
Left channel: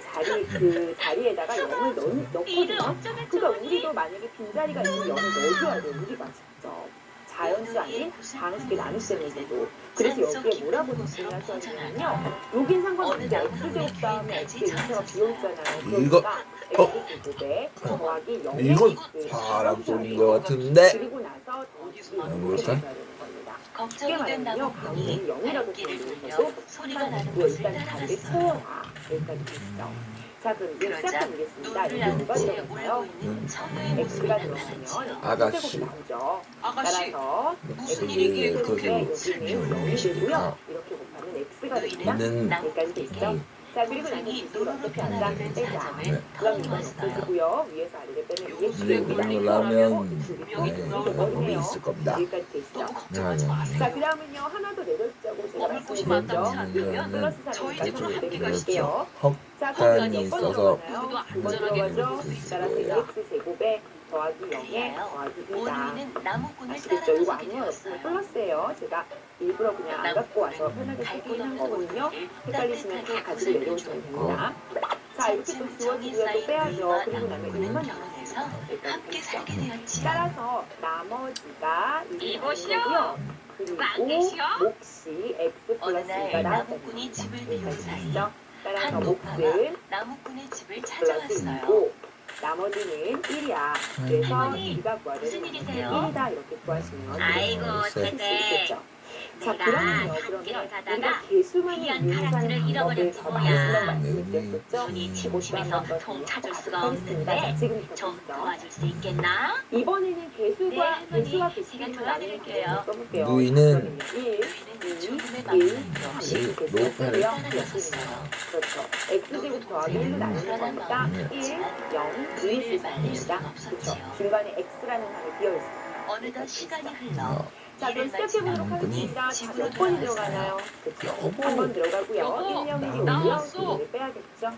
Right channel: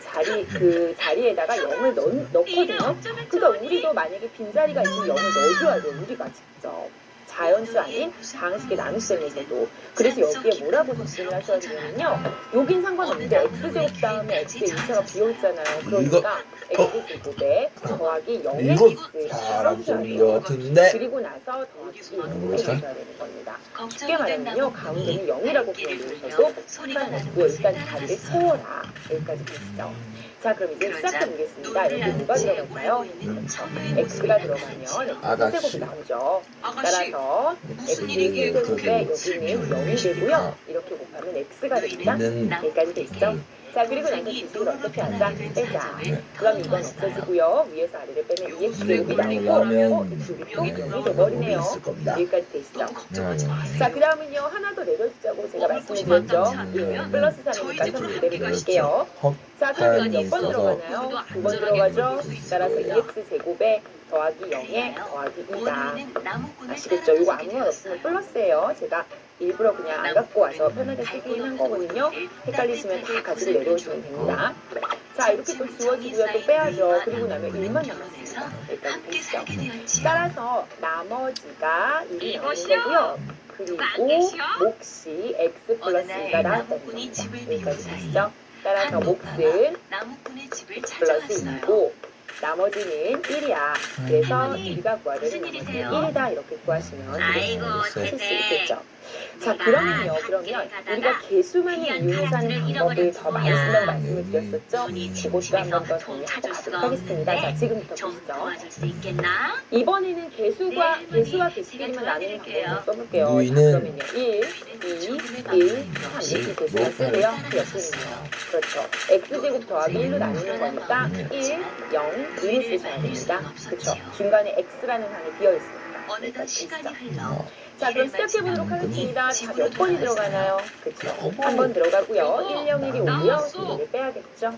자리에다가 0을 넣거든요. 그러니까 우리도 만약에 빈자리가 있으면 0을 넣어줘야 돼요. 우리가 직접. 자연수 아닌 방식의 나눗셈에서도. 그래서 여기에 뭐라고 접근을 하셔야 되냐면요. 여긴 상관없는데 x제곱 다음에 x의 2차가 비어있잖아요. 그러니까 x제곱에 더하기 0의 이거 x를 사람 써주셔야 것 돼요. 같은데. 그리고 나서 더하기 이렇게 해줘야 되는 겁니다. 쉽게 말하면요. 가운데는 0이라고 보여주셔도 상관없고요. 일단 자리를 채워라. 여기까지 되시죠. 자, 그럼 이제 시작해 보겠습니다. 여기 뭐가 들어갈까요? x가 들어가면 x제곱이 나오죠. 따라서 x제곱에 여기는 0이 되고요. 이렇게 곱하면 x가 됩니다. 여기까지 되시죠? 자, 그리고 나서 지식을 어떻게 하자? 빼자. 그럼 이건 없어지고요. 위에서 아래를 빼면 2x제곱이 나오고 여기 또 0이 돼버리네요. 있을 겁니다. 여기까지 되시죠? 자, 그 다음은요. 하나 더 내려주자고 제가 말씀드렸죠. 플러스 3이니까 좀 그대로 볼게요. 자, 그럼 몇 번 들어가나요? 2번 들어가죠. 따라서 2x제곱에 더하기 0에 더하기 2다. 아시겠죠? 이거 아무 말 없으면 플러스예요. 제가 일부러 그냥 안 갖고 와서 편하게 쓰긴 한 거거든요. 헷갈리시면 다 가지고 내려오시면 됩니다. 자, 이렇게 또 지워지고요. 또 빼야죠. 그리고 나면 1만 남았습니다. 여기까지 되시죠? 따라서 나머지가 1이 나오는 거고요. 그리고 몫이 x 플러스 2가 나왔다는 겁니다. 여기까지 되시죠? 따라서 몫은 나무꾼의 집을 플러스 찾아갔어요. 2고 나머지는 1이야. 그래서 우리가 구하려는 무슨 나머지는 일이세요? 1이다 이렇게 구하시면 아이고, 찾을 수 네네. 있겠죠. 자, 그러면 우리가 개수만을 이용해서 하는 방법을 더 많이 쓴다고 말씀을 드렸었죠. 그것도 한 번 더 정리하고 가도록 하겠습니다. 자, 지금부터 좀 보시죠. 도와줄 수 있겠나? 이번에는 개수와 개수끼리만 나누는 방법을 써볼게요. 자, 누이는 그러면요. 1, 2, 1, 3 이렇게 개수를 쓰고요. 옆에는요. 그렇죠. x제곱 더하기 1로 나누는 거니까 1, 0, 1 쓰셔야 됩니다. 그렇죠. 중간에 x라는 한이 비어있습니다. 어느덧 시간이 흘러 자, 그럼 시작해보도록 하겠습니다. 자, 몇 번이 들어가나요? 그렇죠. 한 번 들어가고요. 1, 0, 1이 오고요. 2를 빼야겠죠.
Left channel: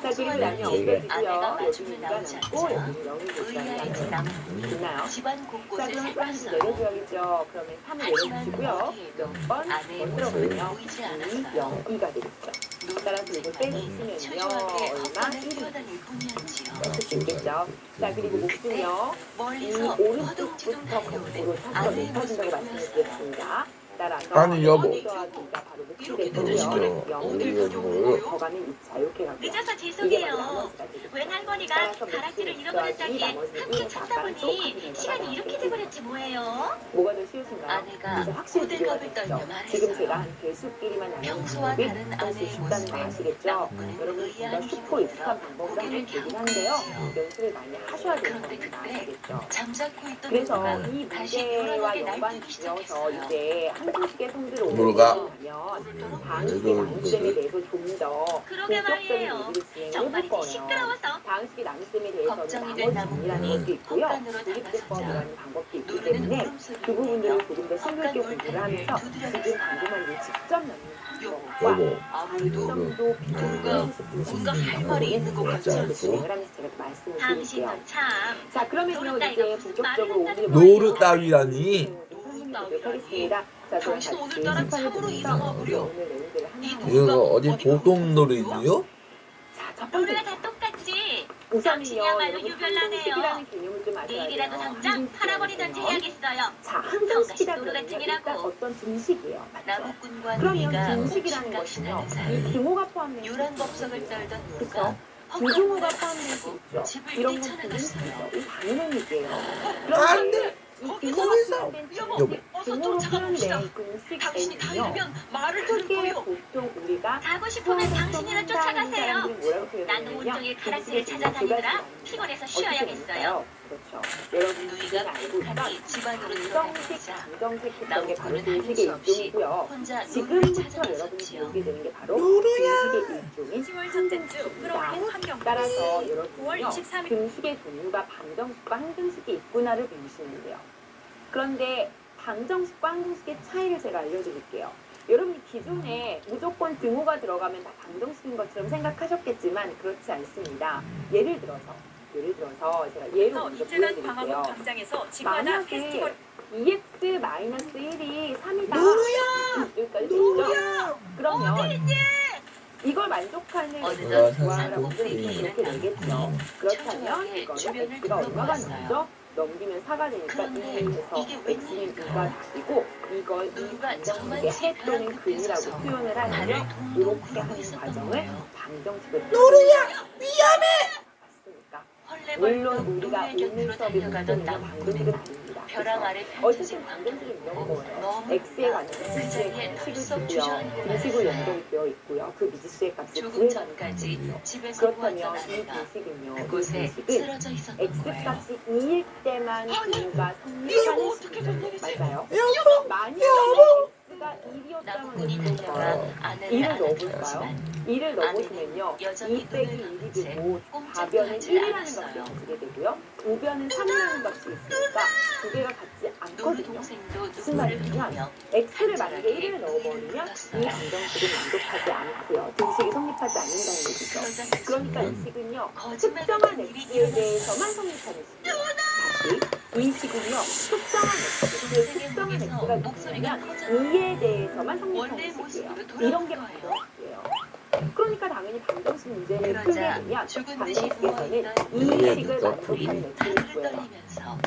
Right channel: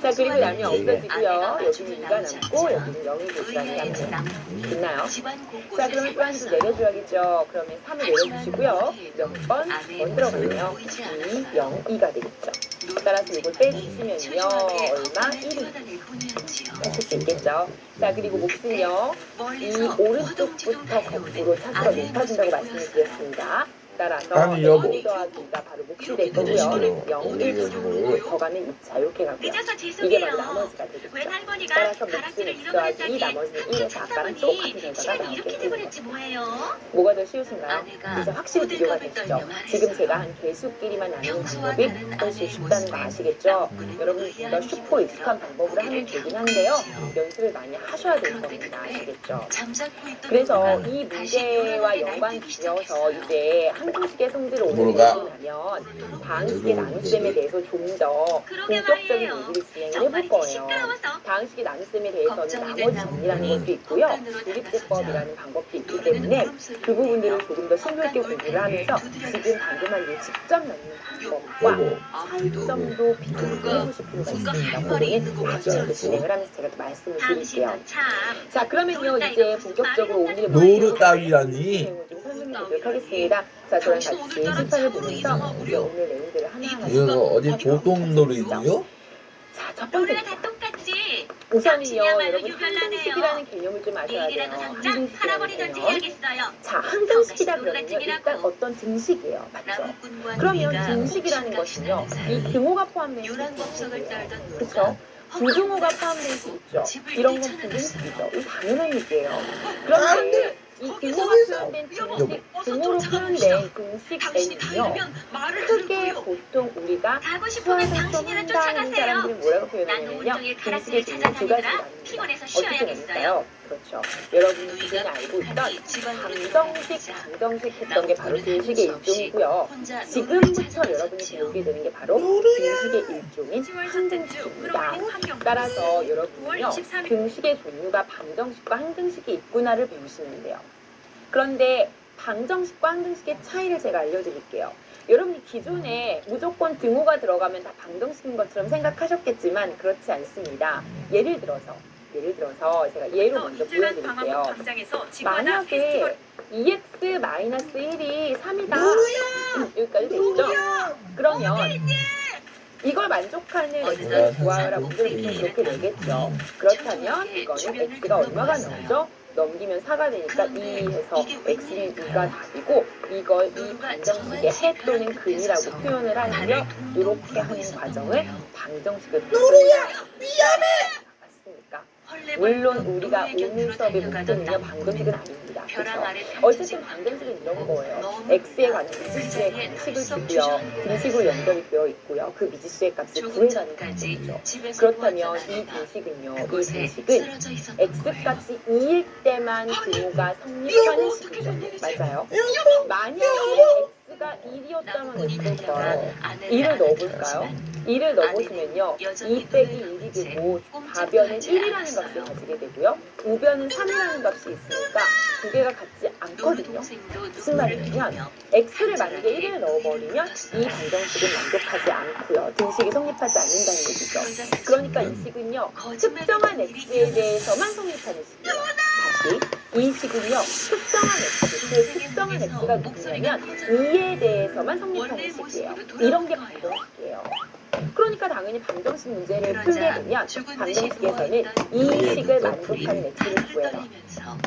자, 그리고 나면 없어지고요. 여기는 2가 남고 여기는 0이 들어가면 됐나요? 자, 그럼 또 한 줄 내려줘야겠죠. 그러면 3을 내려주시고요. 몇 번? 번 들어가네요. 2, 0, 2가 되겠죠. 따라서 이걸 빼주시면요. 얼마? 1이 쓸 수 있겠죠. 자, 그리고 몫은요. 이 오른쪽부터 거꾸로 차수가 높아진다고 말씀을 드렸습니다. 따라서 아니, 여보. 0 더하기 2가 바로 몫이 될 거고요. 0, 1, 3, 더 가면 2차 이렇게 가고요. 늦어서 이게 죄송해요. 바로 나머지가 되겠죠. 웬 할머니가 따라서 가락지를 몫은 x 더하기 2, 잃어버렸다니 나머지는 1에 함께 다 찾다 아까랑 보니 똑같은 결과가 시간이 나오게 이렇게 됩니다. 돼버렸지 뭐예요? 뭐가 더 쉬우신가요? 아내가 이제 확실히 비교가 고들갑을 되시죠? 떨며 말했어요. 지금 제가 한 개수끼리만 나누는 평소와 방법이 다른 훨씬 아내의 쉽다는 거 모습에 아시겠죠? 나무꾼은 여러분 보다 쉽고 익숙한 방법으로 하면 되긴 한데요. 연습을 많이 하셔야 되는 겁니다. 아시겠죠? 잠자코 있던 그래서 누군가 이 다시 문제와 불안하게 연관 날뛰기 지어서 시작했어요. 이제 한국식의 성질을 오늘 뭐가? 배우고 나면 다항식의 나눗셈에 대해서 좀 더 그러게 본격적인 말이에요. 얘기를 진행을 정말 해볼 거예요. 시끄러워서 다항식의 나눗셈에 대해서는 걱정이 나머지 된다고 정리라는 것도 있고요. 헛간으로 조립제법이라는 방법도 있기 노래는 때문에 울음소리를 그 부분들을 내며 조금 더 심도 있게 공부를 하면서 지금 방금 한 이 직접 넣는 방법과 여보. 차이점도 비교를 해보실 필요가 있습니다. 그러면 지금 진행을 하면서 제가 또 말씀을 드릴게요. 당신은 참 자, 그러면요 이제 본격적으로 오늘 노루 따위라니. 설명해 보도록 하겠습니다. 자, 저랑 당신 같이 오늘따라 시판을 참으로 보면서 이상하구려. 오늘 내용들을 하나하나 이거 어디 보통 놀이지요? 자, 첫 우리가 번째입니다. 다 똑같지. 우선은요, 당신이야말로 여러분 유별나네요. 항등식이라는 개념을 좀 아셔야 돼요. 내일이라도 당장 항등식이라는 팔아버리든지 개념. 해야겠어요. 자, 항등식이다 성가시도 그러면요, 놀라팅이라고. 일단 어떤 등식이에요. 맞죠? 나무꾼과 그러면 누리가 등식이라는 옥신각신 것은요, 하는 사이. 이 등호가 포함된 유란 법석을 등식이에요. 떨던 그쵸? 노가 부등호가 포함된 수 있죠. 집을 이런 건 뛰쳐나갔어요. 부등식이죠. 이 당연한 얘기예요. 안 그런데 돼. 이 거기서 등호가 거기서. 표현된 여보, 등식, 어서 등호로 쫓아가봅시다. 표현된 당신이 등식에는요, 달리면 말을 크게 들고요. 보통 우리가 가고 싶으면 수학을 좀 당신이나 한다는 쫓아가세요. 사람들이 뭐라고 나는 표현하냐면요. 온종일 등식의 가라스를 종류 두 가지가 찾아다니느라 나옵니다. 피곤해서 어떻게 쉬어야겠어요. 될까요? 그렇죠. 여러분이 지금 알고 있던 방정식, 방정식 했던 게 바로 등식의 일종이고요. 지금부터 여러분이 배우게 되는 게 바로 등식의 일종인 항등식입니다. 따라서 여러분은요, 등식의 종류가 방정식과 항등식이 있구나를 배우시면 돼요. 그런데 방정식과 항등식의 차이를 제가 알려드릴게요. 여러분이 기존에 무조건 등호가 들어가면 다 방정식인 것처럼 생각하셨겠지만 그렇지 않습니다. 예를 들어서 제가 예로 먼저 보여드릴게요. 만약에 2x-1이 3이다. 여기까지 됐죠? 그러면 이걸 만족하는 x의 구하라 문제를 이렇게 내겠죠. 그렇다면 이거는 x가 얼마가 나오죠? 넘기면 4가 되니까 2에서 x는 2가 답이고 이걸 이 방정식의 해 또는 근이라고 표현을 하려면 이렇게 하는 과정을 방정식을 노루야 미안해! 맞습니까? 물론 우리가 오늘 수업에 문제는요 방정식은 아닙니다. 그렇죠? 어쨌든 방정식은 이런 거예요. x에 관한 미지수의 공식을 주고요. 등식으로 연결이 되어 있고요. 그 미지수의 값을 구해가는 거죠. 그렇다면 이 등식은요. 이 등식은 x값이 2일 때만 등호가 성립하는 식이죠. 맞아요. 만약에 x가 1이었다면 어떨까요? 2를 넣어볼까요? 2를 넣어보시면요. 2 빼기 1이 되고 답변은 1이라는 값을 가지게 되고요. 우변은 3이라는 값이 있으니까 두 개가 같지 않거든요. 무슨 말이냐면 x를 만약에 1을 넣어버리면 이 방정식은 만족하지 않고요. 등식이 성립하지 않는다는 얘기죠. 그러니까 이 식은요. 특정한 x에 대해서만 성립하는 식이에요. 다시 이 식은요. 특정한 x, 그 특정한 x가 누구냐면 2에 대해서만 성립하는 식이에요. 이런 게 방정식이에요. 그러니까 당연히 방정식 문제를 풀게 되면 방정식에서는 이 식을 만족하는 x를 구해라.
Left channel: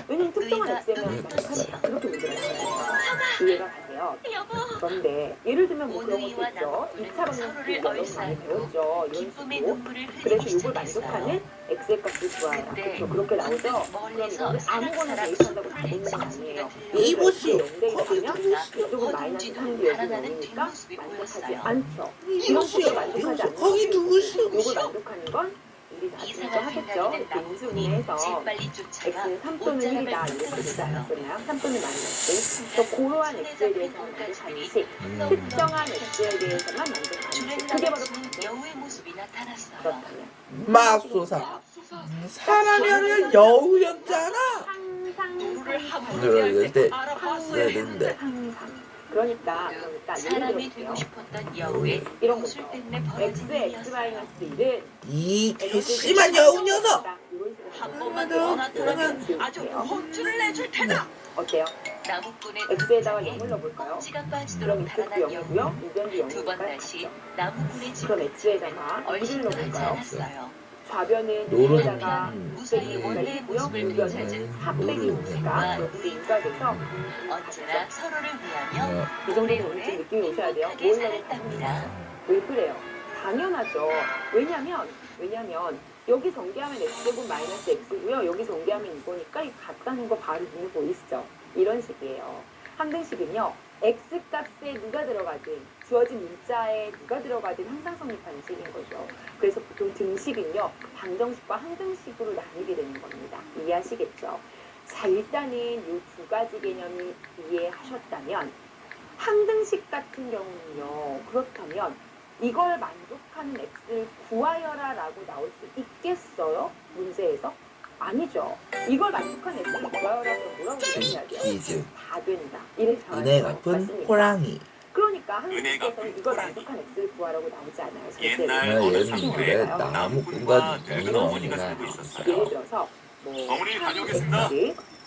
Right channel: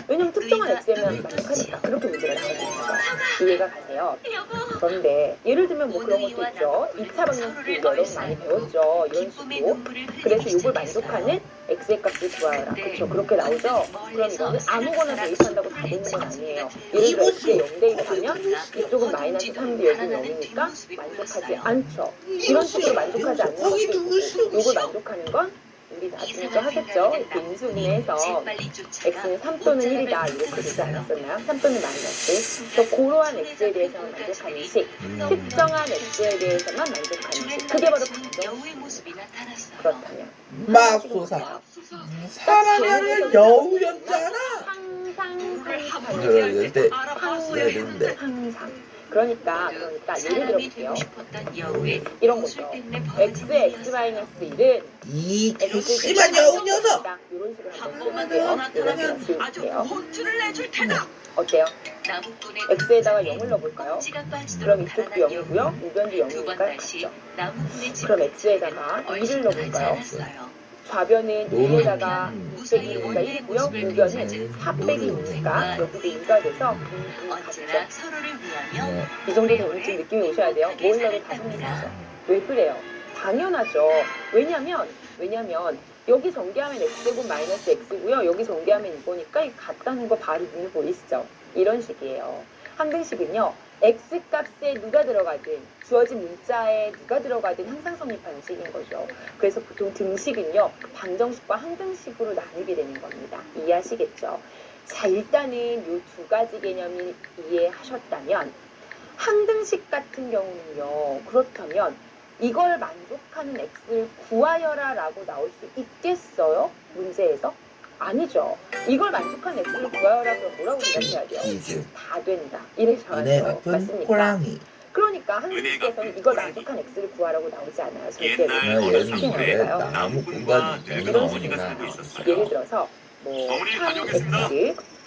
왜냐면 특정한 x에만 만족하니까 그렇게 문제가 나오는 거죠. 이해가 가세요? 그런데 예를 들면 뭐 그런 것도 있죠. 2차 방정식도 여러분 많이 배웠죠. 이런 식으로. 그래서 이걸 만족하는 x의 값을 구하라. 그렇죠. 그렇게 나오죠. 그럼 이거는 아무거나 대입한다고 다 되는 건 아니에요. 예를 들어 x에 0대 1하면 이쪽은 마이너스 3대 여기 0이니까 만족하지 않죠. 이런 식으로 만족하지 않는 것을 이걸 만족하는 건 우리 나중에 또 하겠죠. 이렇게 인수분해해서 x는 3 또는 1이다 이렇게 되지 않았었나요? 3 또는 마이너스. 그래서 고러한 x에 대해서만 만족하는 식, 특정한 x에 대해서만 만족하는 식. 그게 바로 방정식. 그렇다면 맙소사. 사람이 아니라 여우였잖아. 항상 그러는데 항상. 그러니까 예를 들어볼게요. 이런 거죠. x의 x-1은 이 괘씸한 여우 녀석. 이런 식으로 한번 지울게요. 어때요? x에다가 0을 넣어볼까요? 그럼 이쪽도 0이고요. 우변도 0이니까 같죠. 그럼 x에다가 2를 넣어볼까요? 좌변은 2에다가 6 빼기 2가 1이고요. 우변은 4 빼기 2니까 여기도 2가 돼서 같죠. 이 정도 되면 좀 느낌이 오셔야 돼요. 뭘 넣어도 다 성립하죠. 왜 그래요? 당연하죠. 왜냐면 여기 전개하면 x제곱 마이너스 x고요. 여기 전개하면 이거니까 이 같다는 거 바로 눈에 보이시죠? 이런 식이에요. 항등식은요. x값에 누가 들어가든 주어진 문자에 누가 들어가든 항상 성립하는 식인 거죠. 그래서 보통 등식은요. 방정식과 항등식으로 나뉘게 되는 겁니다. 이해하시겠죠? 자, 일단은 이 두 가지 개념이 이해하셨다면 항등식 같은 경우는요. 그렇다면 이걸 만족하는 x를 구하여라 라고 나올 수 있겠어요? 문제에서? 아니죠. 이걸 만족하는 x를 구하여라 그럼 뭐라고 대답해야 돼요? 이즈. 다 된다. 이래서 은혜 갚은 호랑이. 그러니까 항등식에서는 이걸 만족한 x를 구하라고 나오지 않아요. 절대로. 나 얘는 그래 나무 공간 이런 식으로 나 예를 들어서 뭐 어머니 3x 다녀오겠습니다.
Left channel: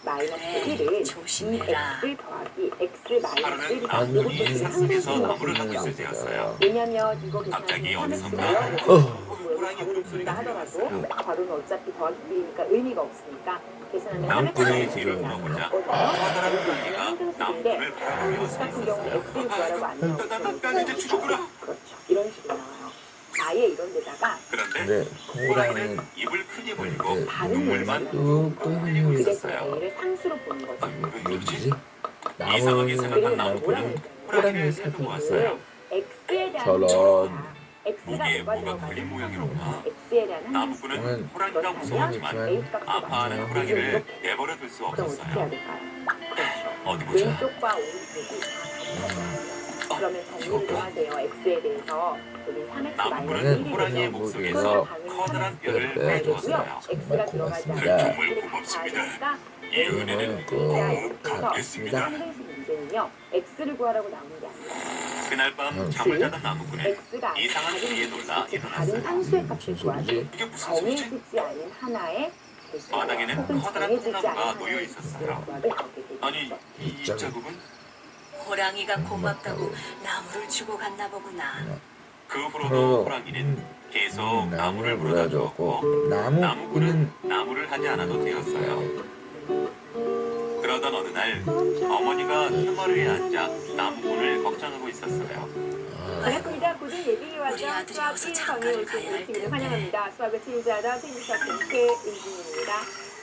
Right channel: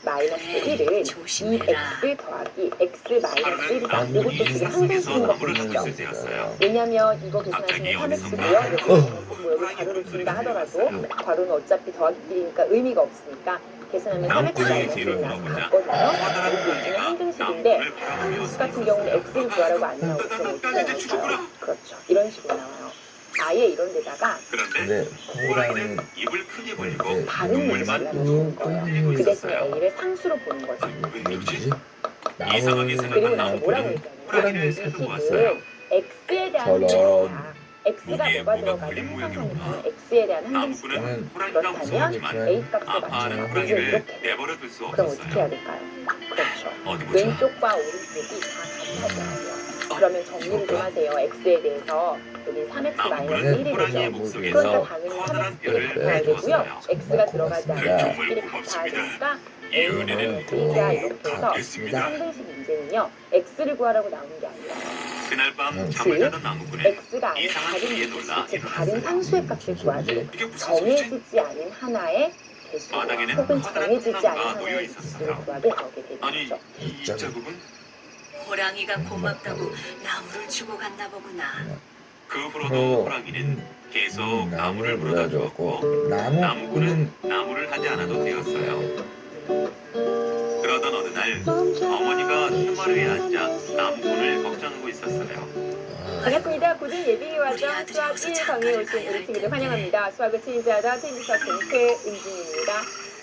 마이너스 1은 조심해라. 2x 더하기 x 마이너스 1이다. 아니, 이것도 이 지금 상태에서 항공식인 거 나무를 보시죠. 가지고 있었어요. 왜냐면 이거 갑자기 계산하시면 어디선가 3x고요. 이렇게 뭐 여기 괄호를 준다 하더라도 괄호는 어차피 더하기니까 의미가 없으니까 계산하면 나무꾼이 3x가 지금 같거든요. 커다란 이게 가지가 항등식인데 나무꾼을 항등식 바라보며 같은 경우는 x를 구하라고 안 나오고 그럼 어떻게 나올까요? 그렇죠. 이런 식으로 나와요. 아예 이런 데다가 그런데 근데 호랑이는 호랑이는 입을 크게 벌리고 이렇게 다른 눈물만 문제를 뚝 거예요. 끊이고 그 대신 있었어요. a를 상수로 보는 거죠. 뭐지? 이상하게 나무는 생각난 그리고 나무꾼은 뭐라고 호랑이를 했냐면 사진 보았어요. 있어요. x에 대한 저런. 항상이야. x가 거기에 뭐가 뭐가 들어가는 걸린 항상이니까 모양이구나. x에 대한 항상식. 나무꾼은 호랑이가 그렇다면 무서웠지만 a 값을 아파하는 맞추면 호랑이를 이렇게. 내버려 둘 수 그럼 어떻게 해야 없었어요. 될까요? 그렇죠. 어디 보자. 왼쪽과 오른쪽이 다 같아져요. 그러면 정리를 좀 하세요. x에 대해서 여기 3x 마이너스 나무꾼은 1이거든요. 호랑이의 뭐 목속에서 그러니까 당연히 커다란 3x를 뼈를 가야 되고요. 빼주었어요. x가 들어가지 고맙습니다. 않으면 x끼리 같아야 되니까 이 a는 은혜는 x자 이렇게 해서 갚겠습니다. 상등식 문제는요. x를 구하라고 나오는 게 아니에요. 그날 밤 응. 잠을 자던 나무꾼은 x가 아닌 이상한 다른 소리에 놀라 즉 다른 상수의 값을 구하지 이게 무슨 소리지? 정해지지 않은 하나의 개수 바닥에는 혹은 커다란 정해지지 통나무가 않은 놓여 하나의 있었어요. 개수를 구하게 나오게 되는 아니 거죠. 이 자국은 호랑이가 고맙다고 나무를 주고 갔나 보구나. 그 후로도 호랑이는 계속 나무를 물어다 주었고 나무꾼은 나무를 하지 않아도 되었어요. 그러던 어느 날 어머니가 해마루에 앉아 나무꾼을 걱정하고 있었어요. 반갑습니다. 고등 예비와정 우리 아들이 수학 어서 1강에 장가를 오신 가야 우리 할 친구들 텐데. 환영합니다. 수학을 체인지하다 체인지수학 동태은진입니다.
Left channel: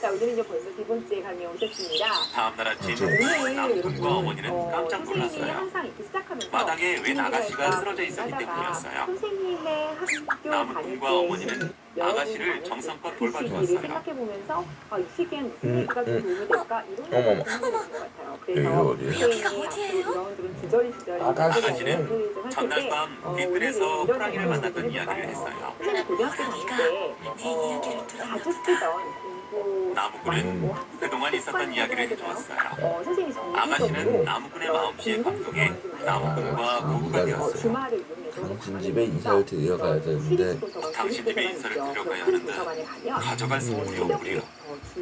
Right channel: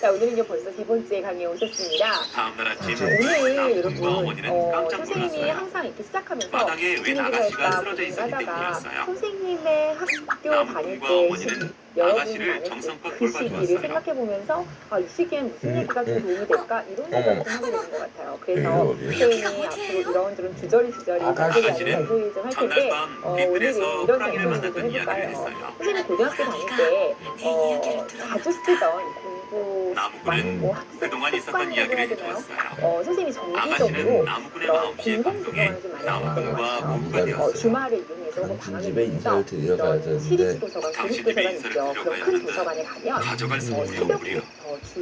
자, 오늘은요 벌써 두 번째 강의에 오셨습니다. 다음날 아침 오늘 나무꾼과 여러분 어머니는 깜짝 선생님이 놀랐어요. 항상 이렇게 시작하면서 바닥에 왜 무슨 얘기를 아가씨가 할까 쓰러져 있었기 고민하다가 때문이었어요. 선생님의 학교 다닐 나무꾼과 때 어머니는 여러분이 아가씨를 많은 정성껏 그 시기를 돌봐주었어요. 생각해보면서 이 시기엔 무슨 얘기가 좀 도움이 될까 이런 어머. 생각을 좀 하게 되는 것 같아요. 그래서 어디? 선생님이 앞으로 이런저런 주저리 아가씨. 잔소리 좀 할 전날 텐데 밤 오늘은 뒷뜰에서 이런 호랑이를 잔소리를 좀 만났던 이야기를 해볼까요? 했어요. 선생님이 고등학교 다닐 때 자주 쓰던 공부 나무꾼은 뭐 학습 그동안 있었던 습관이라고 이야기를 해야 되나요? 해주었어요. 선생님이 아가씨는 정기적으로 나무꾼의 그런 마음씨에 공부 감동해 구성을 좀 많이 나무꾼과 하는 부부가 되었어요. 주말을 이용해서 당신 집에 인사를 드리러 가야 되는데 시립 도서관, 당신 국립 집에 도서관 인사를 있죠. 드리러 그런 가야 큰 하는데 도서관에 가면 가져갈 수 없는 새벽에 우리요.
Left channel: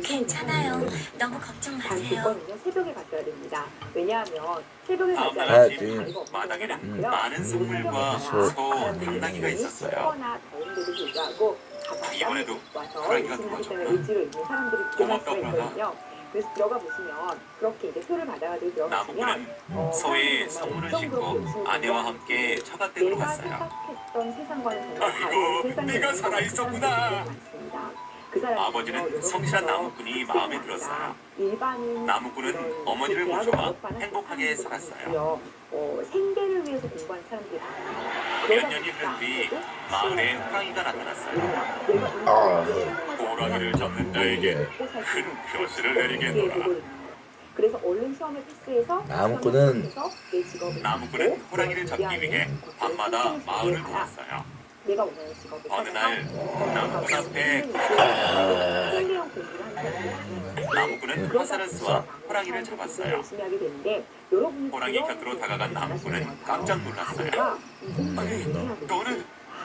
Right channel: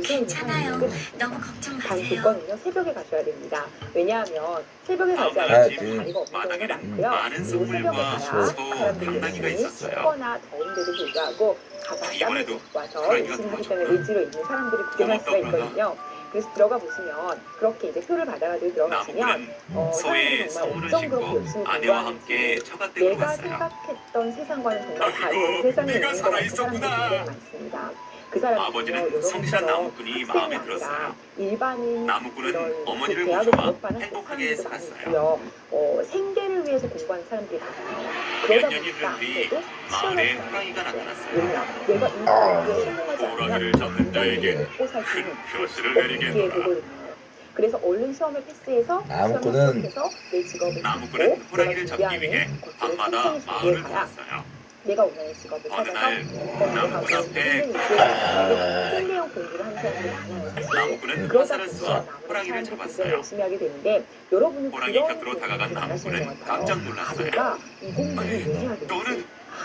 괜찮아요. 너무 걱정 단 마세요. 조건은요 새벽에 가셔야 됩니다. 왜냐하면 새벽에 가지 않으면 가야지. 자리가 없는 경우가 바닥에는 많고요. 많은 그리고 새벽에 선물과 가야 소, 사람들이 당나귀가 많이 있었어요. 춥거나 더운데도 불구하고 가장 땀을 이번에도 입고 와서 호랑이가 열심히 하기 도와줬구나. 때문에 의지로 있는 사람들이 구경할 수가 고맙다, 있거든요. 그래서 들어가 보시면 그렇게 이제 표를 받아가지고 들어가시면 나무꾼은 소에 사람들이 정말 선물을 엄청 그렇게 신고 열심히 아내와 공부하는지 함께 처갓댁으로 내가 갔어요. 생각했던 세상과는 정말 다른 세상에 네가 있는 것 같은 살아있었구나. 사람들이 굉장히 많습니다. 그 사람은요, 아버지는 성실한 나무꾼이 마음에 들었어요. 일반인 나무꾼은 이런 어머니를 그 대학을 모셔와 졸업하는 행복하게 사람들도 살았어요. 많고요. 생계를 위해서 공부하는 사람들이 많아요. 그러다 몇 년이 보니까 흐른 뒤 아무래도 마을에 치열한 호랑이가 나타났어요. 왜냐, 내가 인생에 성공하지 호랑이를 않으면 잡는 자에게 먹고 살수 큰 있는 표시를 어떻게 내리겠노라. 되거든요. 그래서 얼른 시험을 패스해서 나무꾼은 내 직업을 나무꾼은 갖고 호랑이를 내가 잡기 위해 준비하는 것들을 밤마다 천천히 마을을 준비해가야 돌았어요. 내가 원하는 직업을 어느 찾아서 날 나무꾼 앞에 생계형 공부를 하는 사람들이 많아요. 나무꾼은 그러다 화살을 보니까 쏘아 호랑이를 사람들이 굉장히 잡았어요. 열심히 하게 되는데 여러분은 호랑이 그런 곁으로 다가간 분들이 많으신 나무꾼은 것 같아요. 깜짝 놀랐어요. 내가 이 공부를 왜 해야 되지? 너는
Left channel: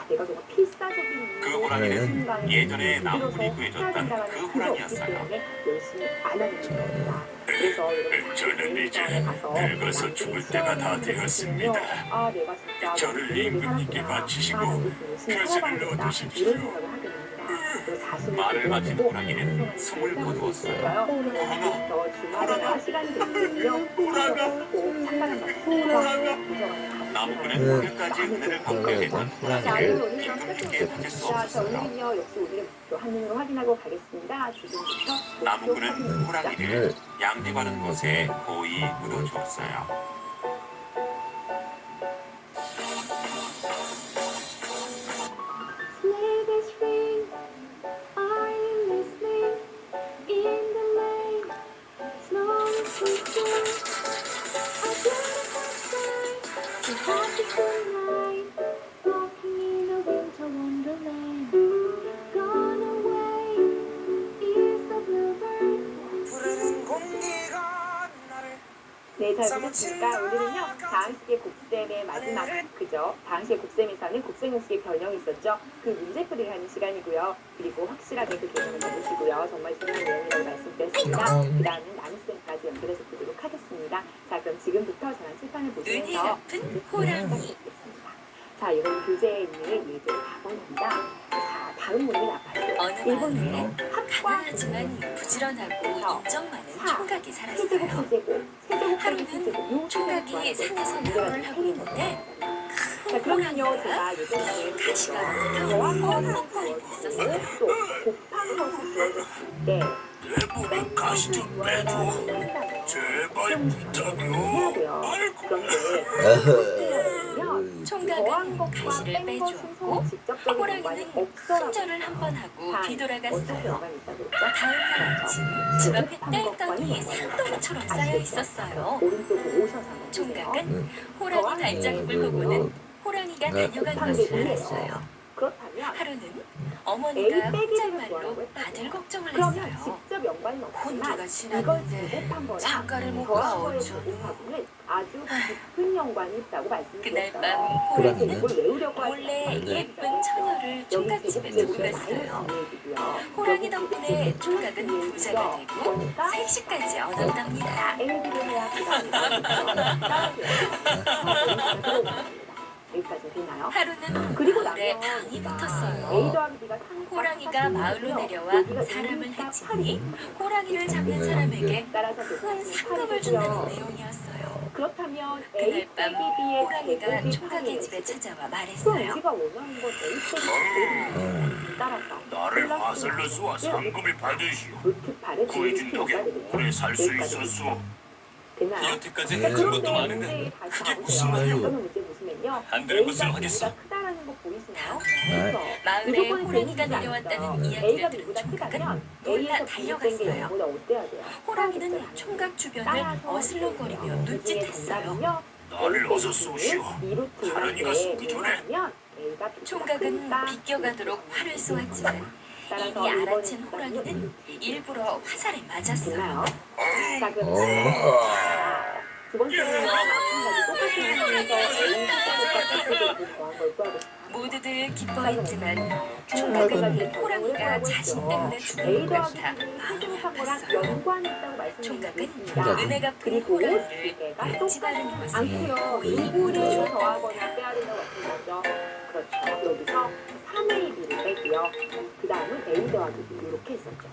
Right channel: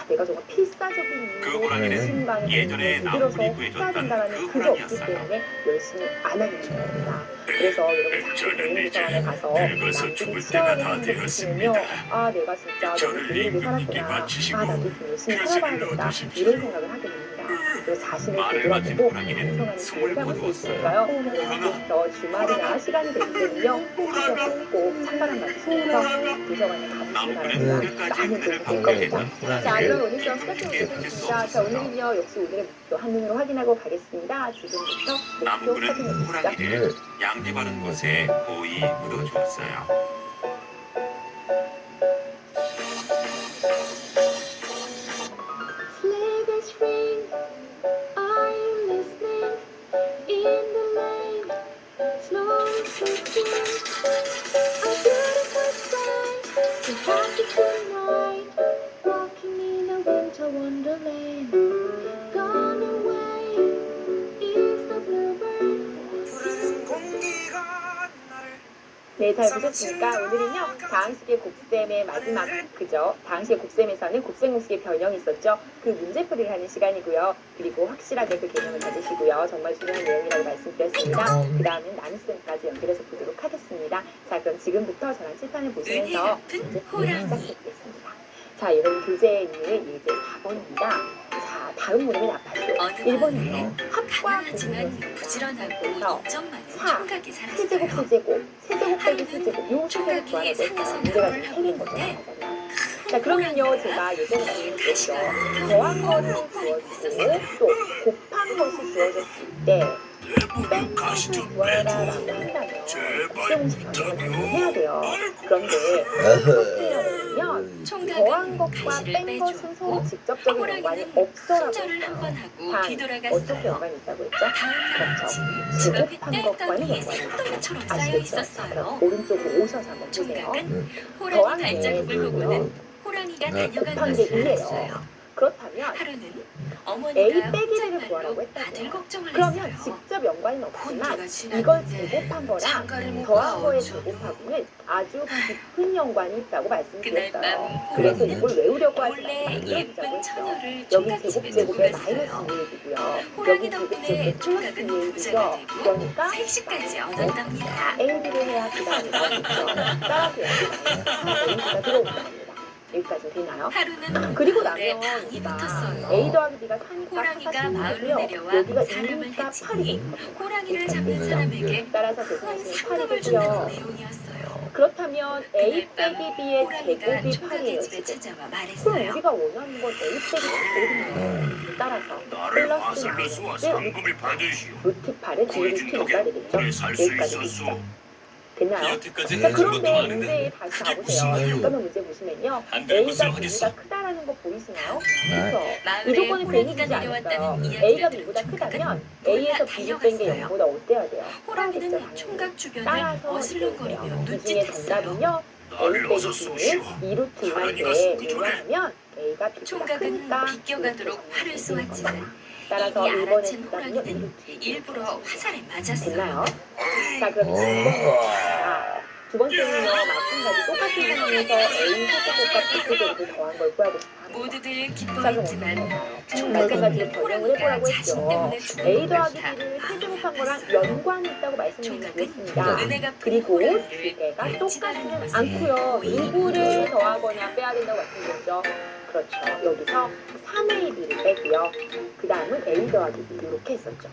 내가 정말 필사적인 그 이유로 호랑이는 신반을 예전에 나무꾼이 해야 구해줬던 된다라는 그 그게 없기 호랑이였어요. 때문에 열심히 안 하게 되는 겁니다. 그래서 여러분 자꾸 공부서원에 가서 남들이 치열하게 하는 보시면요, 내가 진짜 너무 불리하게 살았구나, 나도 좀 열심히 살아봐야겠다 이런 생각을 하게 됩니다. 그래서 자신을 말을 마친 되돌아보고 호랑이는 성장하는 숨을 길을 못 수 놓았어요. 있을까요? 오늘부터 주말이나 시간이 될 때는요, 꼭 찬바람 맞으면서 도서관에 가보시기 나무꾼은 오늘까지 많은 은혜를 도움이 받고 됩니다. 있던 자, 호랑이를 그럼 오늘 수업 이분께 시작해보겠습니다. 받을 수 자, 없었어요. 오늘은요, 역시 오늘의 목표 한눈으로 확인하고 가겠습니다. 지금부터 목표 나무꾼은 확인입니다. 호랑이를 양지 바른 곳에 고이 묻어주었어요. Sleigh bells ring, are you listening? In the lane, snow is drifting. A beautiful sight, a happy tonight, walking in a winter wonderland. Gone away is the bluebird. 네, 잘 보셨습니까? 오늘은요, 다항식의 곱셈의 마지막 그죠? 다항식의 곱셈에서는 곱셈공식의 변형이 있었죠. 그 문제풀이를 하는 시간이고요. 그리고 확실하게 그 개념을 가지시고요. 정말 중요한 내용이라고 말씀드렸습니다. 그 다음은 나눗셈까지 연결해서 보도록 하겠습니다. 자, 그럼 지금부터 저랑 칠판을 보시면서 문제풀이를 시작해보겠습니다. 자, 여러분 교재에 있는 예제 4번입니다. 자, 다음 문제는 아파트. 어느 1번이요. 마을에 합과 가난하지만 부지런하고 인정 많은 총각이 세제곱 살았어요. 세제곱 세제곱 빼기 세제곱 요 세제곱 총각이 구하라고 했어요. 산에서 문제가 나무를 좀 하고 틀린 거죠. 있는데 자, 그러면요 제가 예전에 얘기했죠. 더한 거를 주어지고 또 곱한 것을 주어졌을 때 뺀 것을 구하라라고 한다면 곱셈공식 변형을 해야 돼요. 그런데 어떻게 하냐면요 더한 총각은 것과 가시를 뺀 것은 빼주었고 서로 직접적인 연관이 호랑이는 없어라고 손절을 한 번 하고 단 어떻게 뒤돌아갔어요. 연관이 있다고 했죠? 다음 날 아침 그렇죠. 집 앞에 지급한 것과는 땡덩이에 연관이 있어요. 산더미처럼 쌓여 아시겠죠? 있었어요. 오른쪽으로 오셔서 한번 보세요. 총각은 호랑이 더한 발자국을 게 보고는 호랑이가 다녀간 곱한 게 것을 2예요. 알았어요. 그렇다면 하루는 A 어머니가 빼기 B를 혼잣말로 구하라고 했다고요. 아들 걱정을 그러면 했어요. 직접 연관은 혼주가 없지만 이걸 지났는데 제곱한 거랑 장가를 못 더한 거의 가오죠. 제곱하고는 아주 깊은 연관이 있다고 그날 말씀드렸어요. 밤 그래서 호랑이는 이걸 외우려고 하지 몰래 말고 예쁜 처녀를 여기 총각집에 제곱 두고 제곱에 마이너스 갔어요. 2얘기고요. 호랑이 여기 덕분에 제곱 총각은 제곱 부자가 플러스 되고 그러니까 3시까지 얻었답니다. A를 해야 그 다음에 따라서 A가 들어오는 겁니다. 여기까지 되나요? 하루는 그리고 마을에 나면 방이 우리가 붙었어요. A 더하기 B가 3이니까 호랑이가 마을로 내려와 여기가 사람을 2니까 해치니 8이 호랑이를 잡는 사람에게 따라서 큰 대부분 상금을 준다는 8이고요. 내용이었어요. 그렇다면 A 그날 빼기 밤 B의 호랑이가 제곱이 총각의 8이에요. 집에 찾아와 그럼 말했어요. 우리가 원하는 건 A 빼기 B거든요. 따라서 나를 플러스 화살로수와 상금을 받으시오. 루트 8의 뒤를 거의 키워야 되겠죠? 오래 살 수 여기까지 있었소. 됐죠? 됐나요? 여태까지 자, 해준 것도 그런데 많은데 문제에 다시 그게 가보세요. 무슨 말이오? 잠깐만 문제 보시면요. 안 그럴 것을 A가 하겠어. B보다 크다라는 거 보이시나요? 네. 그래서 이 마을에 조건을 괜히 호랑이가 주지 않았어요. 내려왔다는 A가 이야기를 B보다 들은 크다면 총각은 A에서 놀라 B를 뺀 게 달려갔어요. 0보다 어때야 돼요? 호랑이는 크겠죠, 총각 주변을 따라서 어슬렁거리며 이 중에 눈짓했어요. 정답은요. 나를 A 어서 빼기 쏘시오. B는 2루트 호랑이가 2인데 쏘기 전에. 왜냐하면 A가 B보다 총각은 크니까 비껴가도록 활을 쏘았지만 따라서 이미 1번의 알아챈 호랑이는 정답은요. 일부러 화살에 됐나요? 맞았어요. 자, 그럼 자, 두 번째는요. 마찬가지 똑같은 상황에서 A 세제곱과 B 세제곱을 더한 걸 구하고 싶어요. 모두들 기뻐했지만 마찬가지로 총각은 변형을 호랑이가 해보라고 자신 했죠. 때문에 A 죽는 더하기 걸 B를 다 세제곱한 거랑 봤어요. 연관이 있다고 말씀드렸습니다. 총각은 은혜 갚은 그리고 두 호랑이를 개가 찌르는 똑같지는 것에 않고요. 누구를 더하거나 빼야 된다고 말씀드렸죠. 그렇죠. 여기서 3A, B를 빼고요. 그 다음은 A 더하기 B 이렇게 했었죠.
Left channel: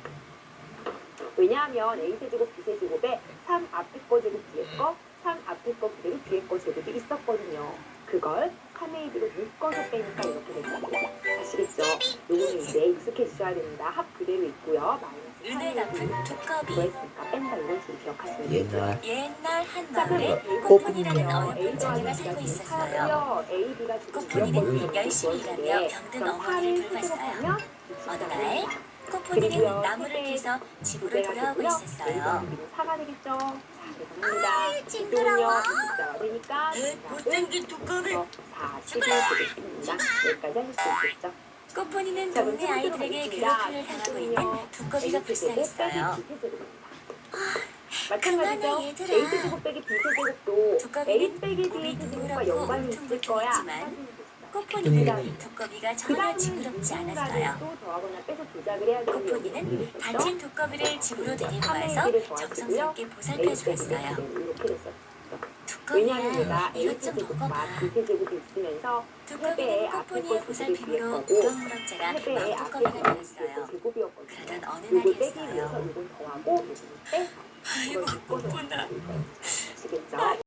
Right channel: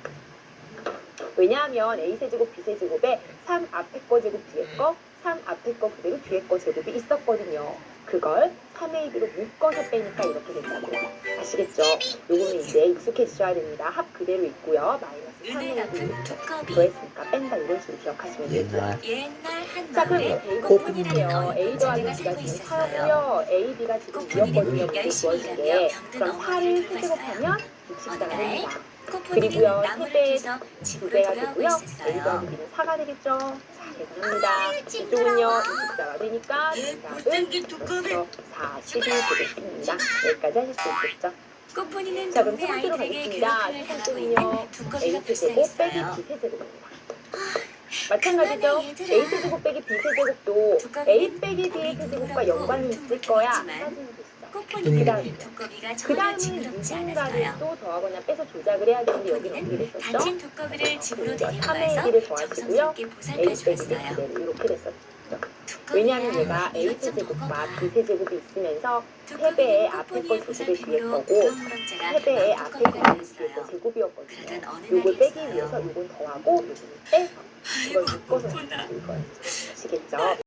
왜냐하면 A 세제곱, B 세제곱에 3 앞에 거 제곱 뒤에 거, 3 앞에 거 그대로 뒤에 거 제곱이 있었거든요. 그걸 3AB로 묶어서 빼니까 이렇게 됐다고요. 아시겠죠? 요거는 이제 익숙해지셔야 됩니다. 합 그대로 있고요. 마이너스 은혜 3AB를 갚은 두꺼비. 더했으니까 뺀다 이런 식으로 기억하시면 되고요. 옛날 한 자, 그럼 마을에 A 꽃분이라는 곱분이요. 어린 A 더하기 자매가 B가 살고 지금 있었어요. 4고요. A, B가 지금 꽃분이는 2였거든요. 열심히 일하며 병든 그럼 어머니를 4를 세제곱하면 어느 64가 날 됩니다. 꽃분이는 그리고요, 나무를 세 배, 캐서 두 집으로 배가 돌아오고 되고요. A 있었어요. 더하기 B는 4가 되겠죠. 자, 대단합니다. 이쪽은요. 징그러워. 24가 되니까 못생긴 두꺼비. 40이 되겠습니다. 여기까지 하실 수 있겠죠. 꽃분이는 자, 그럼 동네 세 번째로 아이들에게 가겠습니다. 괴롭힘을 첫 당하고 번째는요. 있는 두꺼비가 A 세제곱 빼기 불쌍했어요. B 세제곱입니다. 마찬가지죠. 그만해, 얘들아. A 세제곱 빼기 B 세제곱도 두꺼비는 A 빼기 B의 세제곱과 연관이 있을 거야. 둥글둥글했지만 따지는 것이다. 꽃분이는 두꺼비가 그 전혀 다음은 징그럽지 않았어요. 누군가를 또 더하거나 빼서 조작을 해야 되는데 여기는 어떻게 꽃분이는 됐었죠? 다친 두꺼비를 집으로 데리고 3의 가서 1을 더하시고요. 정성스럽게 A 보살펴 빼기 B 주었어요. 그대로 이렇게 됐었죠. 왜냐하면 얘가 A 이것 좀 세제곱과 먹어봐. B 세제곱이 있으면서 두꺼비는 3배의 앞에 꽃분이의 거 제곱이 뒤에 보살핌으로 거고 무럭무럭자가 3배의 앞에 왕뚜껑이가 거 뒤에 거 됐어요. 제곱이었거든요. 그러던 어느 요걸 빼기 날이었어요. 위해서 요건 더하고 요건 빼서 이걸 묶어서 아이고, 이걸 아시겠죠?